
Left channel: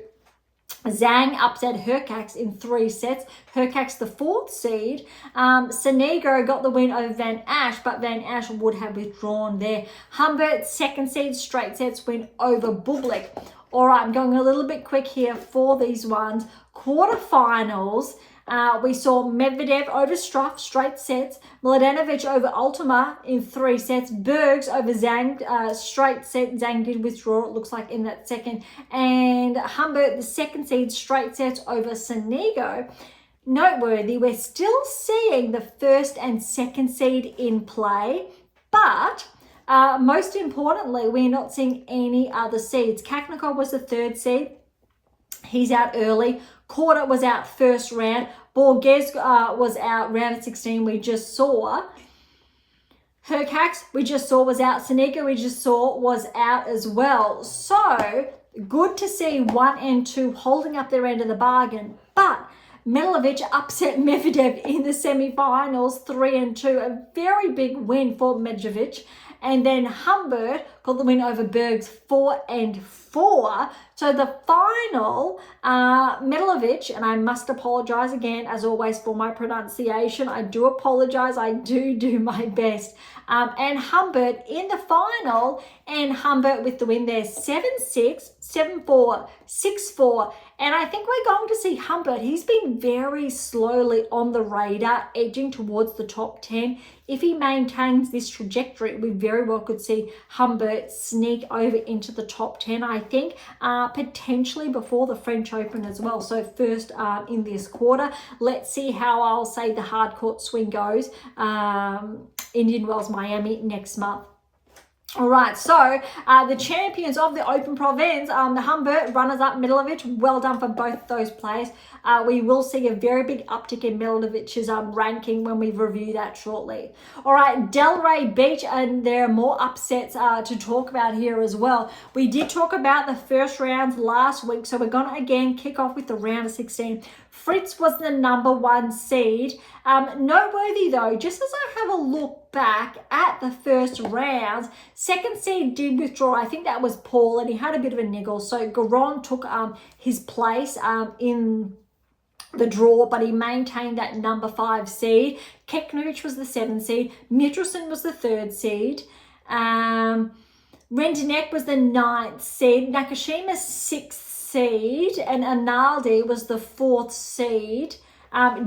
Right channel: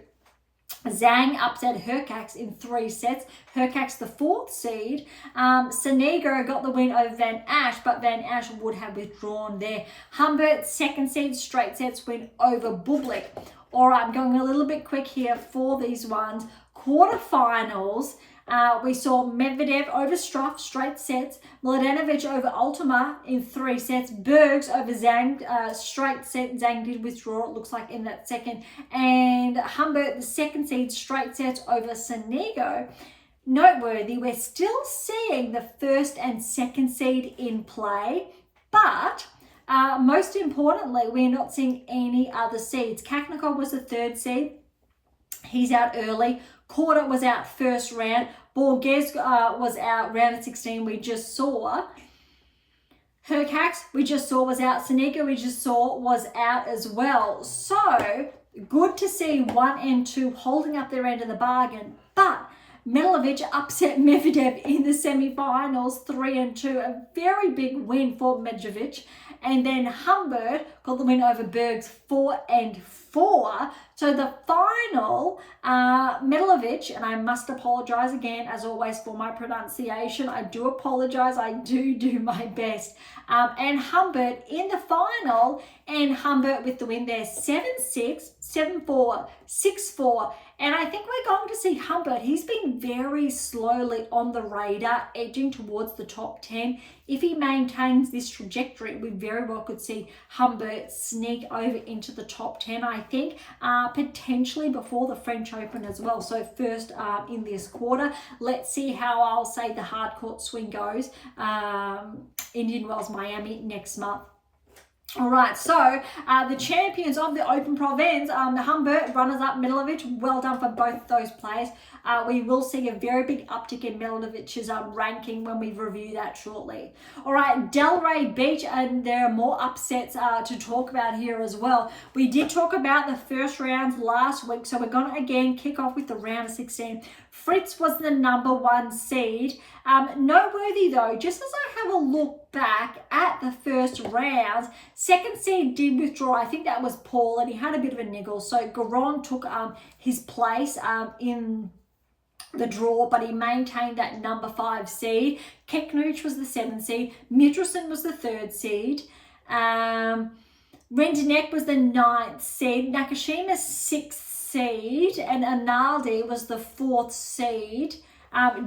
Zhang upset Hurkacz in 3 sets. Hurkacz, the 4th seed. Sonego got the win over Van Asch, but Van Asch would have withdrawn there. Humbert, 2nd seed, straight sets win over Bublik. All right, I'm going a little bit quick here for these ones. Quarterfinals. We saw Medvedev over Struff, straight sets. Mladenovic over Altmaier in 3 sets. Berge over Zhang, straight set. Zhang did withdraw, it looks like, in that second. And Humbert, the 2nd seed, straight sets over Sonego. Noteworthy, we're still seeing the 1st and 2nd seed in play, but most importantly, we're not seeing any other seeds. Kakanakov was the 3rd seed. He's out early. Korda was out first round. Berge was out round of 16. We just saw. Hercax, we just saw, was out. Sanika, we just saw, was out as well. So good to see 1 and 2 holding up their end of the bargain. But Medvedev upset Medvedev in the semifinals, 3 and 2. A very big win for Medvedev. And then Humbert got the win over Berge, 4 and 4. So the final, Medvedev, and I must apologize again, as always, for my pronunciation. I do apologize. I do my best. And Humbert in the final, and Humbert with the win there, 7-6, 7-4, 6-4. And I think we're going to see Humbert. He's been very slowly on the radar, edging towards the top 10. If he maintains this trajectory, we very well could see Humbert sneak over into the top 10, I think, potentially before the French Open as well. So first in this quarter. Let's see how I'll say the hard court swing goes. Indian Wells, Miami next month. All right, so the champions of the Open Provence, the Humbert, runners-up Medvedev, well done for both those players. We will see a very big uptick in Medvedev's ranking when we review that shortly. All right, Delray Beach, and there are more upsets to talk about here as well. We did talk about the first rounds last week, so we're going to again kick off with the round of 16. Fritz was the #1 seed. Noteworthy though, just as I have a look back at the first rounds, second seed did withdraw. I think that was Paul, and he had a bit of a niggle. So Garon took his place in the draw, but he maintained that #5 seed. Keknovic was the 7th seed. Mitrosin was the 3rd seed. Rendenek was the 9th seed. Nakashima 6th seed, and Analdi was the 4th seed.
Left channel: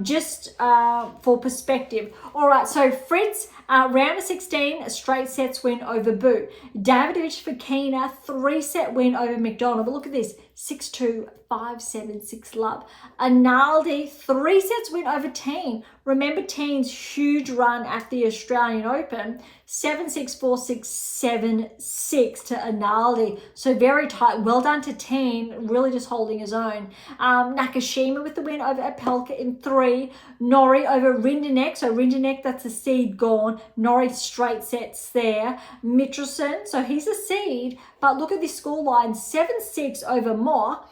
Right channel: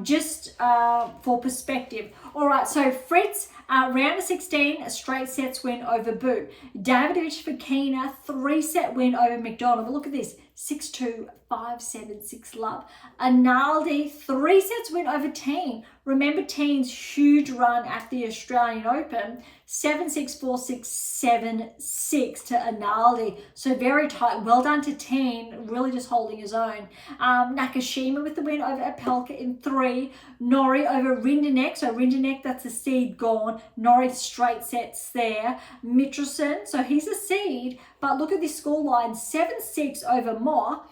Just for perspective. All right, so Fritz, round of 16, a straight sets win over Boot. Davidovich Fokina, 3-set win over McDonald. But look at this, 6-2, 5-7, 6-love. Analdi, 3 sets win over Teen. Remember Teen's huge run at the Australian Open, 7-6, 4-6, 7-6 to Analdi. So very tight. Well done to Teen, really just holding his own. Nakashima with the win over Apelka in 3. Nori over Rindenek. So Rindenek, that's a seed gone. Nori straight sets there. Mitrosin, so he's a seed. But look at this scoreline, 7-6 over Moore.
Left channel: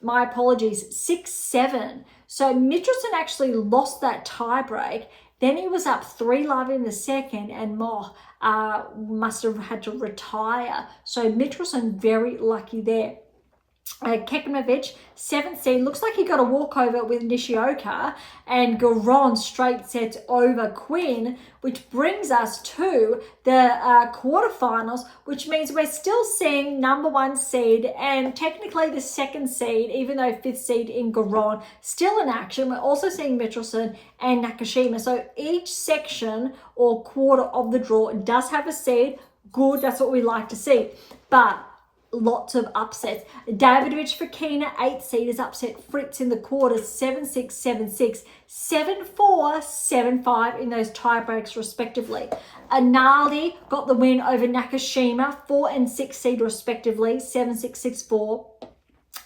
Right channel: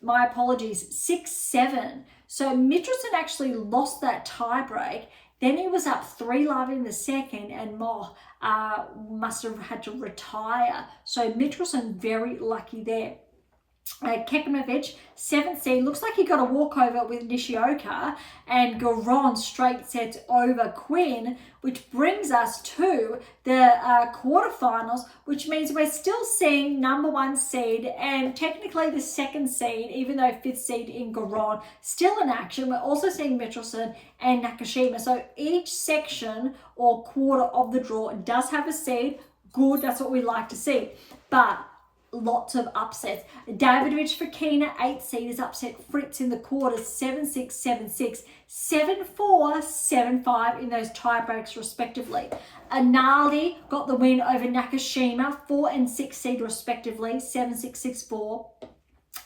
My apologies, 6-7. So Mitrosin actually lost that tie break. Then he was up 3-love in the second, and Moore must have had to retire. So Mitrosin very lucky there. Keknovic, 7th seed, looks like he got a walkover with Nishioka, and Garon straight sets over Quinn, which brings us to the quarterfinals, which means we're still seeing #1 seed and technically the 2nd seed, even though 5th seed in Garon, still in action. We're also seeing Mitrosin and Nakashima. So each section or quarter of the draw does have a seed. Good, that's what we like to see. But lots of upsets. Davidovich Fokina, 8th seed, is upset Fritz in the quarters, 7-6, 7-6, 7-4, 7-5 in those tie breaks respectively. Analdi got the win over Nakashima, 4 and 6 seed respectively, 7-6, 6-4.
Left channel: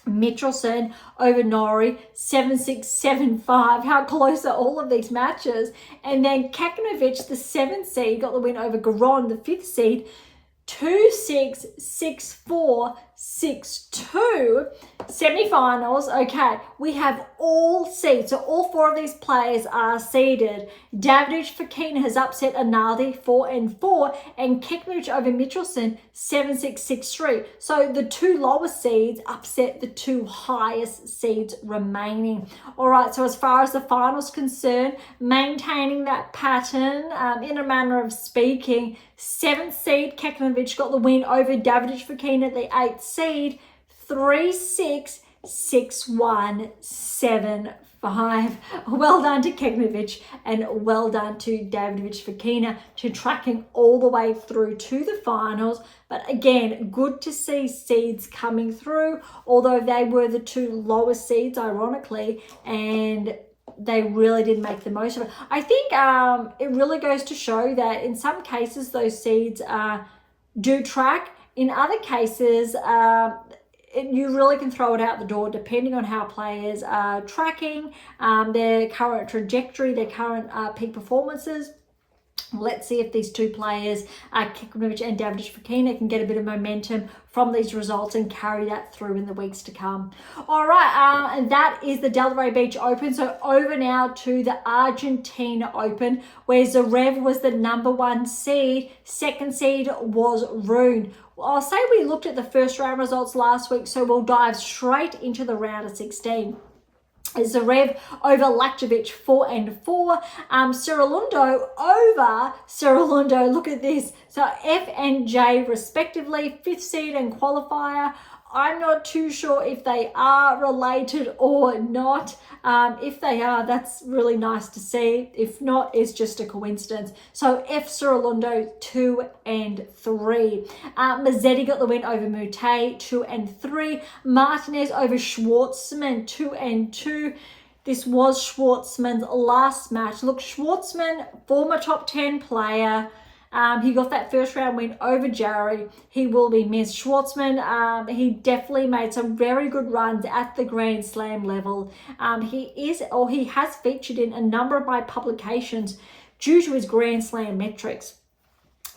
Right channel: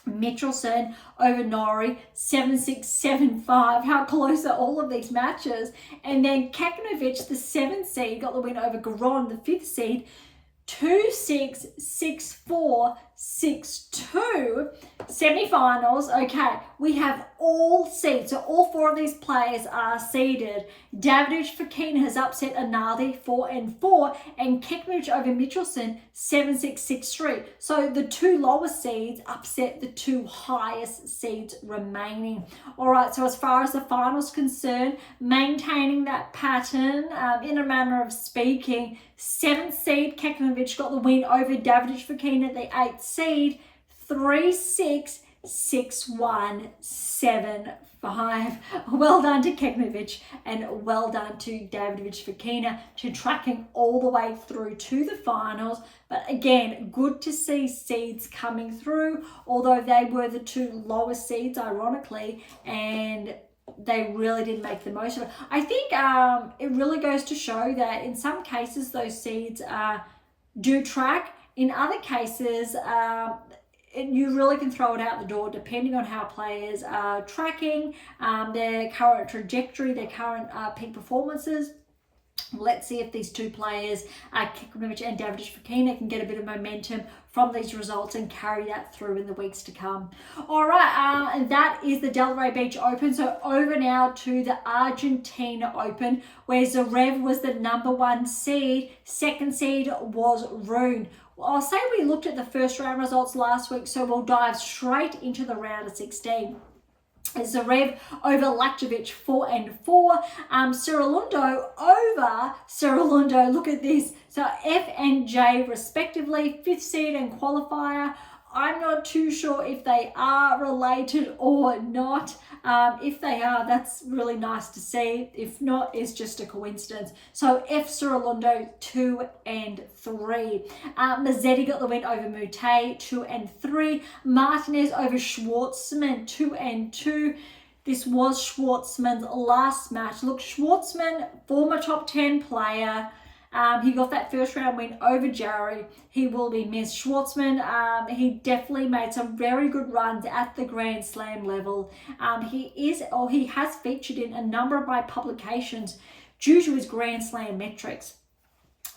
Mitrosin over Nori, 7-6, 7-5. How close are all of these matches? And then Keknovic, the 7th seed, got the win over Garon, the 5th seed, 2-6, 6-4, 6-2. Semi-finals. Okay, we have all seeds. So all 4 of these players are seeded. Davidovich Fokina has upset Analdi, 4 and 4, and Keknovic over Mitrosin, 7-6, 6-3. So the 2 lowest seeds upset the 2 highest seeds remaining. All right, so as far as the finals concerned, maintaining that pattern, in a manner of speaking, 7th seed Keknovic got the win over Davidovich Fokina, the 8th seed, 3-6, 6-1, 7-5. Well done to Keknovic and well done to Davidovich Fokina to tracking all the way through to the finals. But again, good to see seeds coming through, although they were the 2 lowest seeds, ironically, and they really did make the most of it. I think it really goes to show that in some cases those seeds do track. In other cases, you really can throw it out the door depending on how players are tracking, their current trajectory, their current peak performances. Let's see if these two players, Djokovic and David can get a bit of momentum from these results and carry that through in the weeks to come. All right, and that is the Delray Beach Open. So over now to the Argentina Open, where Zverev was the #1 seed. Second seed was Rune. Well, I'll say we looked at the first round results last week, so we'll dive straight into the round of 16. Zverev over Djokovic 4-4. Cerulondo over Cerulondo. Look at this. So F and J respectively, 5th seed and qualifier. I'm not too sure if they are related or not. If they are, that's really nice to see. If not, it's just a coincidence. So F Cerulondo 2 and 3. Mazzetti got the win over Mute 2 and 3. Martinez over Schwartzman 2 and 2. This was Schwartzman's last match. Look, Schwartzman, former top 10 player. He got that first round win over Jarry. He will be missed. Schwartzman, he definitely made some very good runs at the Grand Slam level. He has featured in a number of my publications due to his Grand Slam metrics.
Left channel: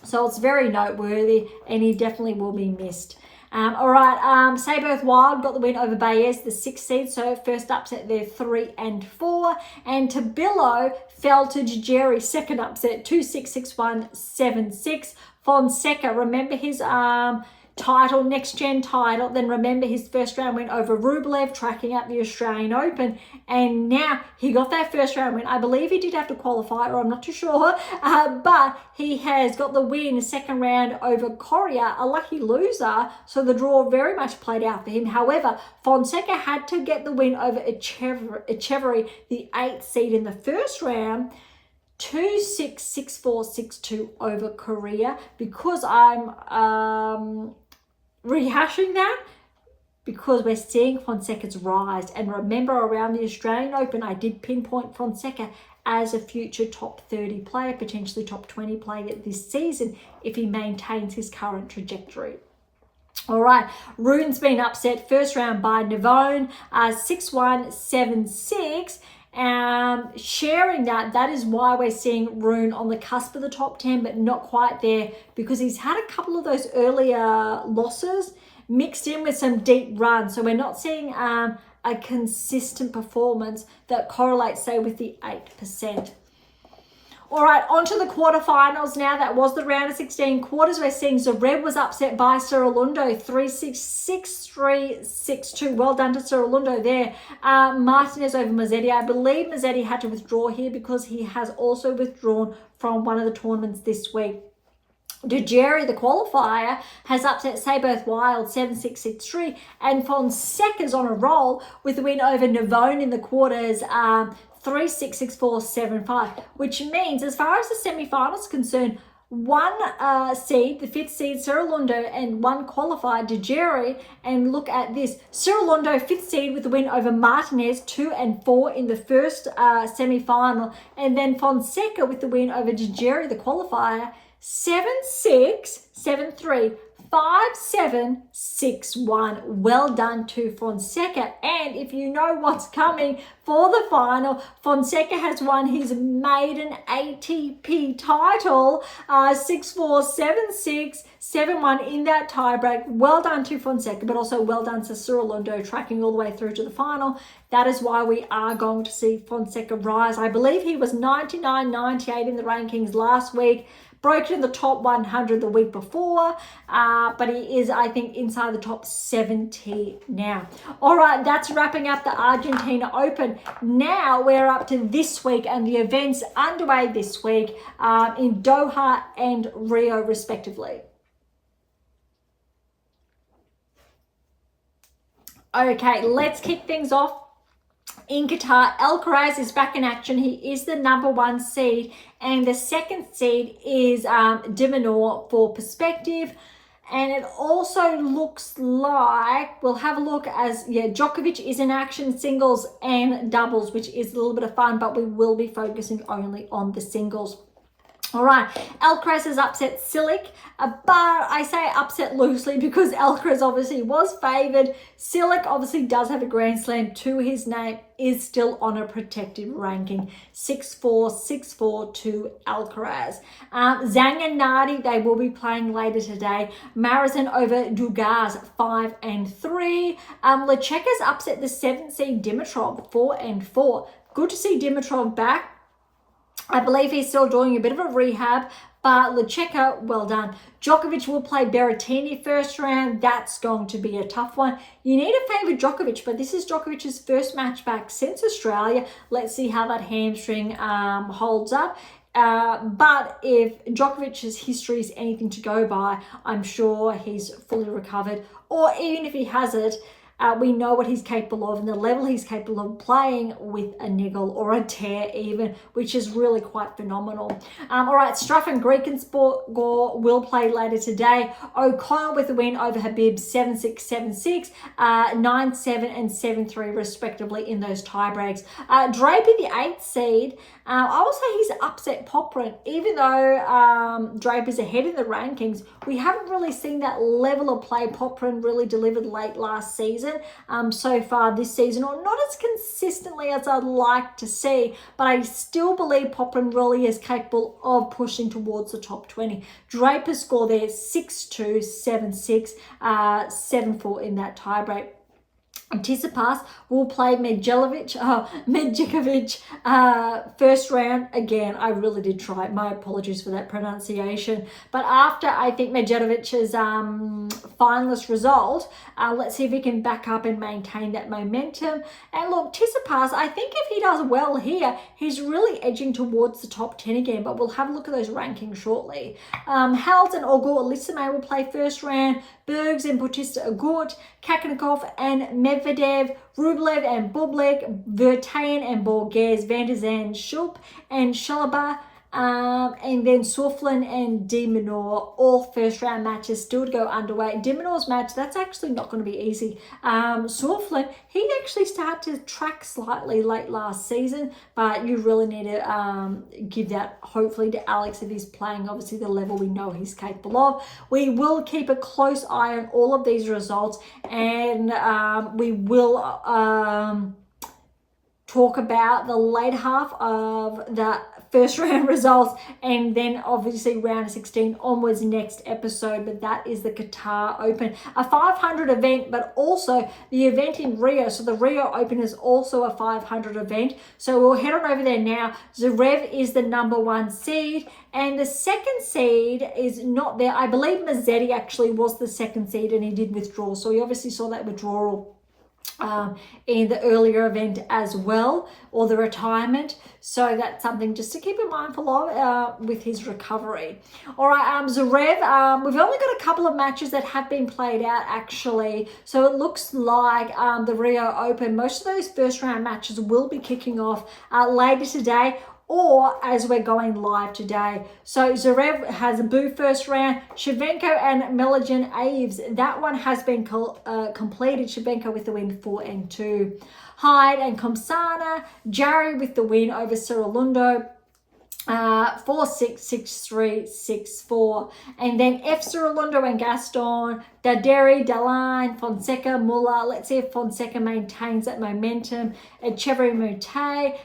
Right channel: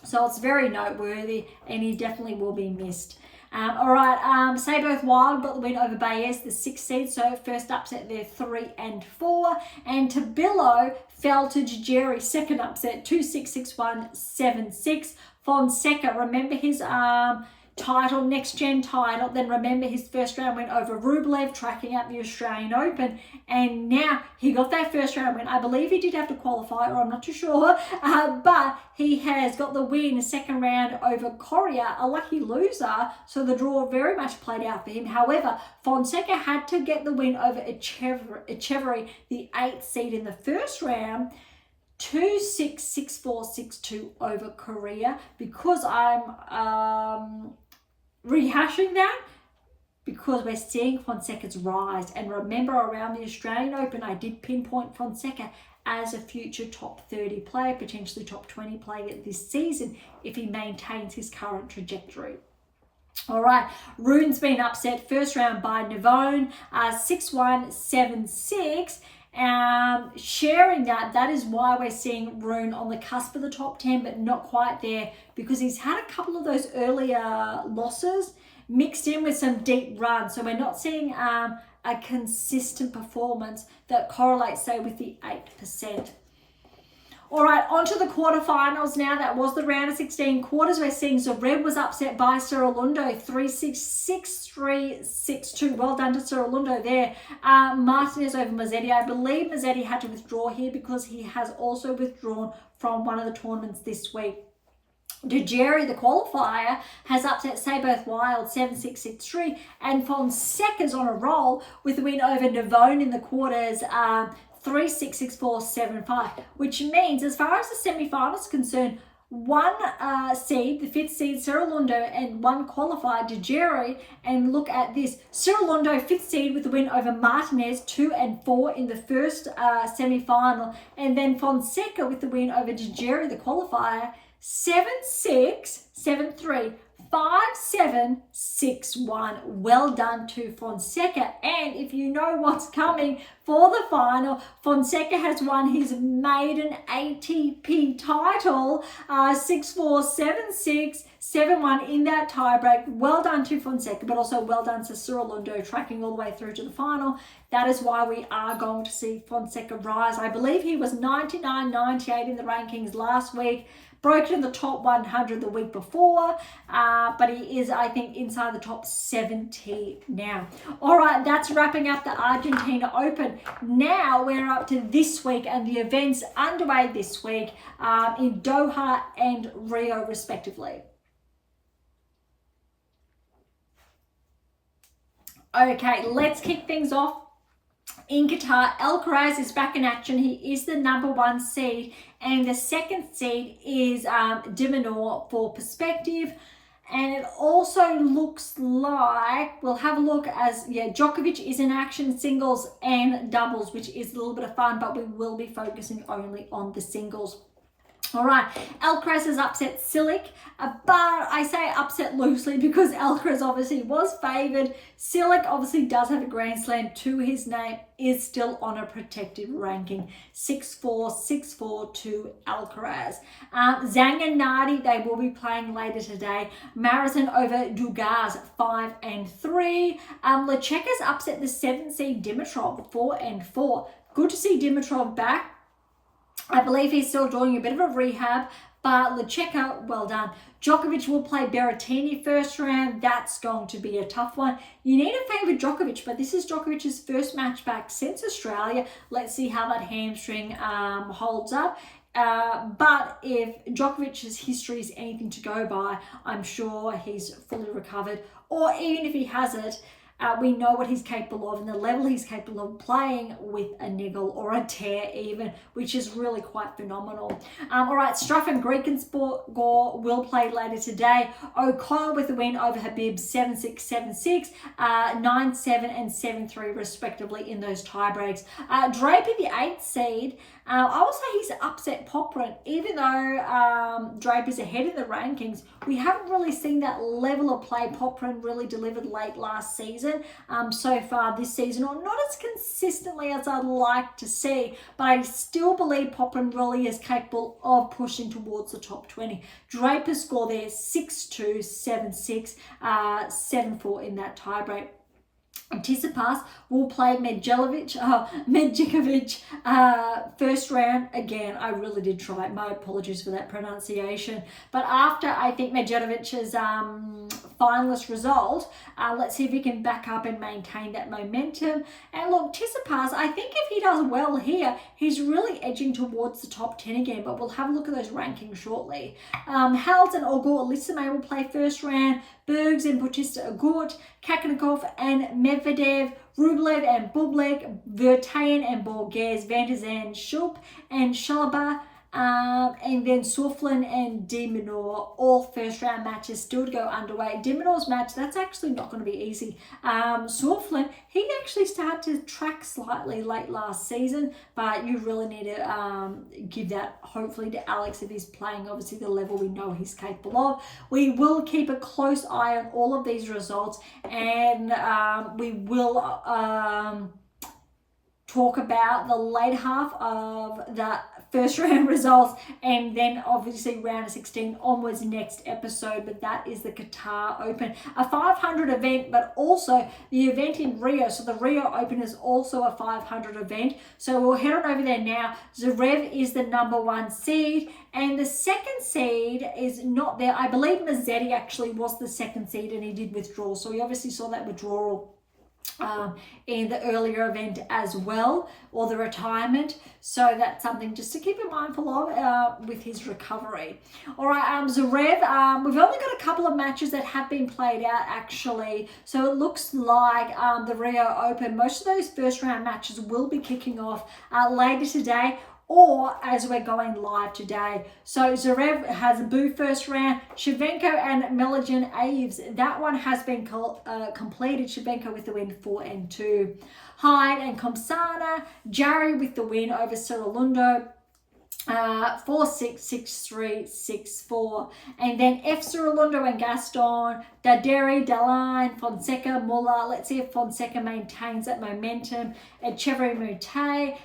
So it's very noteworthy, and he definitely will be missed. All right, Sayboth Wild got the win over Baez, the 6th seed, so first upset there, 3 and 4. And Tabillo fell to Jerry, second upset, 2-6, 6-1, 7-6. Fonseca, remember his title, next gen title, then remember his first round win over Rublev, tracking out the Australian Open, and now he got that first round win. I believe he did have to qualify, or I'm not too sure, but he has got the win second round over Correa, a lucky loser, so the draw very much played out for him. However, Fonseca had to get the win over Echeverry, the 8th seed in the first round, 2-6, 6-4, 6-2 over Korea. Because I'm rehashing that, because we're seeing Fonseca's rise. And remember, around the Australian Open, I did pinpoint Fonseca as a future top 30 player, potentially top 20 player this season if he maintains his current trajectory. All right, Rune's been upset first round by Navone, 6-1, 7-6. Sharing that is why we're seeing Rune on the cusp of the top 10, but not quite there, because he's had a couple of those earlier losses mixed in with some deep runs. So we're not seeing a consistent performance that correlates, say, with the 8%. All right, on to the quarterfinals now. That was the round of 16 quarters. We're seeing Zverev was upset by Cerulondo, 3-6, 6-3, 6-2. Well done to Cerulondo there. Martinez over Mazzetti. I believe Mazzetti had to withdraw here because he has also withdrawn from one of the tournaments this week. Jerry, the qualifier, has upset Sayboth Wild 7-6, 6-3, and Fonseca's on a roll with a win over Navone in the quarters, 3-6, 6-4, 7-5, which means, as far as the semi-finals concerned, one seed, the 5th seed, Cerulondo, and one qualified, Jerry. And look at this, Cerulondo, 5th seed, with the win over Martinez, 2 and 4 in the first semi-final, and then Fonseca with the win over Jerry, the qualifier, 7-6, 7-3, 5-7, 6-1. Well done to Fonseca. And if you know what's coming for the final, Fonseca has won his maiden ATP title, 6-4, 7-6, 7-1 in that tiebreak. Well done to Fonseca, but also well done to Cerulondo, tracking all the way through to the final. That is why we are going to see Fonseca rise. I believe he was 99, 98 in the rankings last week. Broke in the top 100 the week before, but he is, I think, inside the top 70 now. All right, that's wrapping up the Argentina Open. Now we're up to this week and the events underway this week in Doha and Rio, respectively. Okay, let's kick things off. In Qatar, Alcaraz is back in action. He is the #1 seed, and the 2nd seed is de Minaur for perspective. And it also looks like, we'll have a look as, Djokovic is in action, singles and doubles, which is a little bit of fun, but we will be focusing only on the singles. All right, Alcaraz has upset Cilic, but I say upset loosely because Alcaraz obviously was favoured. Cilic obviously does have a Grand Slam to his name, is still on a protected ranking, 6-4, 6-4 to Alcaraz. Zhang and Nardi, they will be playing later today. Marathon over Dugas, 5-3. Lecheka's upset the 7th seed Dimitrov, 4-4. Good to see Dimitrov back. I believe he's still doing a bit of a rehab, but Lecheka, well done. Djokovic will play Berrettini first round. That's going to be a tough one. You need to favour Djokovic, but this is Djokovic's first match back since Australia. Let's see how that hamstring holds up. But if Djokovic's history is anything to go by, I'm sure he's fully recovered. Or even if he hasn't, we know what he's capable of and the level he's capable of playing with a niggle or a tear even, which is really quite phenomenal. All right, Struff and Gore will play later today. O'Connell with a win over Habib, 7-6, 7-6, 9-7 and 7-3 respectively in those tie breaks. Draper, the 8th seed, I will say he's upset Popyrin. Even though Draper's ahead in the rankings, we haven't really seen that level of play Popyrin really delivered late last season, so far this season, or not as consistently as I'd like to see, but I still believe Popyrin really is capable of pushing towards the top 20. Draper's score there, 6-2, 7-6, 7-4 in that tiebreak. Tsitsipas will play Medjekovic first round. Again, I really did try. My apologies for that pronunciation. But after, I think, Medjedovic's finalist result, let's see if he can back up and maintain that momentum. And look, Tsitsipas, I think if he does well here, he's really edging towards the top 10 again. But we'll have a look at those rankings shortly. Halep and Auger-Aliassime will play first round. Berge and Bautista Agut, Kakanakov and Medvedev, Rublev and Bublik, Vertanen and Borges, Van der Zandt, Schulp and Schalaba, and then Soufflin and De Minaur, all first round matches still to go underway. De Minaur's match, that's actually not going to be easy. Soufflin, he actually started to track slightly late last season, but you really need to give that hopefully to Alex if he's playing obviously the level we know he's capable of. We will keep a close eye on all of these results, and we will talk about the late half of that first round results, and then obviously round 16 onwards next episode. But that is the Qatar Open, a 500 event, but also the event in Rio. So the Rio Open is also a 500 event. So we'll head on over there now. Zverev is the #1 seed, and the 2nd seed is not there. I believe Mazzetti actually was the 2nd seed, and he did withdraw. So we obviously saw that withdrawal in the earlier event as well, or the retirement. So that's something just to keep in mindful of with his recovery. All right, Zverev, we've only got a couple of matches that have been played out actually. So it looks like the Rio Open, most of those first round matches will be kicking off later today, or as we're going live today. So Zverev has a boo first round. Shevchenko and Melajan Aves, that one has been completed. Shevchenko with the win, 4-2. Hyde and Komsana, Jarry with the win over Cerulundo, 4-6, 6-3, 6-4. And then F. Cerulundo and Gaston, Daderi, Daline, Fonseca, Muller. Let's see if Fonseca maintains that momentum. Echeverry, Mute,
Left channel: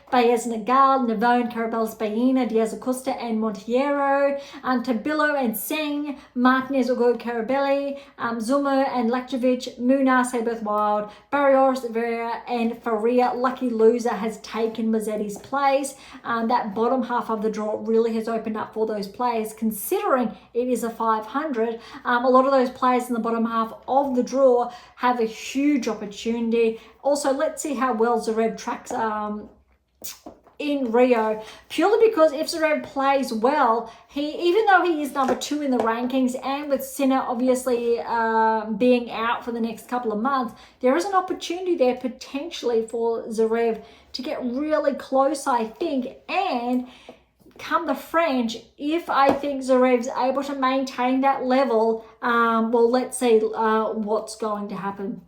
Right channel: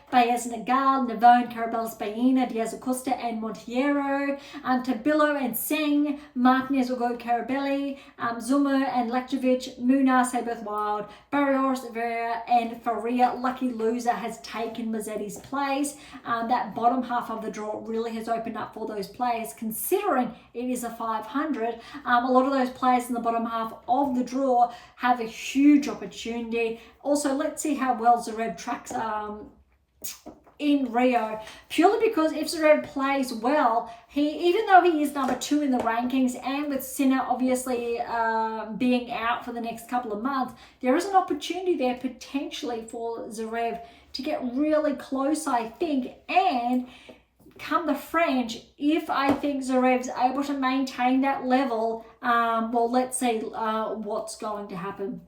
Baez, Nagal, Navone, Carabelis, Baena, Diaz Acosta, and Monteiro. Tabillo and Singh, Martinez, Ugo, Carabelli, Zuma and Lektovic, Munar, say both wild, Barrios, Vera, and Faria. Lucky loser has taken Mazzetti's place. That bottom half of the draw really has opened up for those players, considering it is a 500. A lot of those players in the bottom half of the draw have a huge opportunity. Also, let's see how well Zverev tracks in Rio, purely because if Zverev plays well, even though he is #2 in the rankings, and with Sinner obviously being out for the next couple of months, there is an opportunity there potentially for Zverev to get really close, I think. And come the French, if I think Zverev's able to maintain that level, well, let's see what's going to happen.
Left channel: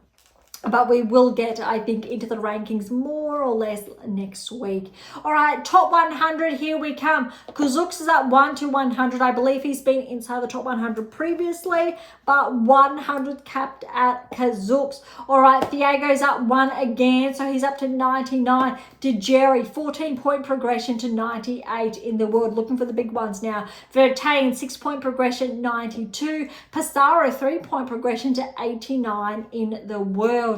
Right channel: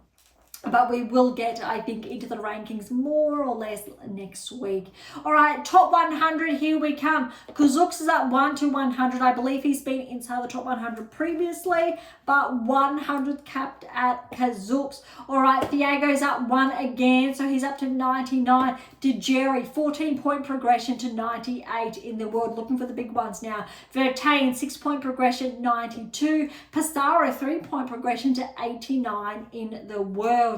But we will get, I think, into the rankings more or less next week. All right, top 100, here we come. Kazuks is at 1 to 100. I believe he's been inside the top 100 previously, but 100 capped at Kazuks. All right, Thiago's up 1 again, so he's up to 99. Delray, 14-point progression to 98 in the world. Looking for the big ones now. Vertain, 6-point progression, 92. Passaro, 3-point progression to 89 in the world.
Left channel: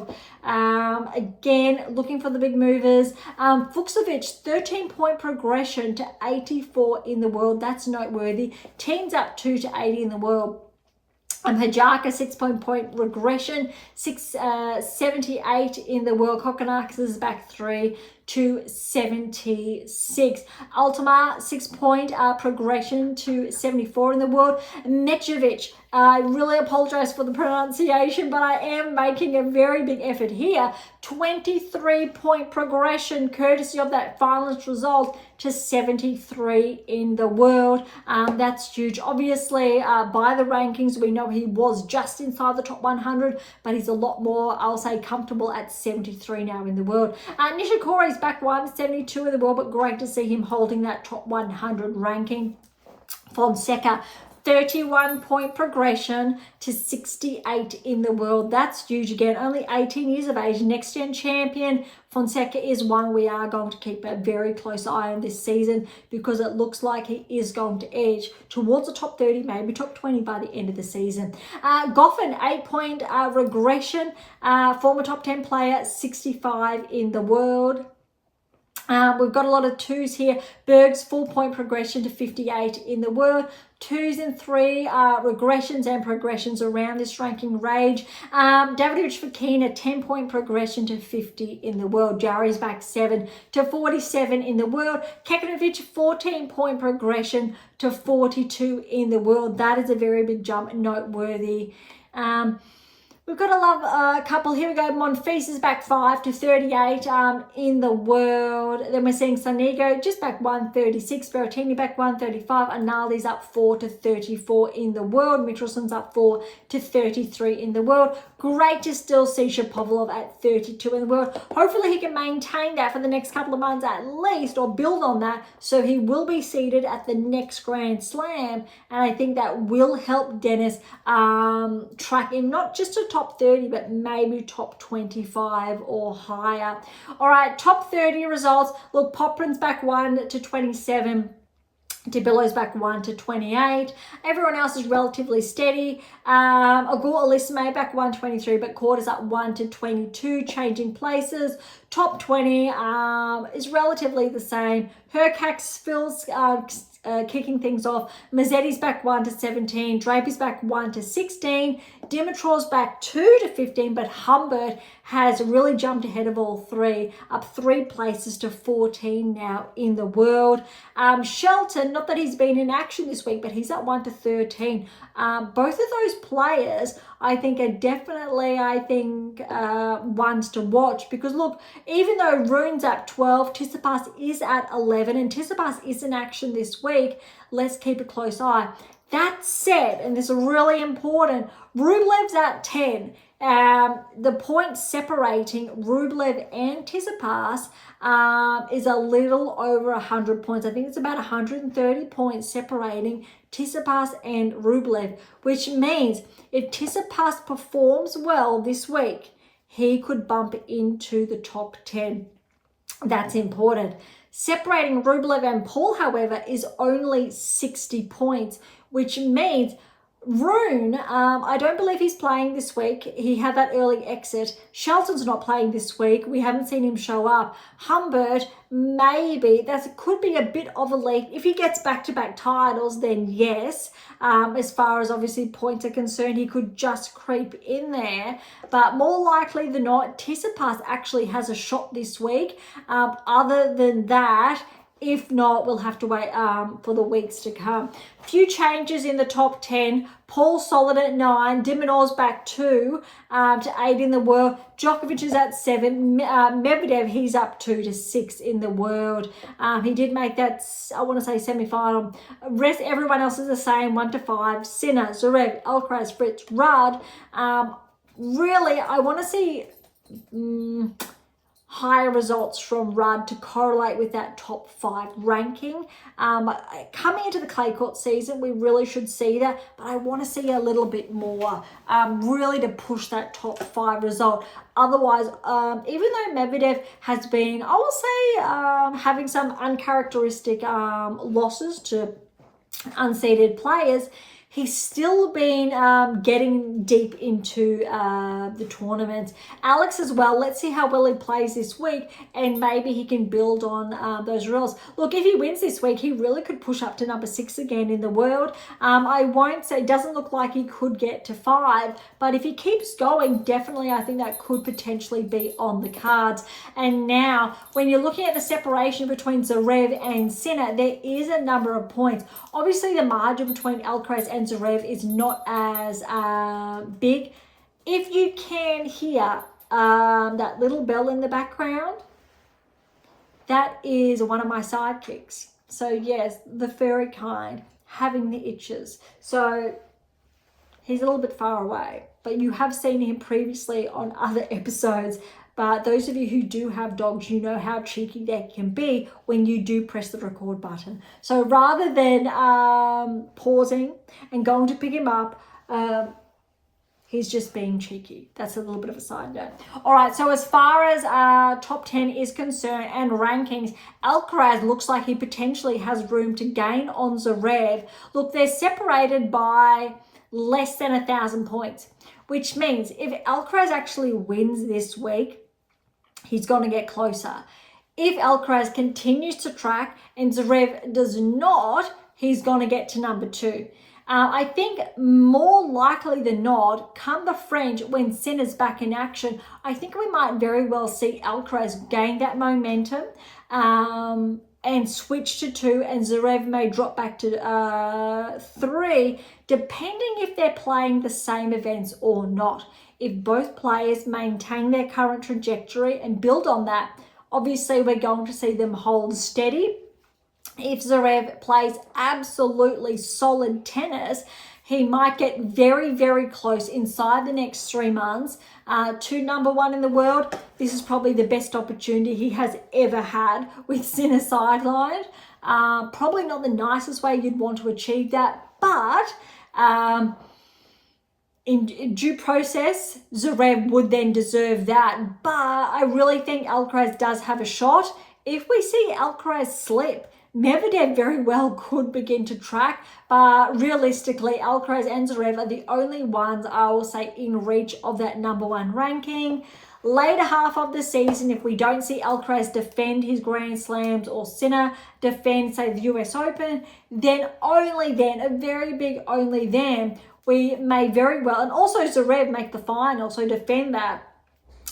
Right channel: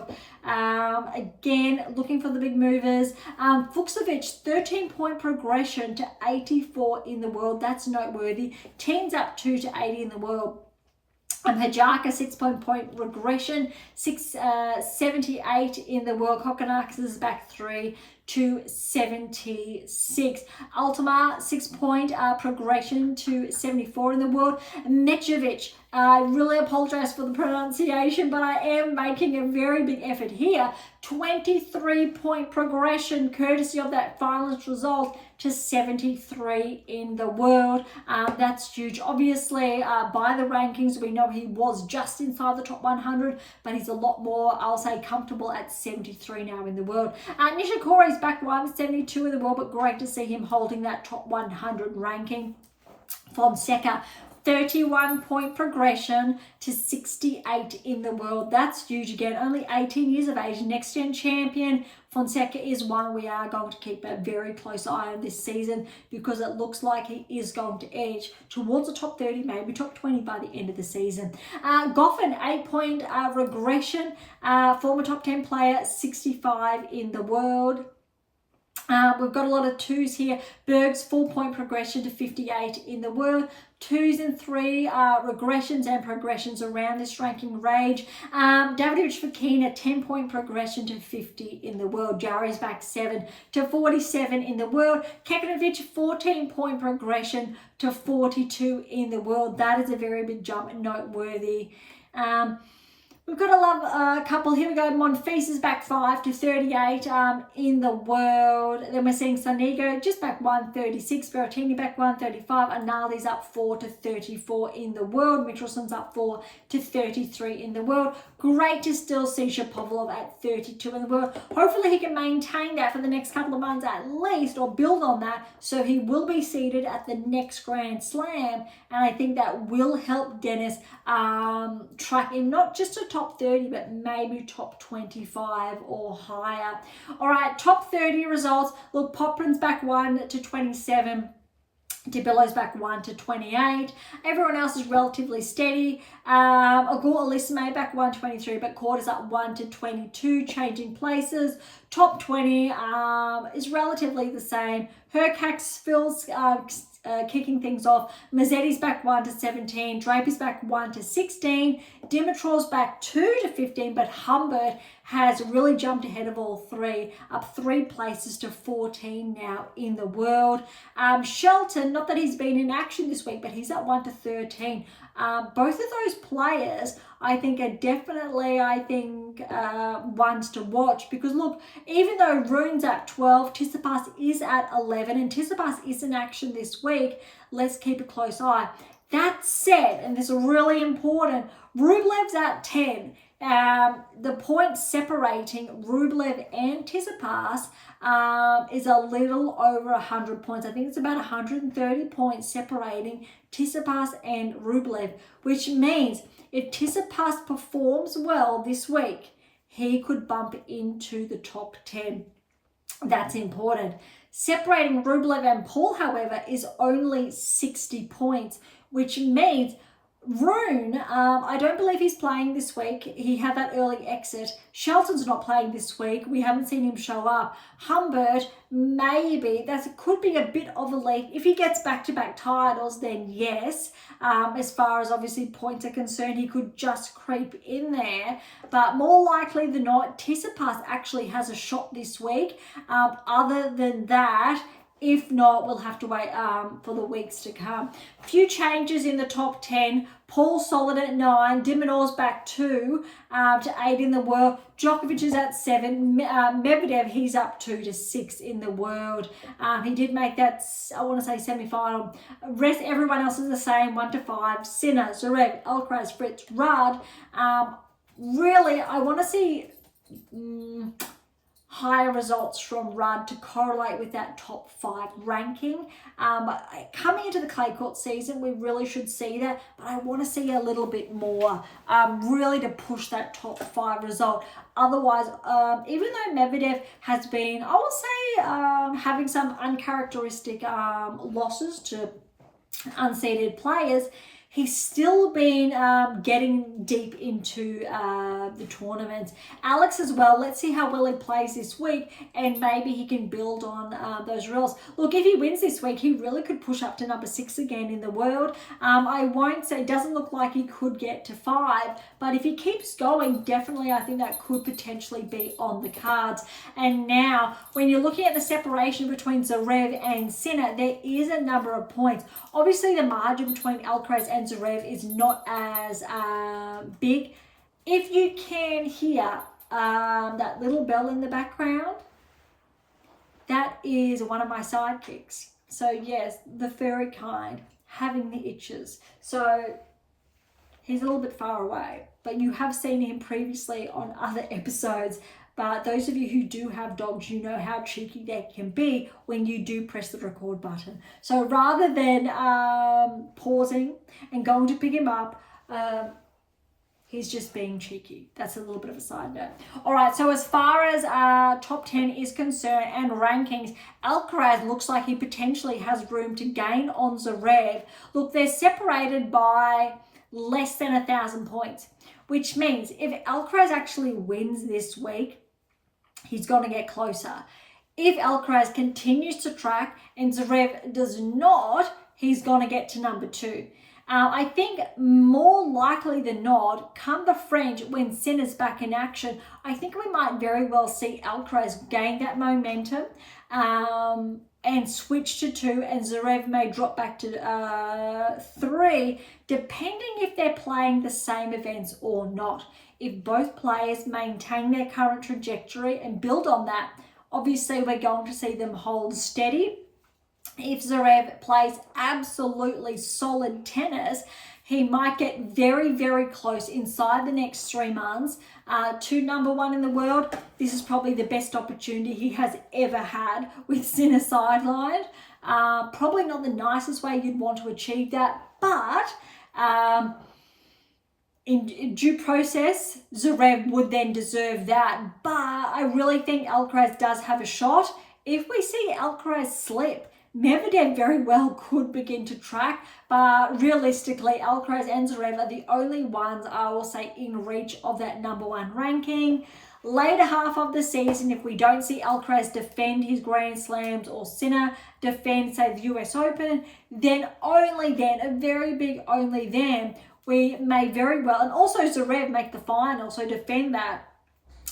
Again, looking for the big movers. Fucsovic, 13-point progression to 84 in the world. That's noteworthy. Team's up 2 to 80 in the world. Hajaka, 6-point regression, 78 in the world. Kokonakis is back 3 to 76. Ultima, 6-point progression to 74 in the world. Medjevic, I really apologize for the pronunciation, but I am making a very big effort here. 23-point progression, courtesy of that finalist result, to 73 in the world. That's huge. Obviously, by the rankings, we know he was just inside the top 100, but he's a lot more, I'll say, comfortable at 73 now in the world. Nishikori's back 1, 72 in the world, but great to see him holding that top 100 ranking. Fonseca, 31-point progression to 68 in the world. That's huge again. Only 18 years of age. Next gen champion. Fonseca is one we are going to keep a very close eye on this season, because it looks like he is going to edge towards the top 30, maybe top 20 by the end of the season. Goffin, 8-point regression. Former top 10 player, 65 in the world. We've got a lot of 2s here. Berge's 4-point progression to 58 in the world. 2s and 3 regressions and progressions around this ranking range. Davidovich Fokina, 10-point progression to 50 in the world. Jarry's back 7 to 47 in the world. Kekanovic, 14-point progression to 42 in the world. That is a very big jump, noteworthy. We've got a couple. Here we go. Monfils is back 5 to 38 in the world. Then we're seeing Sonigo just back 136. Berrettini back 135. Anali's up 4 to 34 in the world. Michelson's up 4 to 33 in the world. Great to still see Shapovalov at 32 in the world. Hopefully he can maintain that for the next couple of months at least, or build on that, so he will be seeded at the next Grand Slam. And I think that will help Dennis track him not just to top 30, but maybe top 25 or higher. All right, top 30 results. Look, Poprin's back 1 to 27. DeBillow's back 1 to 28. Everyone else is relatively steady. Agor Elisime back 123, but Quarters up 1 to 22, changing places. Top 20 is relatively the same. Hercax Phil's kicking things off. Mazzetti's back 1 to 17. Draper's back 1 to 16. Dimitrov's back 2 to 15, but Humbert has really jumped ahead of all three, up 3 places to 14 now in the world. Shelton, not that he's been in action this week, but he's at 1 to 13. Both of those players, I think, are definitely, ones to watch, because look, even though Rune's at 12, Tsitsipas is at 11, and Tsitsipas is in action this week, let's keep a close eye. That said, and this is really important, Rublev's at 10. The point separating Rublev and Tsitsipas is a little over 100 points. I think it's about 130 points separating Tsitsipas and Rublev, which means if Tsitsipas performs well this week, he could bump into the top 10. That's important. Separating Rublev and Paul, however, is only 60 points, which means Rune, I don't believe he's playing this week. He had that early exit. Shelton's not playing this week. We haven't seen him show up. Humbert, maybe. That could be a bit of a leap. If he gets back-to-back titles, then yes. As far as obviously points are concerned, he could just creep in there. But more likely than not, Tsitsipas actually has a shot this week. Other than that, if not, we'll have to wait for the weeks to come. Few changes in the top 10. Paul solid at 9. Dimonors back 2 to 8 in the world. Djokovic is at 7. Medvedev, he's up 2 to 6 in the world. He did make that, I want to say, semi-final. Everyone else is the same, 1 to 5. Sinner, Zverev, Alcaraz, Fritz, Rudd. Really, I want to see higher results from Rudd to correlate with that top 5 ranking. Coming into the clay court season, we really should see that, but I want to see a little bit more, really to push that top 5 result. Otherwise, even though Medvedev has been, I will say, having some uncharacteristic losses to unseeded players, he's still been getting deep into the tournament. Alex as well, let's see how well he plays this week, and maybe he can build on those results. Look, if he wins this week, he really could push up to number 6 again in the world. I won't say, it doesn't look like he could get to 5, but if he keeps going, definitely I think that could potentially be on the cards. And now, when you're looking at the separation between Zverev and Sinner, there is a number of points. Obviously, the margin between Alcaraz and Zverev is not as big. If you can hear that little bell in the background, that is one of my sidekicks. So yes, the furry kind, having the itches. So he's a little bit far away, but you have seen him previously on other episodes. But those of you who do have dogs, you know how cheeky they can be when you do press the record button. So rather than pausing and going to pick him up, he's just being cheeky. That's a little bit of a side note. All right, so as far as top 10 is concerned and rankings, Alcaraz looks like he potentially has room to gain on Zverev. Look, they're separated by less than 1,000 points, which means if Alcaraz actually wins this week, he's going to get closer. If Alcaraz continues to track and Zverev does not, he's going to get to number 2. I think more likely than not, come the French, when Sinner's back in action, I think we might very well see Alcaraz gain that momentum and switch to 2, and Zverev may drop back to 3, depending if they're playing the same events or not. If both players maintain their current trajectory and build on that, obviously we're going to see them hold steady. If Zverev plays absolutely solid tennis, he might get very, very close inside the next 3 months to number 1 in the world. This is probably the best opportunity he has ever had with Sinner sidelined. Probably not the nicest way you'd want to achieve that, but in due process, Zverev would then deserve that. But I really think Alcaraz does have a shot. If we see Alcaraz slip, Medvedev very well could begin to track, but realistically, Alcaraz and Zverev are the only ones, I will say, in reach of that number 1 ranking. Later half of the season, if we don't see Alcaraz defend his Grand Slams or Sinner defend, say, the US Open, then only then, a very big only then, we may very well, and also Zverev make the final, so defend that,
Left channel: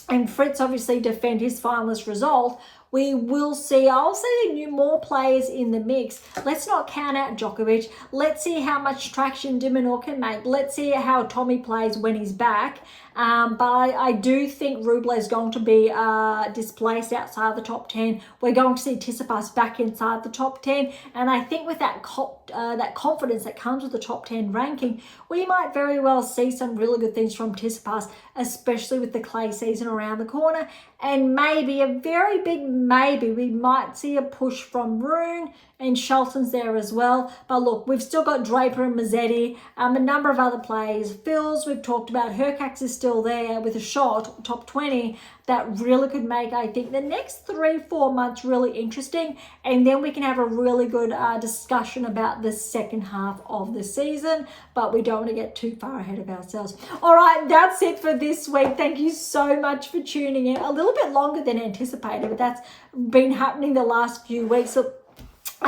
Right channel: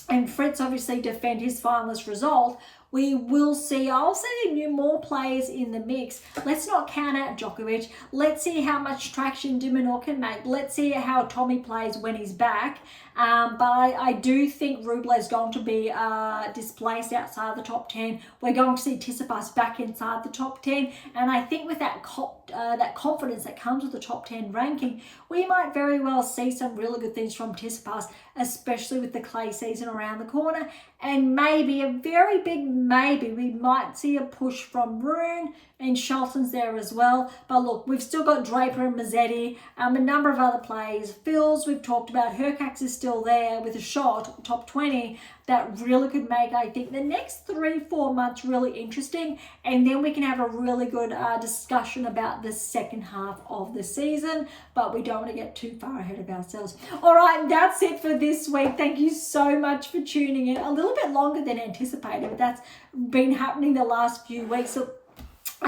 and Fritz obviously defend his finalist result, we will see, I'll say, more players in the mix. Let's not count out Djokovic. Let's see how much traction Dimonor can make. Let's see how Tommy plays when he's back. But I do think Rublev is going to be displaced outside the top 10. We're going to see Tsitsipas back inside the top 10. And I think with that confidence that comes with the top 10 ranking, we might very well see some really good things from Tsitsipas, especially with the clay season around the corner. And maybe, a very big maybe, we might see a push from Rune, and Shelton's there as well. But look, we've still got Draper and Mazzetti, a number of other players. Phils, we've talked about. Hercax is still there with a shot, top 20, that really could make, I think, the next 3-4 months really interesting. And then we can have a really good discussion about the second half of the season. But we don't want to get too far ahead of ourselves. All right, that's it for this week. Thank you so much for tuning in. A little bit longer than anticipated, but that's been happening the last few weeks. So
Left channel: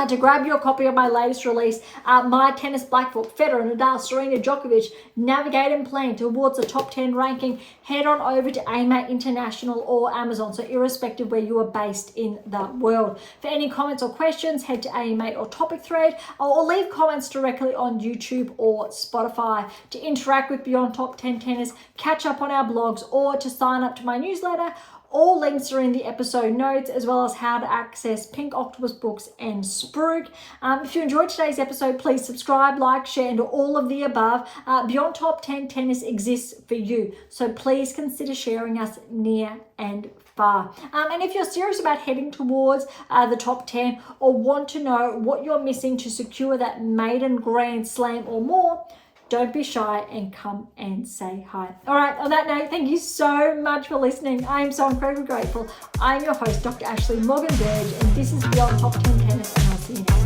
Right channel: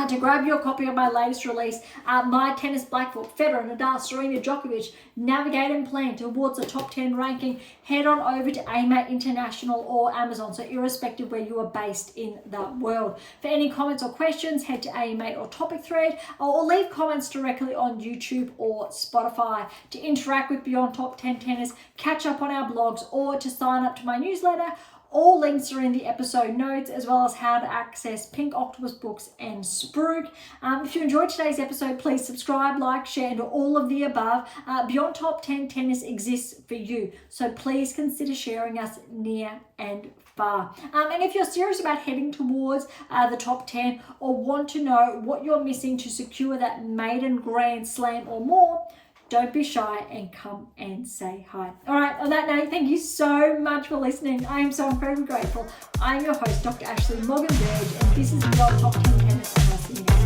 to grab your copy of my latest release, My Tennis Black Book, Federer, Nadal, Serena, Djokovic, Navigate and Plan towards the top 10 ranking, head on over to AM8 International or Amazon, so irrespective where you are based in the world. For any comments or questions, head to AM8 or Topic Thread, or leave comments directly on YouTube or Spotify. To interact with Beyond Top 10 Tennis, catch up on our blogs, or to sign up to my newsletter, All links are in the episode notes, as well as how to access Pink Octopus books and Spruik. If you enjoyed today's episode, please subscribe, like, share, and all of the above. Beyond Top 10 Tennis exists for you, so please consider sharing us near and far. And if you're serious about heading towards the top 10 or want to know what you're missing to secure that maiden Grand Slam or more, don't be shy and come and say hi. All right, on that note, thank you so much for listening. I am so incredibly grateful. I'm your host, Dr. Ashley Morgan Berge, and this is Beyond Top 10 Tennis, and I'll see you next time.